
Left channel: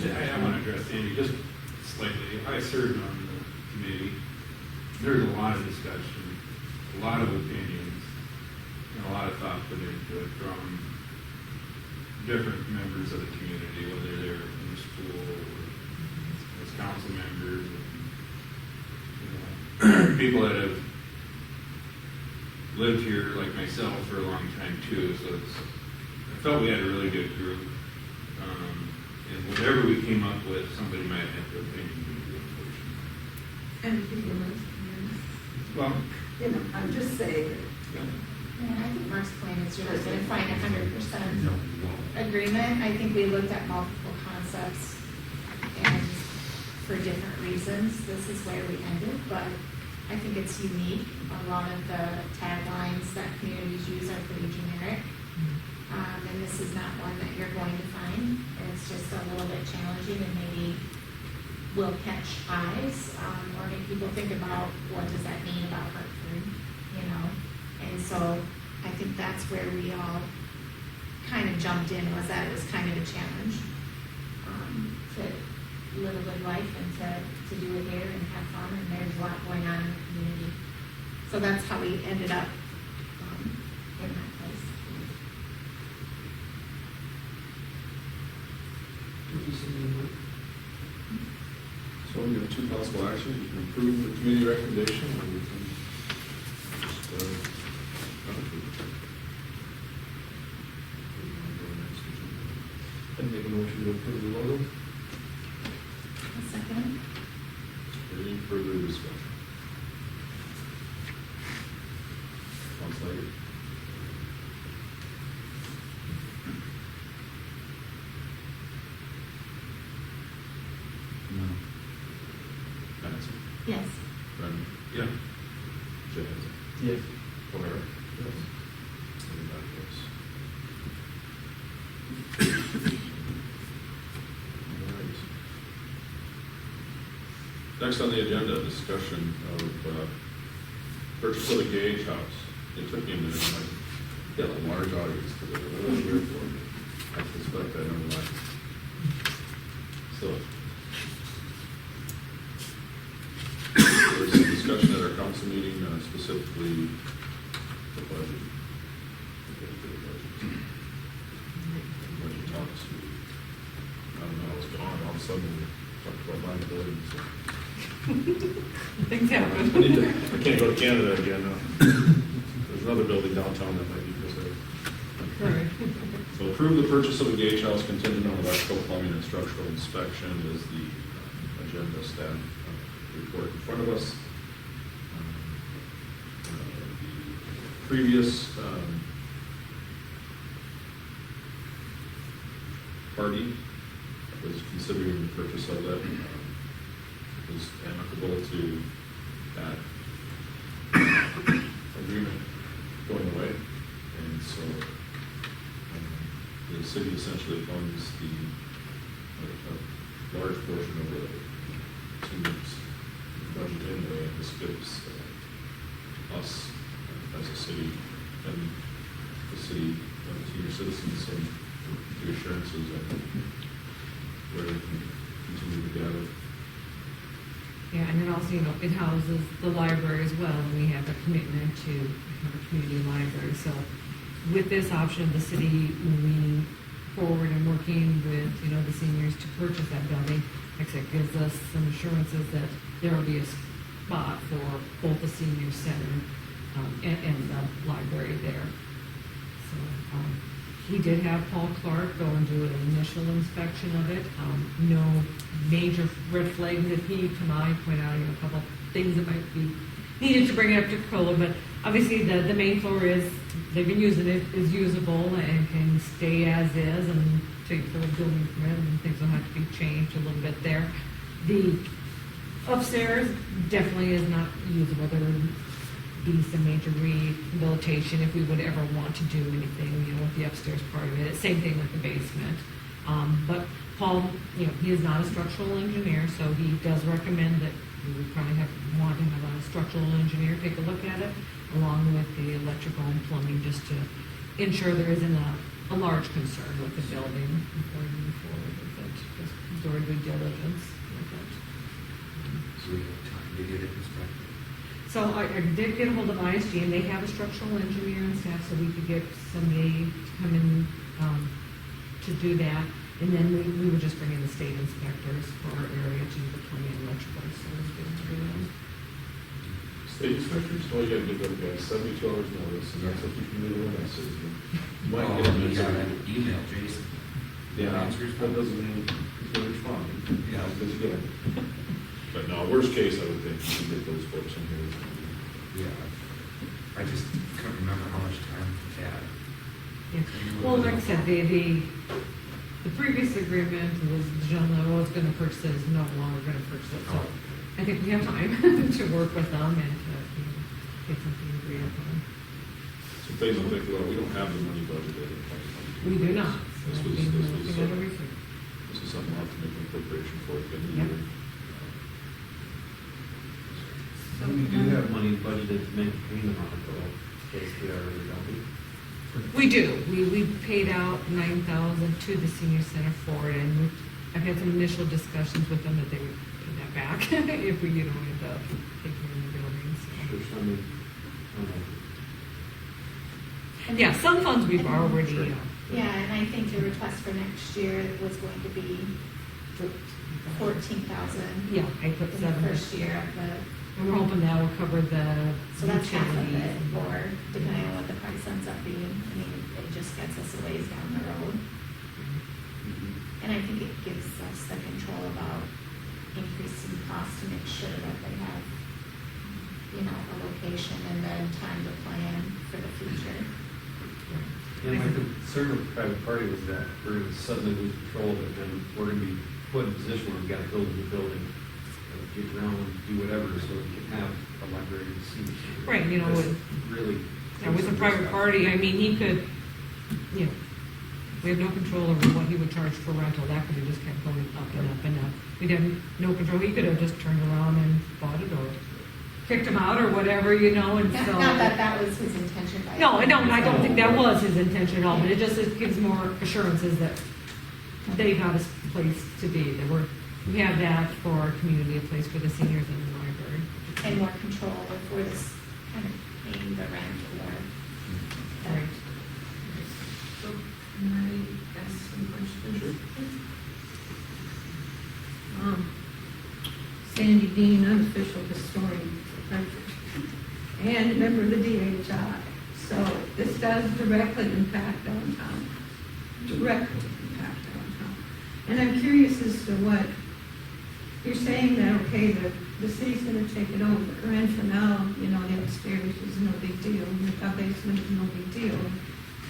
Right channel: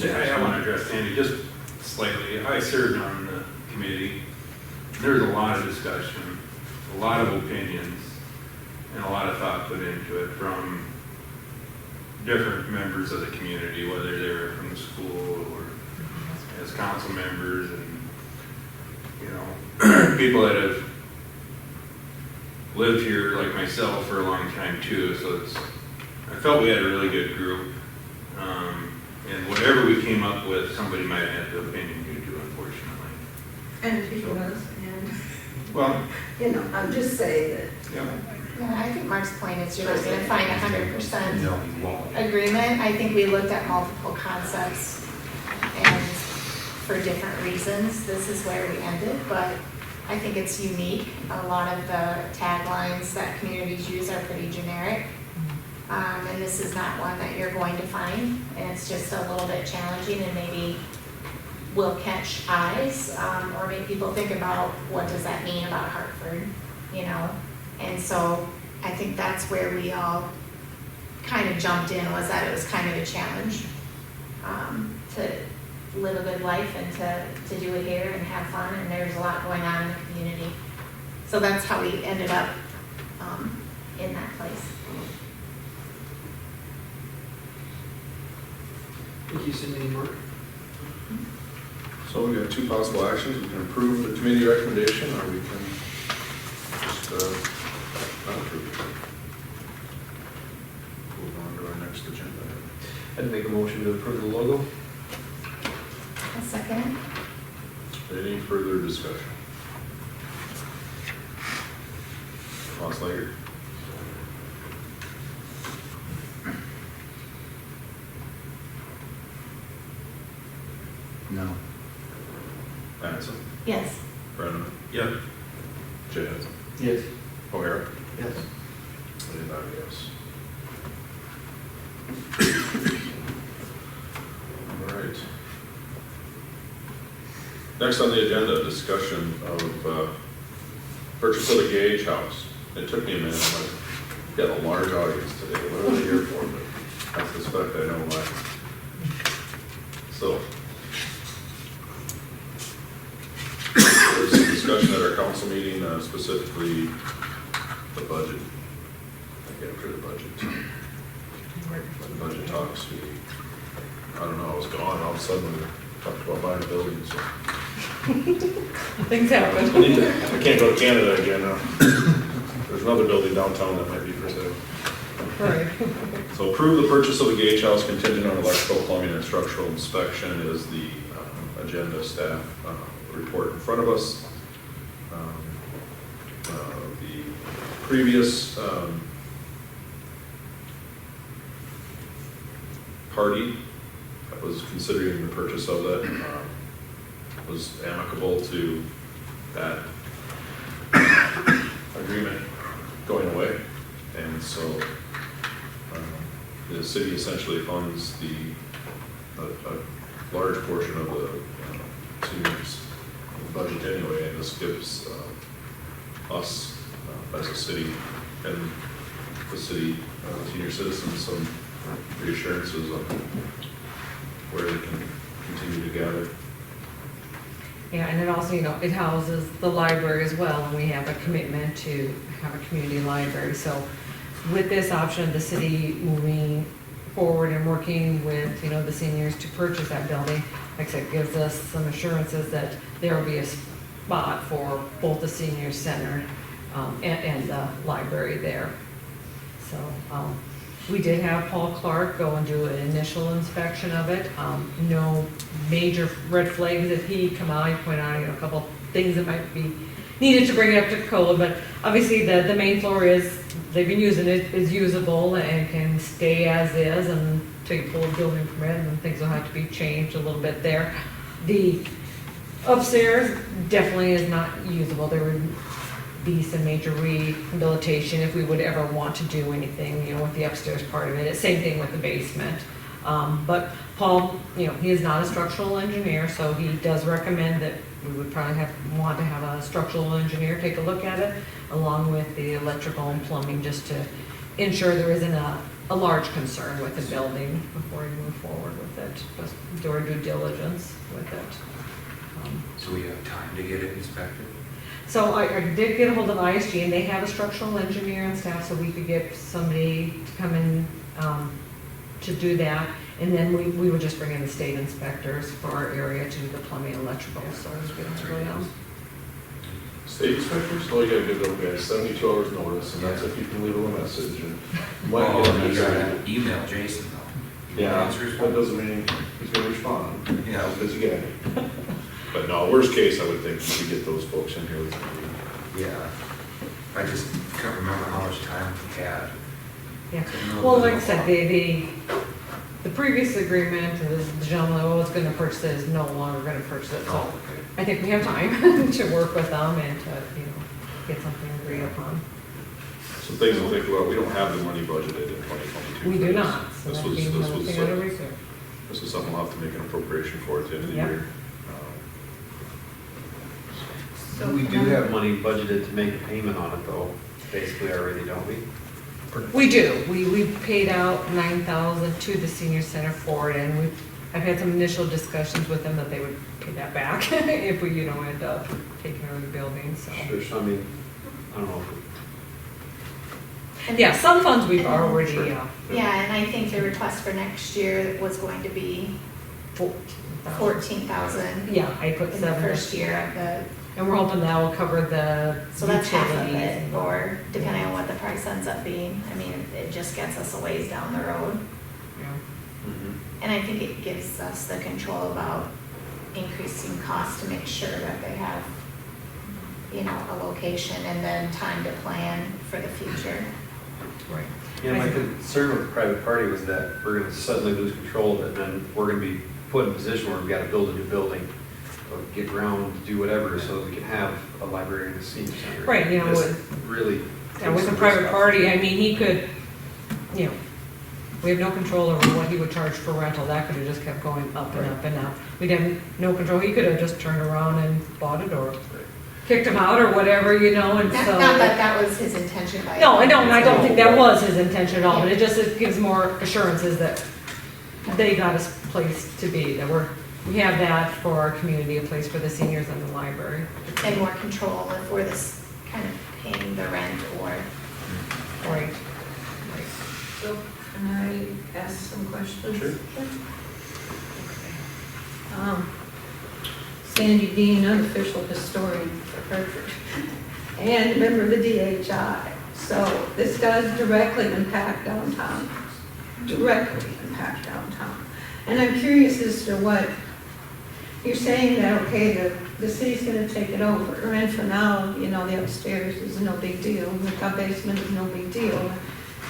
I want to address Sandy just slightly. I served on the committee. There's a lot of discussion, a lot of opinions, and a lot of thought put into it from different members of the community, whether they're from the school or as council members, and, you know, people that have lived here like myself for a long time too. So I felt we had a really good group. And whatever we came up with, somebody might have had the opinion you do, unfortunately. And if he was, and, Well, you know, I'm just saying that. yeah. Yeah, I think Mark's point is you're not gonna find 100% No, you won't. agreement. I think we looked at multiple concepts and for different reasons, this is where we ended, but I think it's unique. A lot of the taglines that communities use are pretty generic. And this is not one that you're going to find, and it's just a little bit challenging and maybe will catch eyes, or make people think about what does that mean about Hartford, you know? And so I think that's where we all kind of jumped in, was that it was kind of a challenge to live a good life and to do it here and have fun, and there's a lot going on in the community. So that's how we ended up in that place. Thank you, Cindy and Mark. So we have 2 possible actions. We can approve the committee recommendation, or we can just not approve it. Move on to our next agenda. I'd make a motion to approve the logo. A second. Any further discussion? Slager? No. Mattson? Yes. Brenneman? Yep. Jazz? Yes. O'Hara? Yes. Anybody else? All right. Next on the agenda, discussion of purchase of the Gage House. It took me a minute. I got a large audience today. What are they here for? But I suspect I know why. So, there was some discussion at our council meeting, specifically the budget. After the budget. The budget talks, I don't know, I was gone, all of a sudden we talked about buying a building, so. Things happen. I can't go to Canada again now. There's another building downtown that might be for sale. Right. So approve the purchase of the Gage House contingent on electrical, plumbing, and structural inspection is the agenda staff report in front of us. The previous party that was considering the purchase of that was amicable to that agreement going away. And so the city essentially funds a large portion of the seniors' budget anyway, and this gives us as a city and the city senior citizens some reassurances on where they can continue to gather. Yeah, and it also, you know, it houses the library as well, and we have a commitment to have a community library. So with this option, the city moving forward and working with, you know, the seniors to purchase that building, like I said, gives us some assurances that there will be a spot for both the senior center and the library there. So We did have Paul Clark go and do an initial inspection of it. No major red flags that he come out. He pointed out, a couple things that might be needed to bring it up to code, but obviously the main floor they've been using it, is usable and can stay as is, and take full building permit, and things will have to be changed a little bit there. The upstairs definitely is not usable. There would be some major rehabilitation if we would ever want to do anything, with the upstairs part of it. Same thing with the basement. But Paul, he is not a structural engineer, so he does recommend that we would probably want to have a structural engineer take a look at it, along with the electrical and plumbing, just to ensure there isn't a large concern with the building before we move forward with it. Just do our due diligence with it. So we have time to get it inspected? So I did get a hold of ISG, and they have a structural engineer and staff, so we could get somebody to come in to do that. And then we would just bring in the state inspectors for our area to do the plumbing and electrical, so we don't have to go down. State inspectors, all you gotta give those guys 72 hours notice, and that's if you can leave them a message. And you might Well, get a you message. gotta email Jason though. Yeah, Answers. that doesn't mean he's gonna respond. Yeah. Because you get it. But no, worst case, I would think you could get those folks in here with you. Yeah. I just can't remember how much time we had. Yeah, well, like I said, the previous agreement, the gentleman that was gonna purchase it is no longer gonna purchase it, so Oh, I think we have time to work with them and to, get something agreed upon. Some things to think about, we don't have the money budgeted in 2022. We do not, so This that'd was, be this another was, thing under reserve. this is something we'll have to make an appropriation for at the end of the Yep. year. So we do have money budgeted to make a payment on it though, basically already, don't we? We do. We paid out $9,000 to the senior center for it, and I've had some initial discussions with them that they would pay that back if we, end up taking over the building, so. Sure, so I mean, I don't know. Yeah, some funds we've already, Sure. Yeah, and I think the request for next year was going to be 14,000 Yeah, I put in the 7. first year of the, And we're hoping that will cover the so that's half of utilities it, and- or depending on what the price ends up being. I mean, it just gets us a ways down the road. Yeah. And I think it gives us the control about increasing costs to make sure that they have, a location and then time to plan for the future. Right. Yeah, my concern with the private party was that we're gonna suddenly lose control of it, and then we're gonna be put in a position where we've gotta build a new building, or get ground, do whatever, so that we can have a library in the senior center. Right, This with- really. Yeah, with a private party, I mean, he could, we have no control over what he would charge for rental. That could have just kept going up and up and up. We'd have no control. He could have just turned around and bought it or kicked him out or whatever, and Not so. that that was his intention by. No, I don't think that was his intention at all, but it gives more assurances that they got a place to be, that we have that for our community, a place for the seniors and the library. And more control if we're this kind of paying the rent or. Right. So, can I ask some questions? Sure. Sandy Dean, unofficial historian for Hartford, and member of the DHI. So this does directly impact downtown, And I'm curious as to what, you're saying that, okay, the city's gonna take it over, and for now, the upstairs is no big deal, the top basement is no big deal,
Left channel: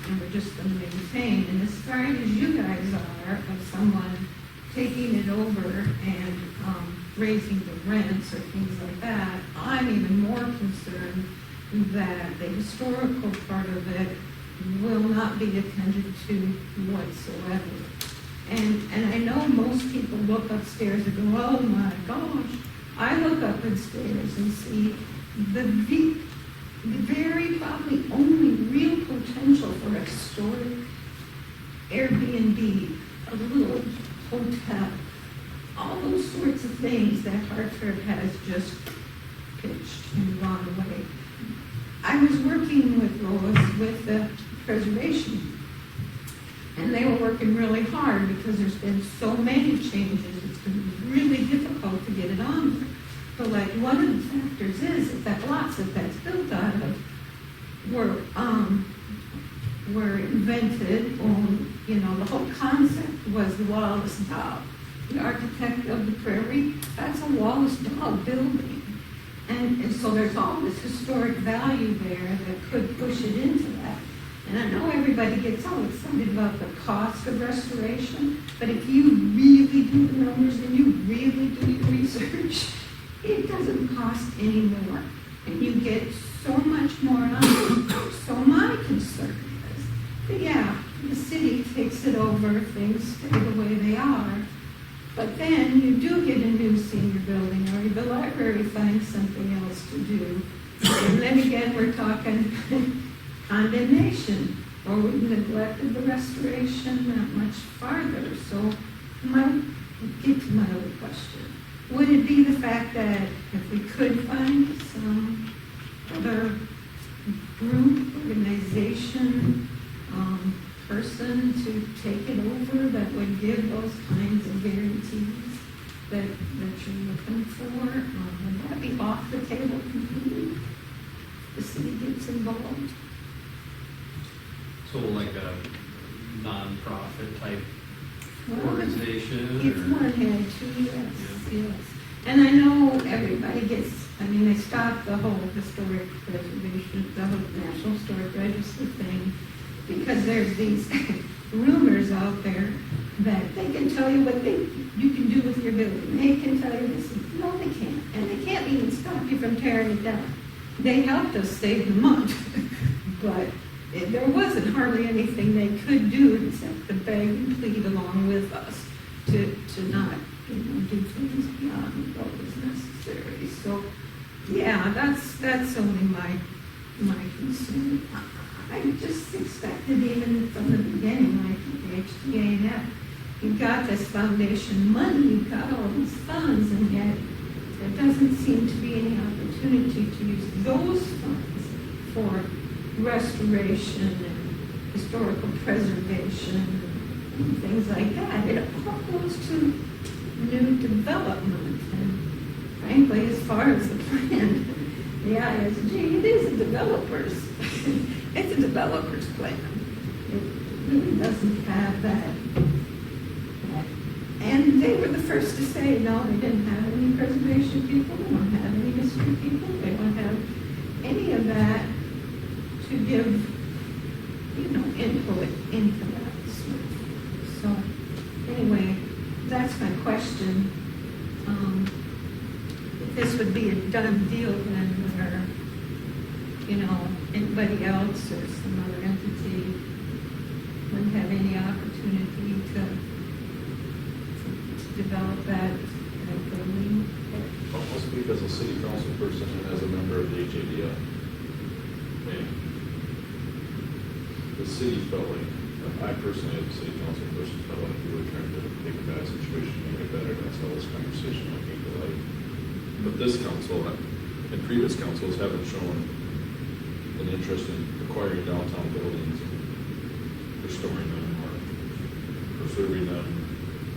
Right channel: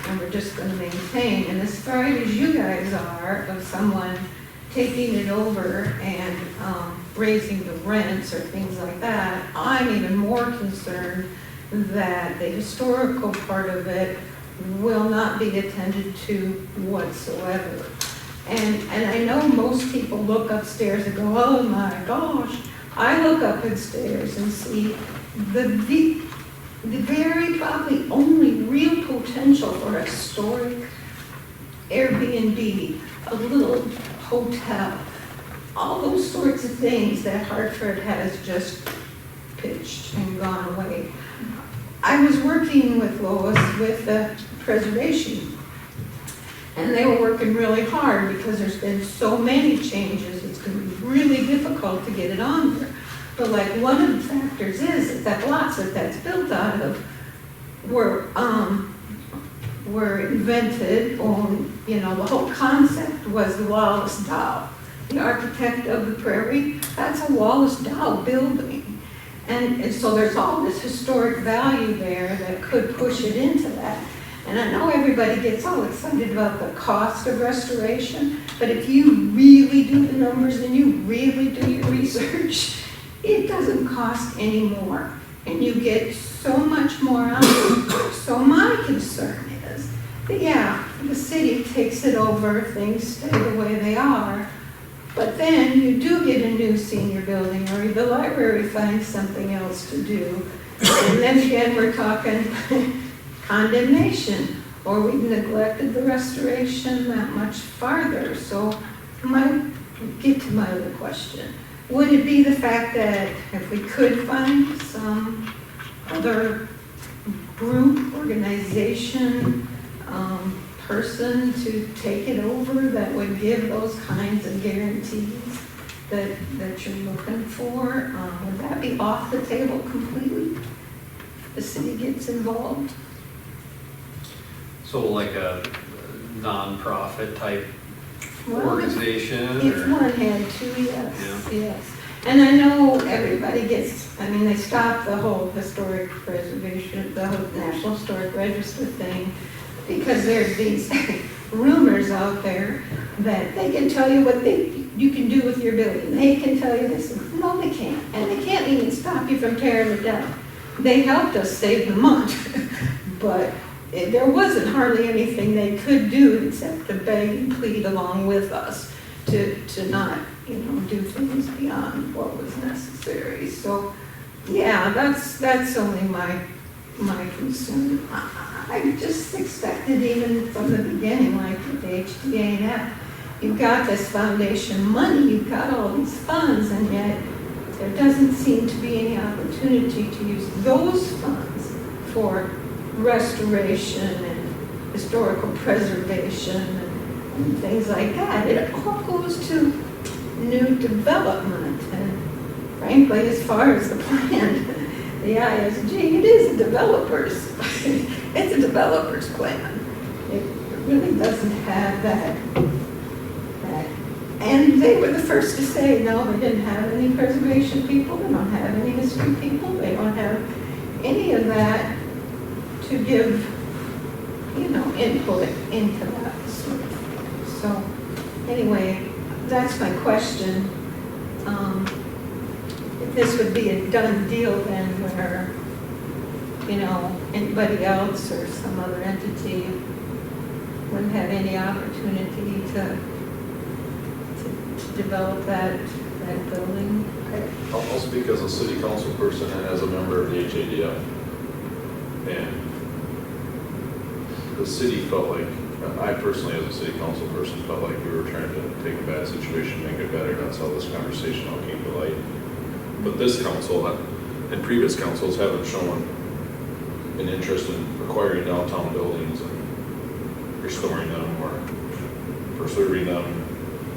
and we're just gonna maintain. And as far as you guys are, of someone taking it over and raising the rents or things like that, I'm even more concerned that the historical part of it will not be attended to whatsoever. And I know most people look upstairs and go, oh my gosh. I look up upstairs and see the very probably only real potential for a historic Airbnb, a little hotel, all those sorts of things that Hartford has just pitched and gone away. I was working with Lois with the preservation, and they were working really hard because there's been so many changes, it's going to be really difficult to get it on there. But like one of the factors is that lots that that's built out of were were invented on, you know, the whole concept was the Wallace Dow. The architect of the Prairie, that's a Wallace Dow building. And so there's all this historic value there that could push it into that. And I know everybody gets all excited about the cost of restoration, but if you really do the numbers and you really do your research, it doesn't cost any more. And you get so much more out of it. So my concern is that, yeah, the city takes it over, things stay the way they are, but then you do get a new senior building, or the library finds something else to do. And then again, we're talking condemnation, or we've neglected the restoration that much farther. So get to my other question. Would it be the fact that if we could find some other group, organization, person to take it over that would give those kinds of guarantees that you're looking for? Would that be off the table completely? The city gets involved? So like a nonprofit type Well, organization? If or- one had to, yes, Yeah. yes. And I know everybody gets, I mean, they stopped the whole historic preservation, the whole National Historic Register thing, because there's these rumors out there that they can tell you what you can do with your building. They can tell you this. No, they can't. And they can't even stop you from tearing it down. They helped us save the month, but there wasn't hardly anything they could do except to beg and plead along with us to not, you know, do things beyond what was necessary. So, yeah, that's only my concern. I just expected even from the beginning, like with the HDA&F, you've got this foundation money, you've got all these funds, and yet there doesn't seem to be any opportunity to use those funds for restoration and historical preservation and things like that. It all goes to new development, and frankly, as far as the plan, the ISG, it is a developer's, it's a developer's plan. It really doesn't have that. And they were the first to say, no, they didn't have any preservation people, they don't have any history people, they don't have any of that to give, you know, input into that sort of thing. So, anyway, that's my question. If this would be a done deal then where, you know, anybody else or some other entity wouldn't have any opportunity to develop that building. I'll speak as a city council person and as a member of the HADF. And the city felt like, I personally as a city council person felt like we were trying to take a bad situation, make it better. That's how this conversation all came to light. But this council and previous councils haven't shown an interest in acquiring downtown buildings and restoring them or preserving them,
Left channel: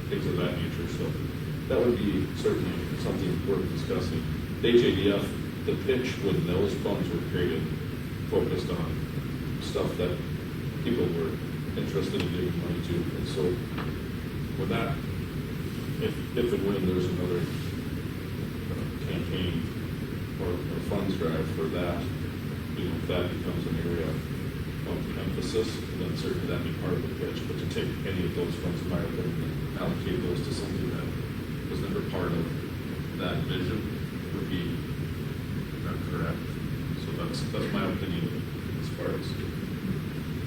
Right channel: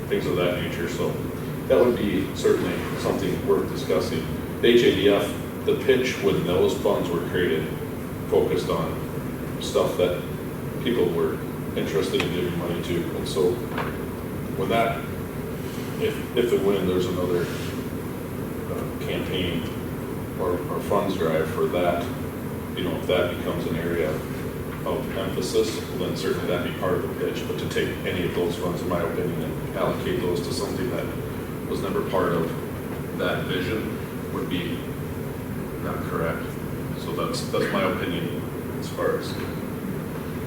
things of that nature. So that would be certainly something worth discussing. The HADF, the pitch when those funds were created, focused on stuff that people were interested in giving money to. And so when that, if and when there's another campaign or funds drive for that, you know, if that becomes an area of emphasis, then certainly that'd be part of the pitch. But to take any of those funds, in my opinion, and allocate those to something that was never part of that vision would be not correct. So that's my opinion as far as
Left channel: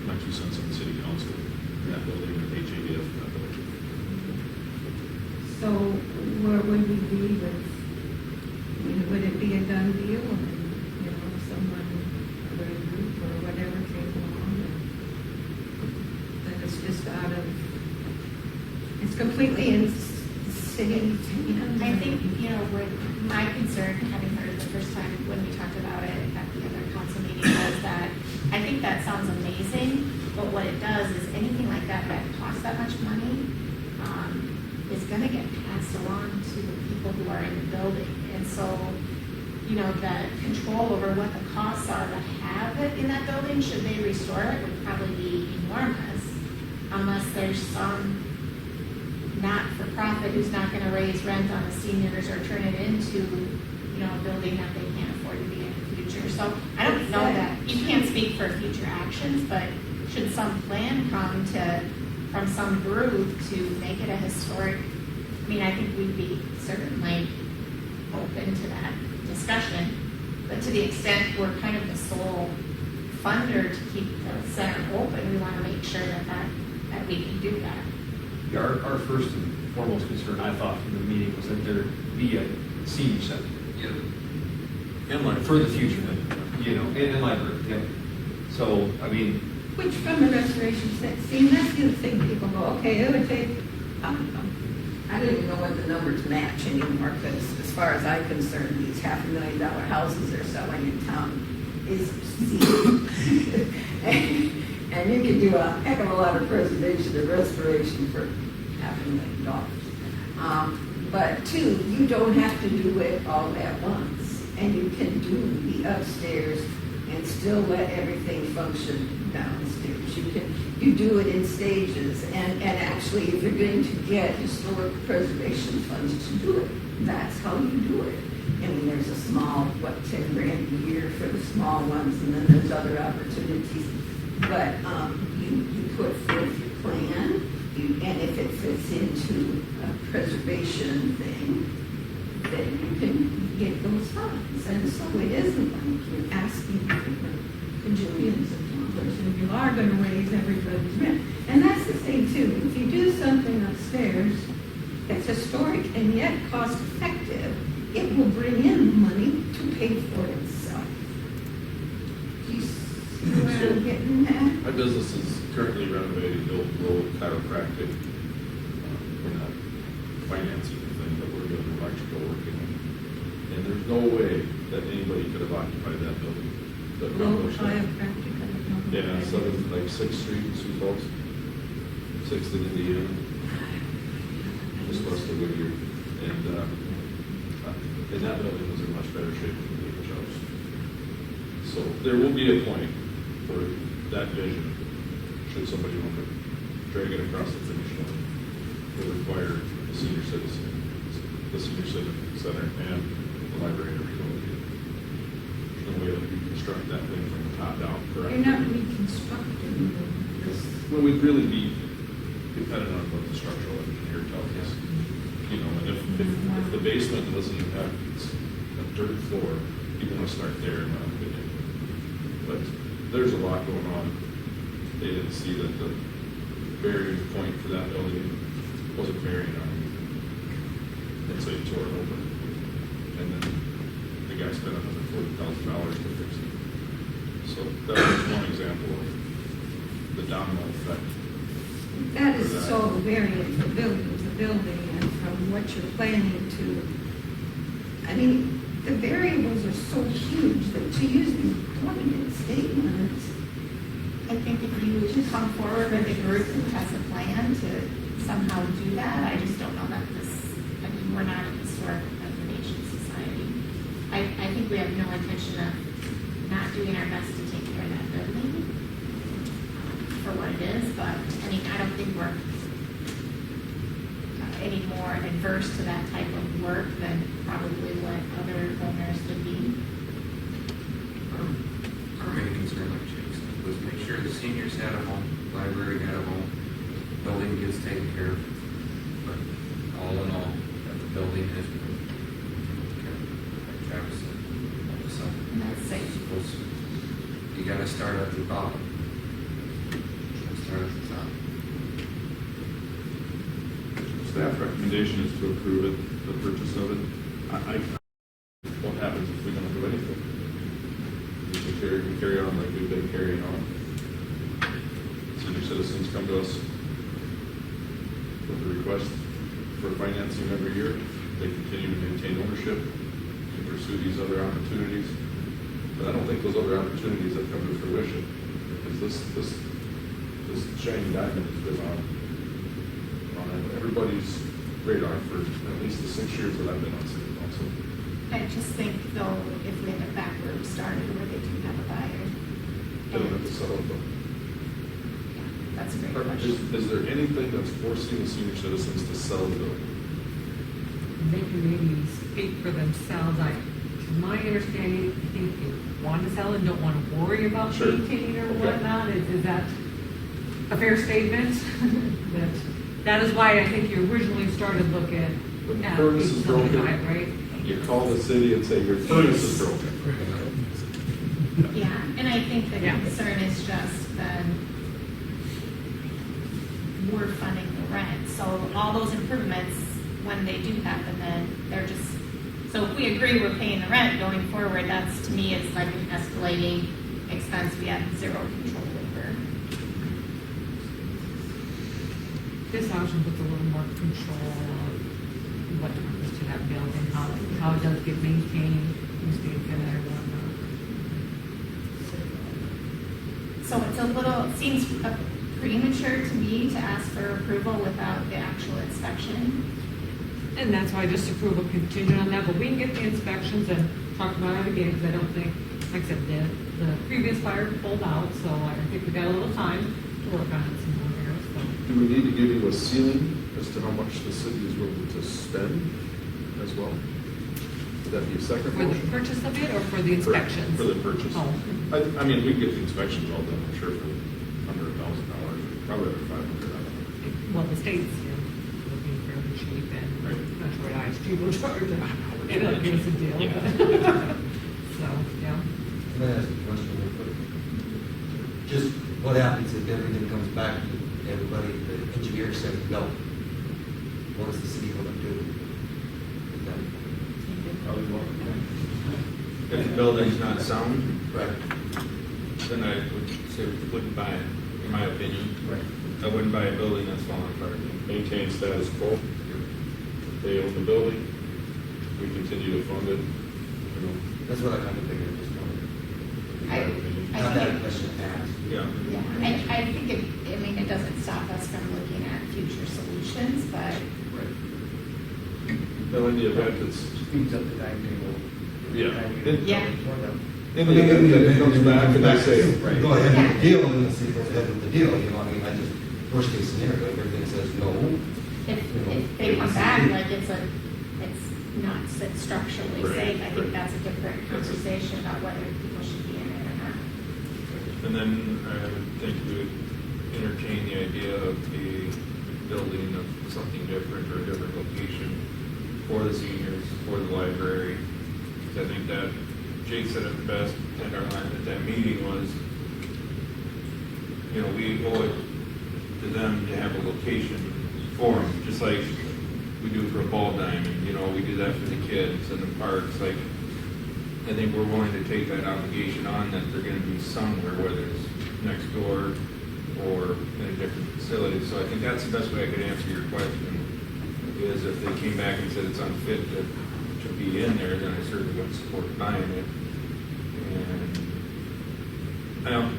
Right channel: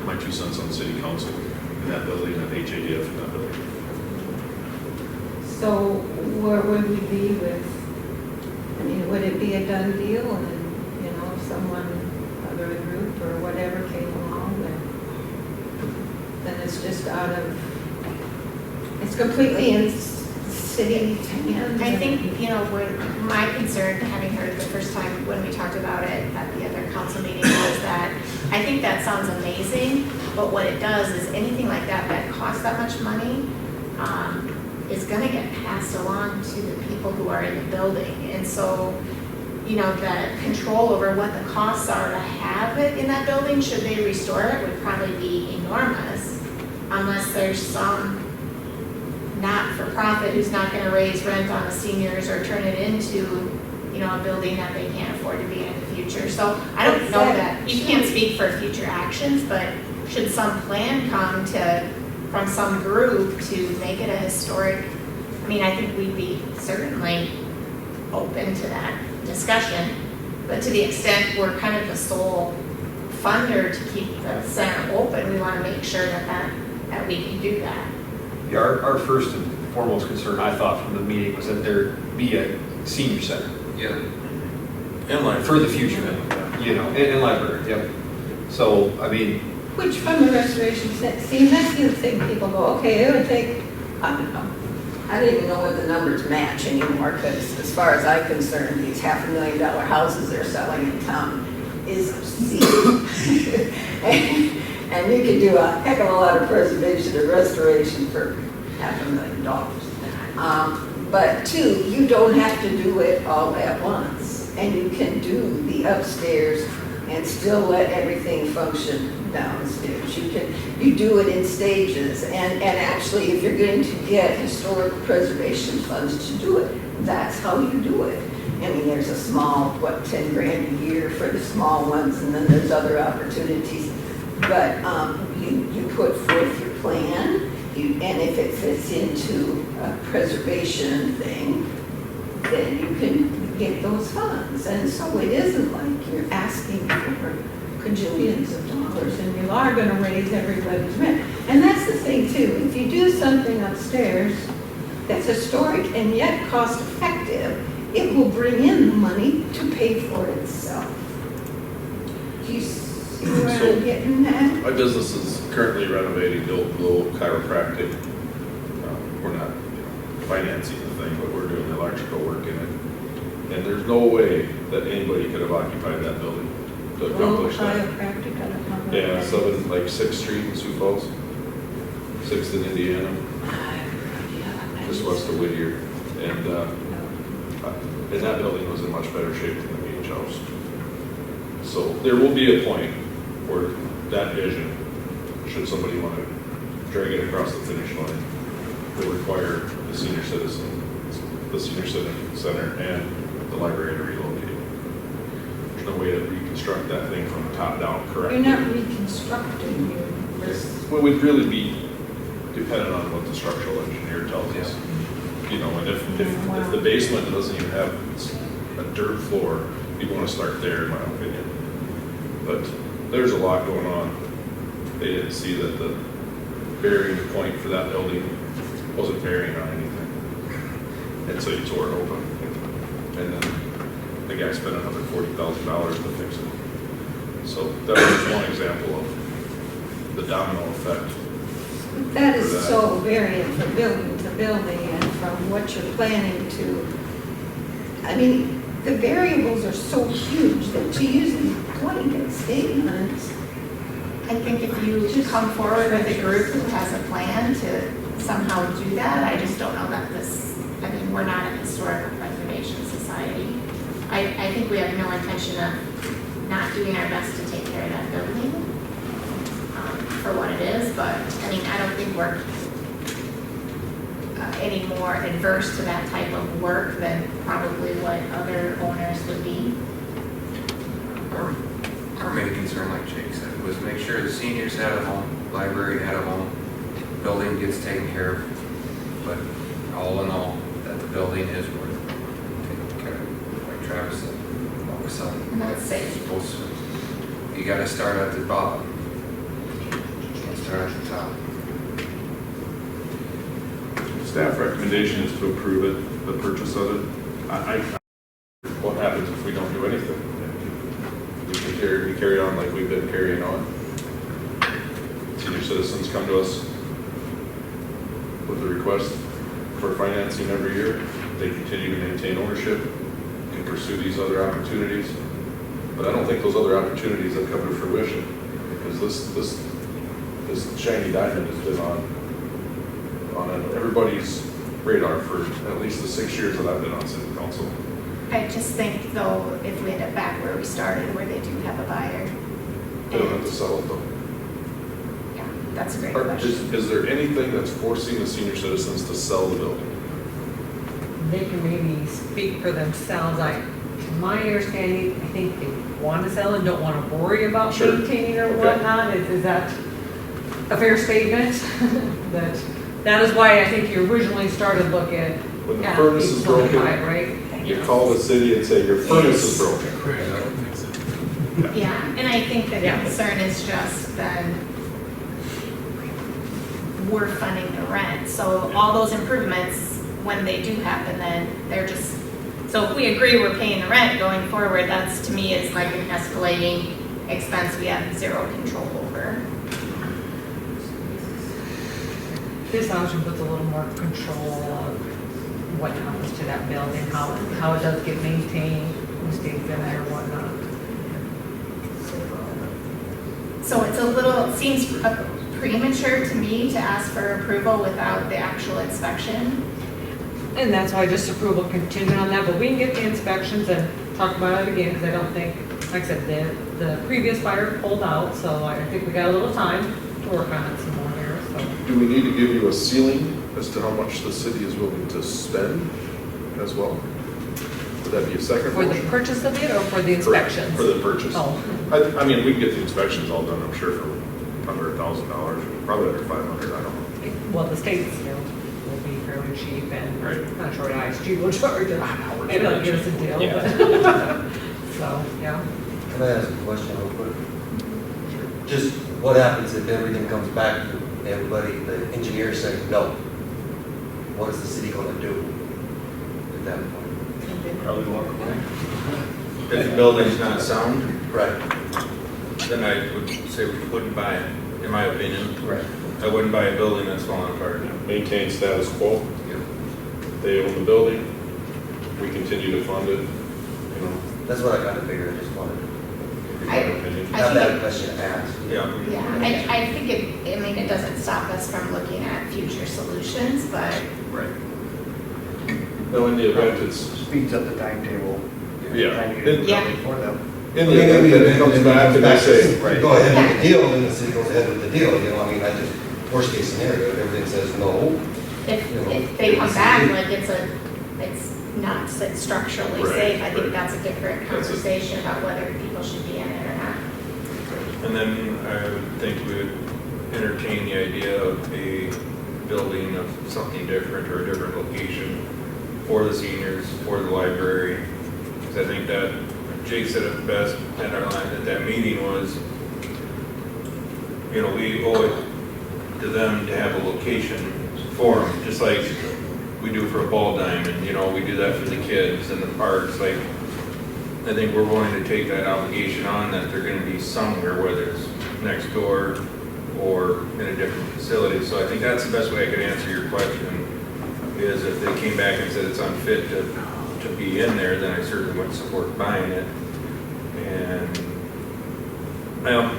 my 2 cents on city council in that building, and HADF in that building. So where would we be with, I mean, would it be a done deal and, you know, if someone, other group or whatever came along, then it's just out of, it's completely in city hands? I think, you know, my concern, having heard the first time when we talked about it at the other council meeting, was that I think that sounds amazing, but what it does is anything like that costs that much money, is gonna get passed along to the people who are in the building. And so, you know, the control over what the costs are to have it profit in that building, should they restore it, would probably be enormous, unless there's some not-for-profit who's not gonna raise rent on the seniors or turn it into, you know, a building that they can't afford to be in the future. So I don't know that, you can't speak for future actions, but should some plan come from some group to make it a historic, I mean, I think we'd be certainly open to that discussion. But to the extent we're kind of the sole funder to keep the center open, we want to make sure that we can do that. Yeah, our first and foremost concern, I thought, from the meeting was that there be a senior center. Yeah. And like For the future, you know, and library, yep. So, I mean, Which from the restoration set, see, and that's the other thing, people go, okay, it would take, I don't know. I don't even know what the numbers match anymore, because as far as I'm concerned, these $500,000 houses they're selling in town is obscene. And you can do a heck of a lot of preservation and restoration for $500,000. But two, you don't have to do it all at once, and you can do the upstairs and still let everything function downstairs. You do it in stages, and actually, if you're going to get historic preservation funds to do it, that's how you do it. I mean, there's a small, $10 grand a year for the small ones, and then there's other opportunities. But you put forth your plan, and if it fits into a preservation thing, then you can get those funds. And so it isn't like you're asking for cajillions of dollars, and you are going to raise everybody's rent. And that's the thing too. If you do something upstairs that's historic and yet cost effective, it will bring in the money to pay for itself. Do you see where I'm getting at? My business is currently renovating the old Glow Chiropractic. We're not financing the thing, but we're doing electrical work in it. And there's no way that anybody could have occupied that building to accomplish that. Chiropractic, I don't know. Yeah, so it's like 6th Street in Sioux Falls, 6th in Indiana, just west of Whittier. And that building was in much better shape than the H house. So there will be a point where that vision, should somebody want to drag it across the finish line, will require the senior center and the library to relocate. There's no way to reconstruct that thing from the top down correctly. You're not reconstructing your Well, we'd really be dependent on what the structural engineer tells us. You know, and if the basement doesn't even have a dirt floor, you want to start there, in my opinion. But there's a lot going on. They didn't see that the bearing point for that building wasn't bearing on anything. And so you tore it open. And then the guy spent another $40,000 to fix it. So that was one example of the domino effect. That is so varying from building to building and from what you're planning to. I mean, the variables are so huge that to use these blanket statements. I think if you come forward with a group who has a plan to somehow do that, I just don't know that we're not a historical preservation society. I think we have no intention of not doing our best to take care of that building for what it is, but I mean, I don't think we're any more adverse to that type of work than probably what other owners would be. Our main concern, like Jake said, was make sure the seniors had a home, library had a home, building gets taken care of. But all in all, that the building is worth taking care of. Like Travis said, all of a sudden, That's safe. You gotta start at the bottom. You can't start at the top. Staff recommendation is to approve it, the purchase of it. What happens if we don't do anything? We carry on like we've been carrying on. Senior citizens come to us with a request for financing every year. They continue to maintain ownership, can pursue these other opportunities. But I don't think those other opportunities have come to fruition, because this shiny diamond has been on everybody's radar for at least the 6 years that I've been on city council. I just think though, if we end up back where we started, where they do have a buyer, They don't have to sell it though. Yeah, that's a great question. Is there anything that's forcing the senior citizens to sell the building? They can maybe speak for themselves. To my understanding, I think they want to sell and don't want to worry about Sure. maintaining or Okay. whatnot. Is that a fair statement? That is why I think you originally started looking When the at furnace is broken, 825, right? you call the city and say, your furnace is broken. Yeah, and I think the Yeah. concern is just then we're funding the rent. So all those improvements, when they do happen, then they're just, so if we agree we're paying the rent going forward, that's to me is like an escalating expense we have zero control over. This option puts a little more control of what happens to that building, how it does get maintained, who stays in there, whatnot. So it's a little, it seems premature to me to ask for approval without the actual inspection. And that's why just approval contingent on that, but we can get the inspections and talk about it again, because I don't think, like I said, the previous buyer pulled out, so I think we got a little time to work on it some more here, so. Do we need to give you a ceiling as to how much the city is willing to spend as well? Would that be a second For the motion? purchase of it or for the inspections? For the purchase. Oh. I mean, we can get the inspections all done, I'm sure, for under $1,000, probably under 500, I don't know. Well, the state's, will be fairly cheap and Right. I'm not sure what ISG will charge it. we're Maybe they'll charging. get us a deal, Yeah. but, so, yeah. Can I ask a question real quick? Just what happens if everything comes back and everybody, the engineers say no? What is the city gonna do at that point? Probably walk away. If the building's not sound, Right. Then I would say we wouldn't buy it, in my opinion. Right. I wouldn't buy a building that's falling apart. Maintain status quo. They own the building, we continue to fund it, That's what I kind of figured, I just wanted to. I- opinion. I Not think that it- question asked. Yeah. Yeah, I think it doesn't stop us from looking at future solutions, but Right. No, in the event it's, Speeds up the timetable. Yeah. Yeah. For them. in the event that it comes back and they say, Right. Go ahead with the deal, then the city goes ahead with the deal, you know, I mean, I just, worst case scenario, if everything says no. if they come back, like it's not structurally Right, safe, I think right. that's a different That's a- conversation about whether people should be in it or not. And then I would think we would entertain the idea of a building of something different or a different location for the seniors, for the library. Because I think that Jake said it best at that meeting was, we owe it to them to have a location for them, just like we do for a ball diamond, we do that for the kids and the parks, like, I think we're willing to take that obligation on that they're gonna be somewhere, whether it's next door or in a different facility. So I think that's the best way I could answer your question, is if they came back and said it's unfit to be in there, then I certainly wouldn't support buying it. And, well,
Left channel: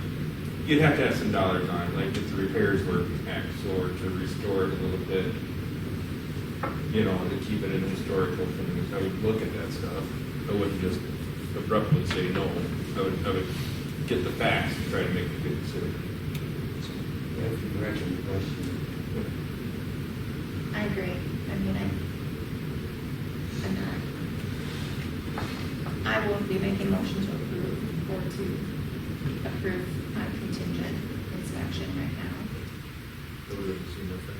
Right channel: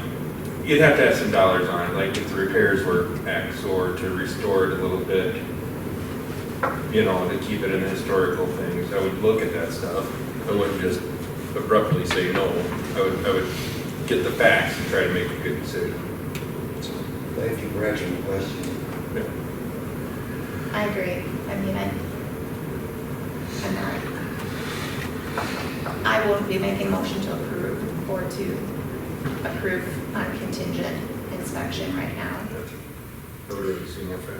you'd have to have some dollars on it, like if the repairs were X, or to restore it a little bit, to keep it in historical things. I would look at that stuff. I wouldn't just abruptly say no. I would get the facts and try to make a good decision. Thank you for answering the question. I agree. I mean, I'm not, I won't be making a motion to approve or to approve on contingent inspection right now. Everybody see more facts?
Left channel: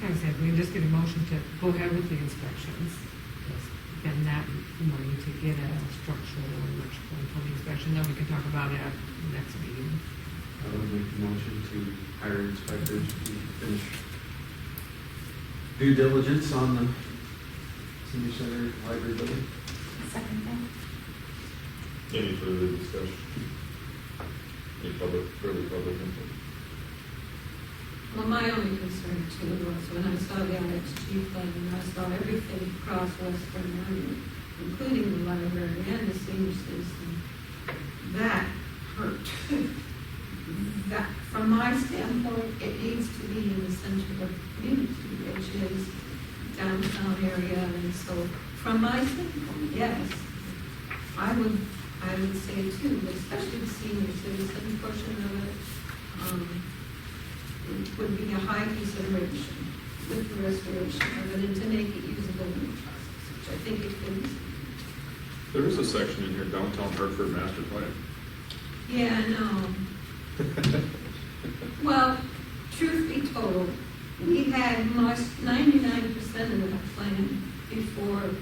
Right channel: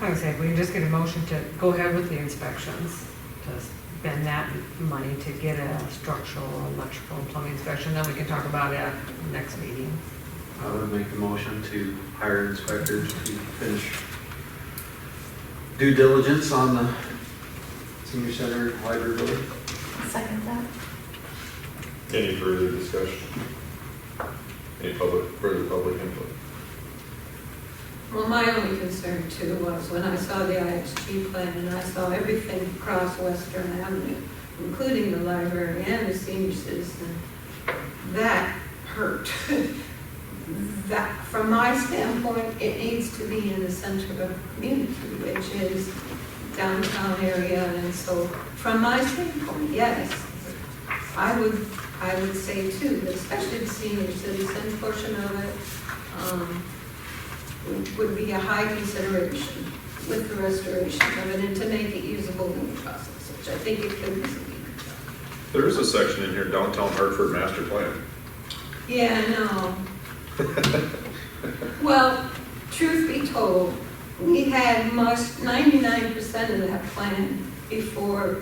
Like I said, we can just get a motion to go ahead with the inspections, to spend that money to get a structural, electrical, and plumbing inspection, then we can talk about it at the next meeting. I would make the motion to hire inspectors to finish due diligence on the senior center library building. Second that. any further discussion? Any further public input? Well, my only concern too was when I saw the IXG plan and I saw everything across Western Avenue, including the library and the senior citizen, that hurt. That, from my standpoint, it needs to be in the center of the community, which is downtown area. And so from my standpoint, yes, I would I would say too, especially the senior citizen portion of it, would be a high consideration with the restoration of it and to make it usable in the process, which I think it could be. There is a section in here, downtown Hartford master plan. Yeah, I know. Well, truth be told, we had most 99% of that plan before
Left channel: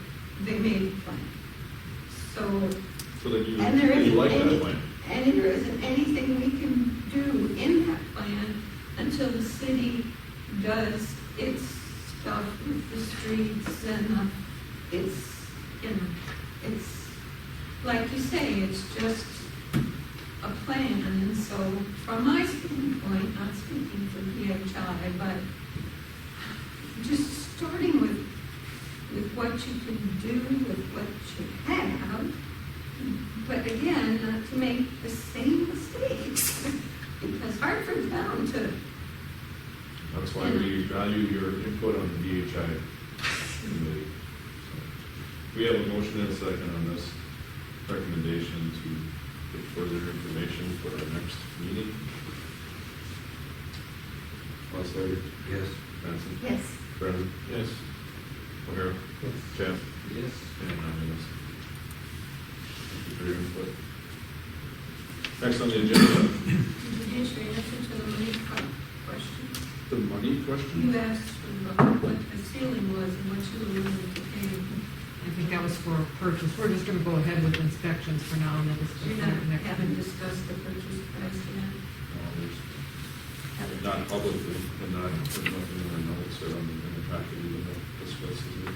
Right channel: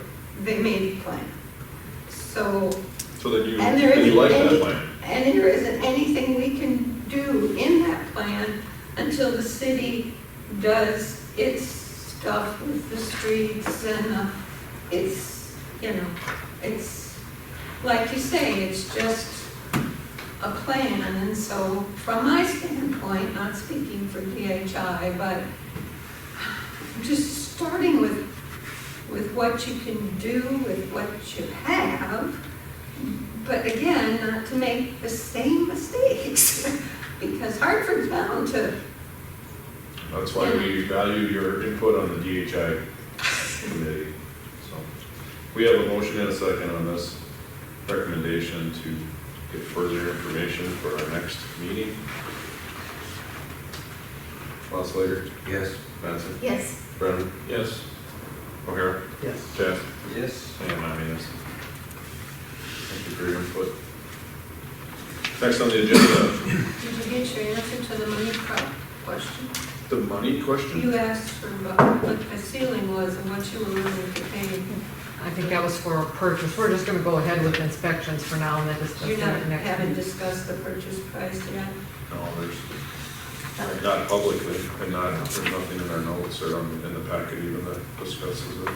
they made the plan. So, So that you, and there that you isn't like any, that plan. and there isn't anything we can do in that plan until the city does its stuff with the streets and it's, you know, it's, like you say, it's just a plan. And so from my standpoint, not speaking for DHI, but just starting with what you can do, with what you have, but again, not to make the same mistakes, because Hartford's bound to. That's why we value your input on the DHI committee. So, we have a motion and a second on this recommendation to get further information for our next meeting. Slater? Yes. Benson? Yes. Brennan? Yes. O'Hara? Yes. Jeff? Yes. And I'm a yes. Thank you for your input. Next on the agenda, Did you get your answer to the money question? the money question. You asked for what the ceiling was and what you were willing to pay. I think that was for a purchase. We're just gonna go ahead with inspections for now and then discuss You that next. haven't discussed the purchase price yet? No, there's not publicly, and there's nothing in our notes or in the packet even that discusses it.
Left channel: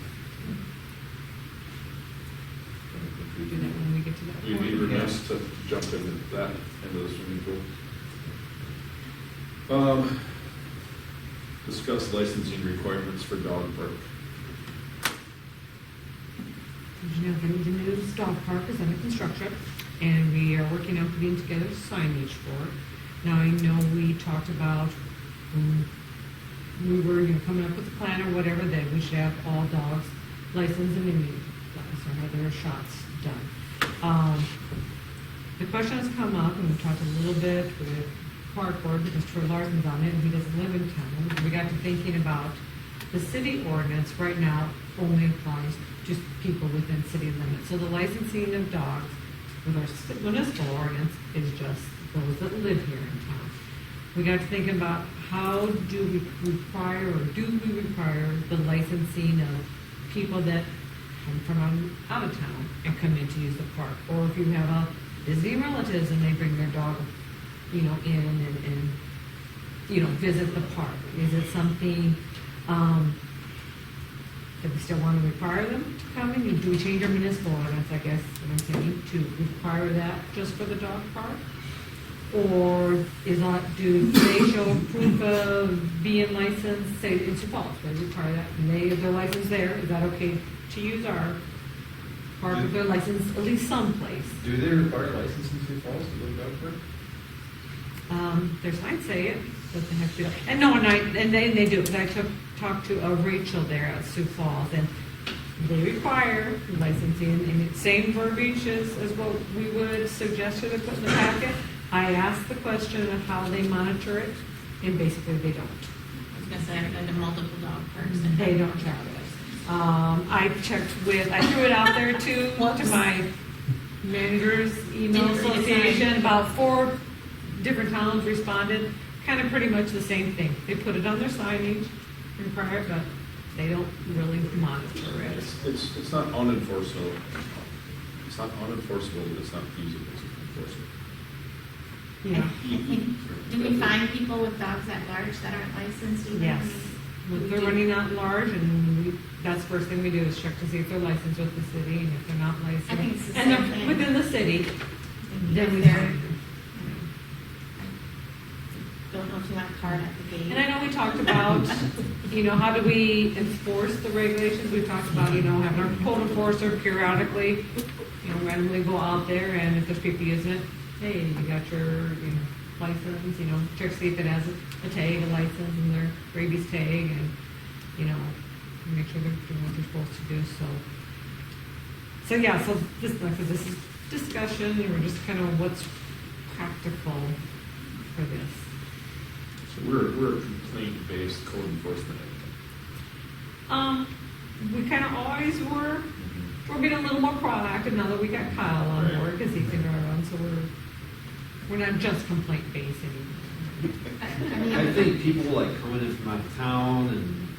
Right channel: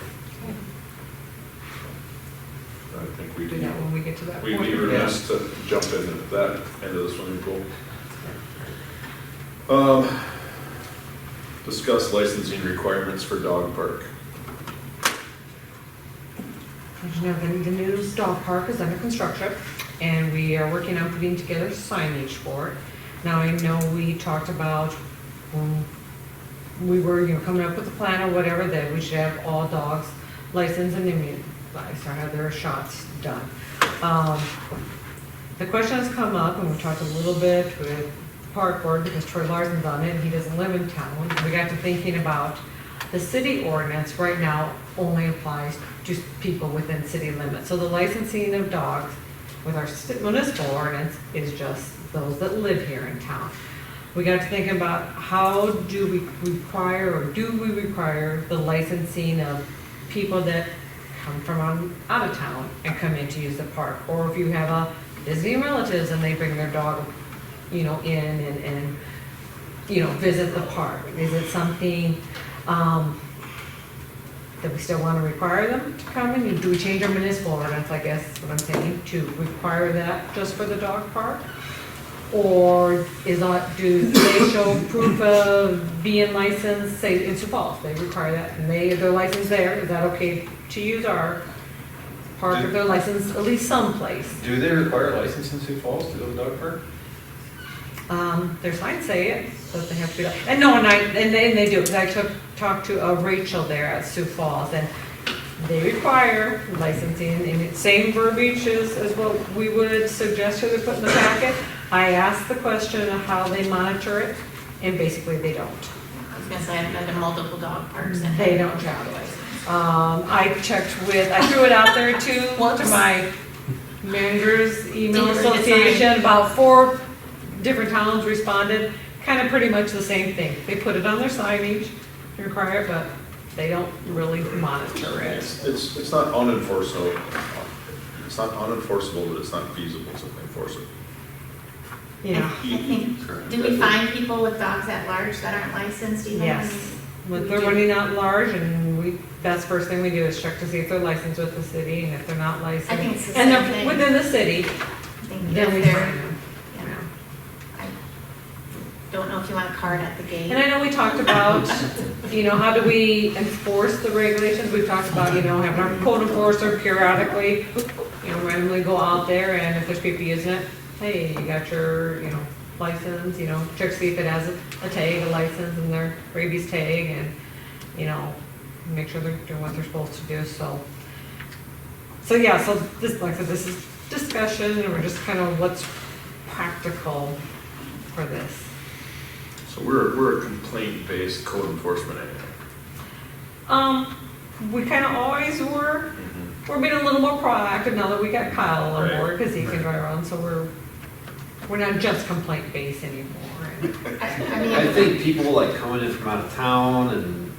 I think we Do that when we get to that we'd point. be remiss to jump into that end of the swimming pool. Discuss licensing requirements for dog park. As you know, the new dog park is under construction, and we are working on putting together signage for it. Now, I know we talked about, we were, coming up with a plan or whatever, that we should have all dogs licensed and immunized, or have their shots done. The question has come up, and we talked a little bit with park board, because Troy Larson's on it, and he doesn't live in town. We got to thinking about the city ordinance right now only applies to people within city limits. So the licensing of dogs with our municipal ordinance is just those that live here in town. We got to thinking about how do we require, or do we require the licensing of people that come from out of town and come in to use the park? Or if you have a visiting relatives and they bring their dog, in and visit the park, is it something that we still want to require them to come in? Do we change our municipal ordinance, I guess is what I'm saying, to require that just for the dog park? Or do they show proof of being licensed, say in Sioux Falls, they require that, and they're licensed there, is that okay to use our park if they're licensed at least someplace? Do they require a license in Sioux Falls to build a dog park? Their signs say it, that they have to do that. And no, and they do, because I talked to Rachel there at Sioux Falls, and they require licensing, and it's same verbiage as what we would suggest her to put in the packet. I asked the question of how they monitor it, and basically they don't. I was gonna say, I've been to multiple dog parks and. They don't have a license. I checked with, I threw it out there to my managers email Didn't read the association, sign. about 4 different towns responded, kind of pretty much the same thing. They put it on their signage, require it, but they don't really monitor it. It's not unenforceable. It's not unenforceable, but it's not feasible to enforce it. Yeah. I think, do we find people with dogs at large that aren't licensed even? Yes. When they're running out large, and that's the first thing we do is check to see if they're licensed with the city, and if they're not licensed. I think it's the and same they're thing. within the city, I think then we if they're- find them. I don't know if you want a card at the gate. And I know we talked about, how do we enforce the regulations? We've talked about, having our code enforcer periodically, randomly go out there, and if there's people using it, hey, you got your, license, check to see if it has a tag, a license, and their rabies tag, and, make sure they're doing what they're supposed to do, so yeah, so this, like I said, this is discussion, or just kind of what's practical for this. So we're a complaint-based code enforcement agency. We kind of always were. We're being a little more proactive now that we got Kyle on Right. board, because he can drive around, so we're not just complaint-based anymore. I mean, I think people like coming in from out of town, and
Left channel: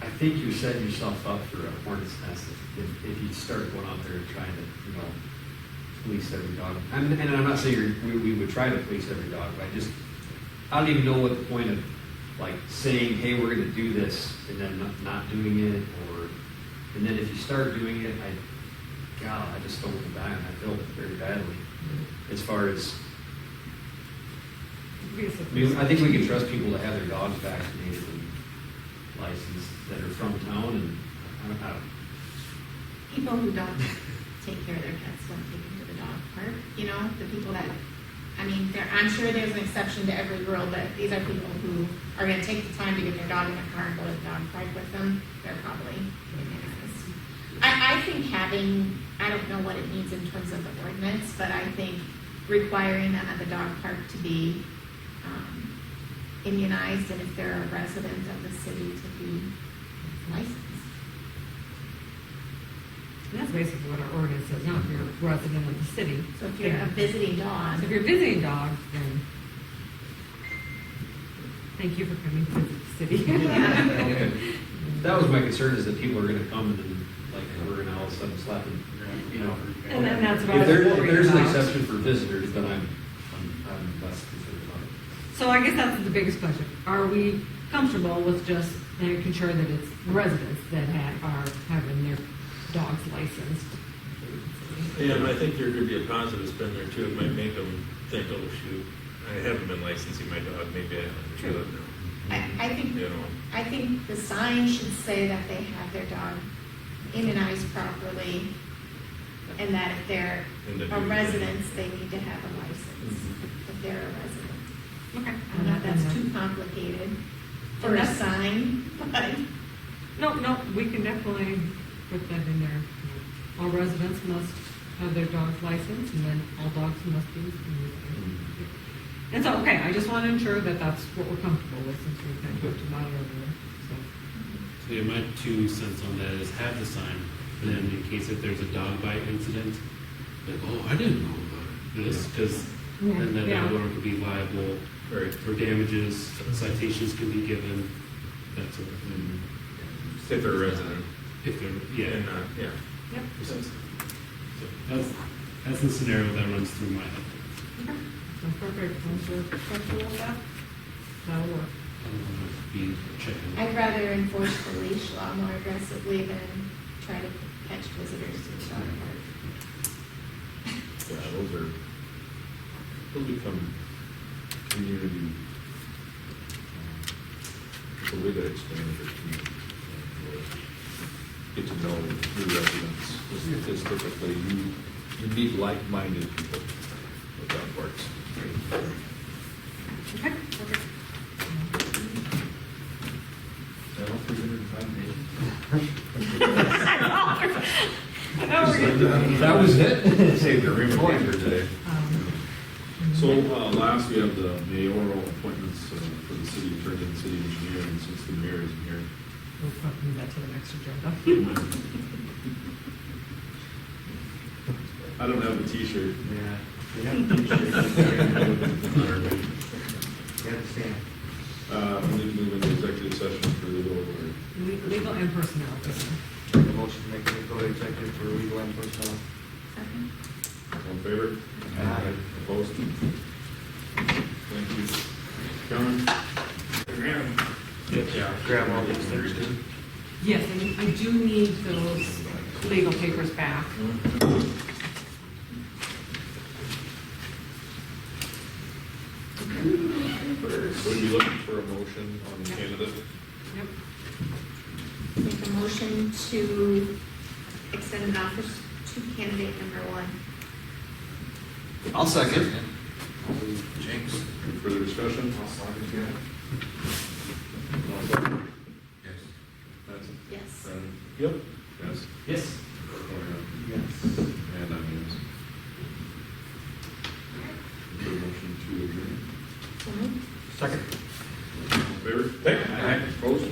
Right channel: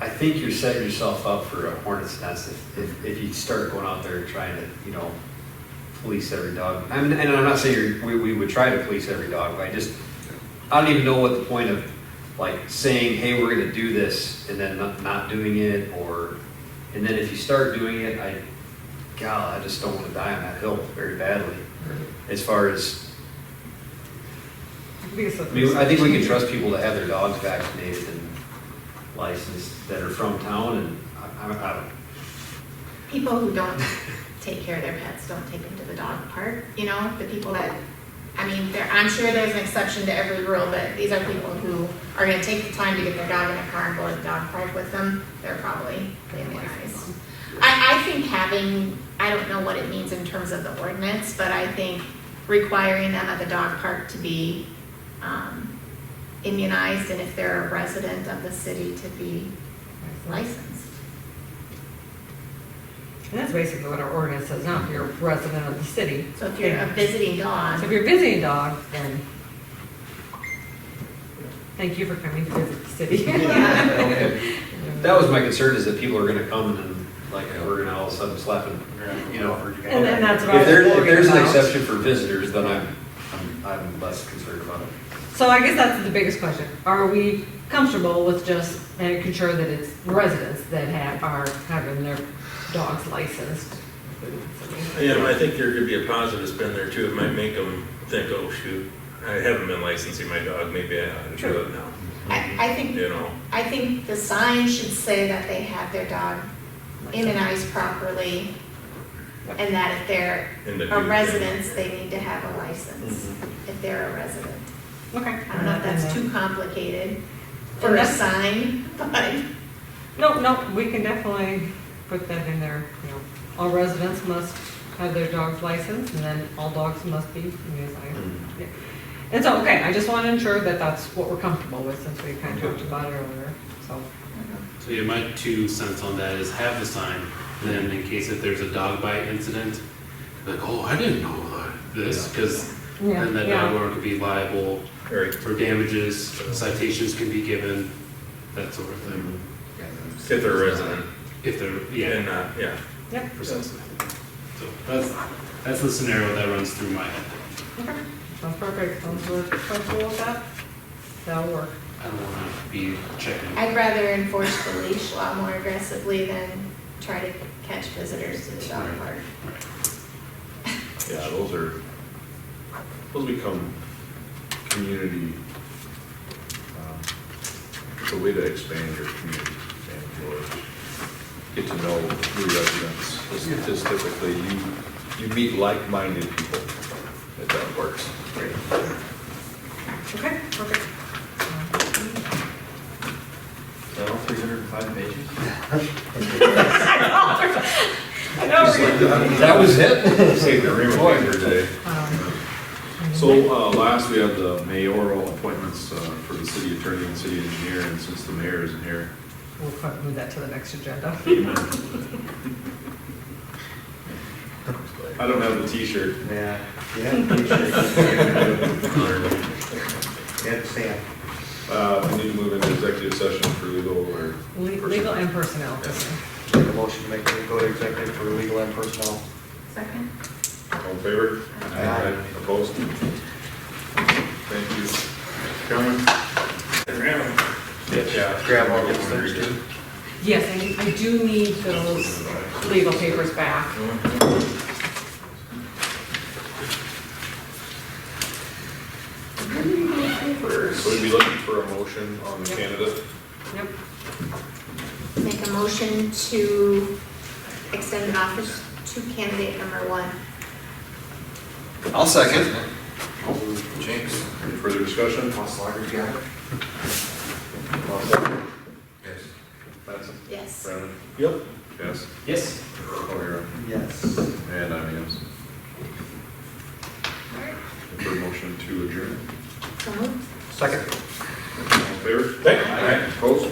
I think you're setting yourself up for a hornet's nest if you start going out there trying to, police every dog. I mean, and I'm not saying we would try to police every dog, but I don't even know what the point of like saying, hey, we're gonna do this, and then not doing it, and then if you start doing it, I just don't wanna die on that hill very badly. As far as, I think we can trust people to have their dogs vaccinated and licensed that are from town, and I don't. people who don't take care of their pets don't take them to the dog park, the people that, I'm sure there's an exception to every rule, but these are people who are gonna take the time to get their dog in a car and go to the dog park with them, they're probably immunized. I think I don't know what it means in terms of the ordinance, but I think requiring them at the dog park to be immunized, and if they're a resident of the city, to be licensed. And that's basically what our ordinance says now, if you're a resident of the city. So if you're a visiting dog. So if you're a visiting dog, then thank you for coming to visit the city. Yeah. That was my concern, is that people are gonna come and like, we're gonna all of a sudden slap them, And then that's what I If was if worried there's an about. exception for visitors, then I'm less concerned about it. So I guess that's the biggest question. Are we comfortable with just making sure that it's residents that are having their dogs licensed? Yeah, I think there could be a positive spin there too. It might make them think, oh shoot, I haven't been licensing my dog, maybe I ought to do it now. I think the sign should say that they have their dog immunized properly, and that if they're a resident, they need to have a license, if they're a resident. Okay. I don't know if that's too complicated for a sign, but. No, we can definitely put that in there, all residents must have their dogs licensed, and then all dogs must be immunized. Yeah. And so, okay, I just want to ensure that that's what we're comfortable with, since we kind of talked about it earlier, so. So yeah, my 2 cents on that is have the sign, and then in case if there's a dog bite incident, like, oh, I didn't know this, because then that dog owner could be liable for damages, citations can be given, that sort of thing. If they're a resident. If they're, And, Yep. precisely. So that's the scenario that runs through my head. Okay, that's perfect. Sounds comfortable with that? That'll work. I don't want to be checking. I'd rather enforce the leash law more aggressively than try to catch visitors to the dog park. Yeah, those become community, it's a way to expand your community and get to know new residents. Because typically you meet like-minded people at that works. Okay, perfect. Is that all 305 pages? I know, we're That was it? Saved the room for today. So last we have the mayoral appointments for the city attorney and city engineer, and since the mayor isn't here. We'll move that to the next agenda. I don't have the t-shirt. Yeah. We need to move into executive session for legal or. Legal and personnel. Make a motion to go to executive for legal and personnel. Second? All in favor? Aye. Opposed? Thank you. Gentlemen? Grab all these things too. Yes, I do need those legal papers back. So we'd be looking for a motion on the candidate. Yep. Make a motion to extend an office to candidate number 1. I'll second. Jinx. Any further discussion? Yes. Mattson? Yes. Brennan? Yep. Yes. Yes. O'Hara? Yes. And I'm yes. For motion to adjourn. So moved. Second. All in favor? Opposed?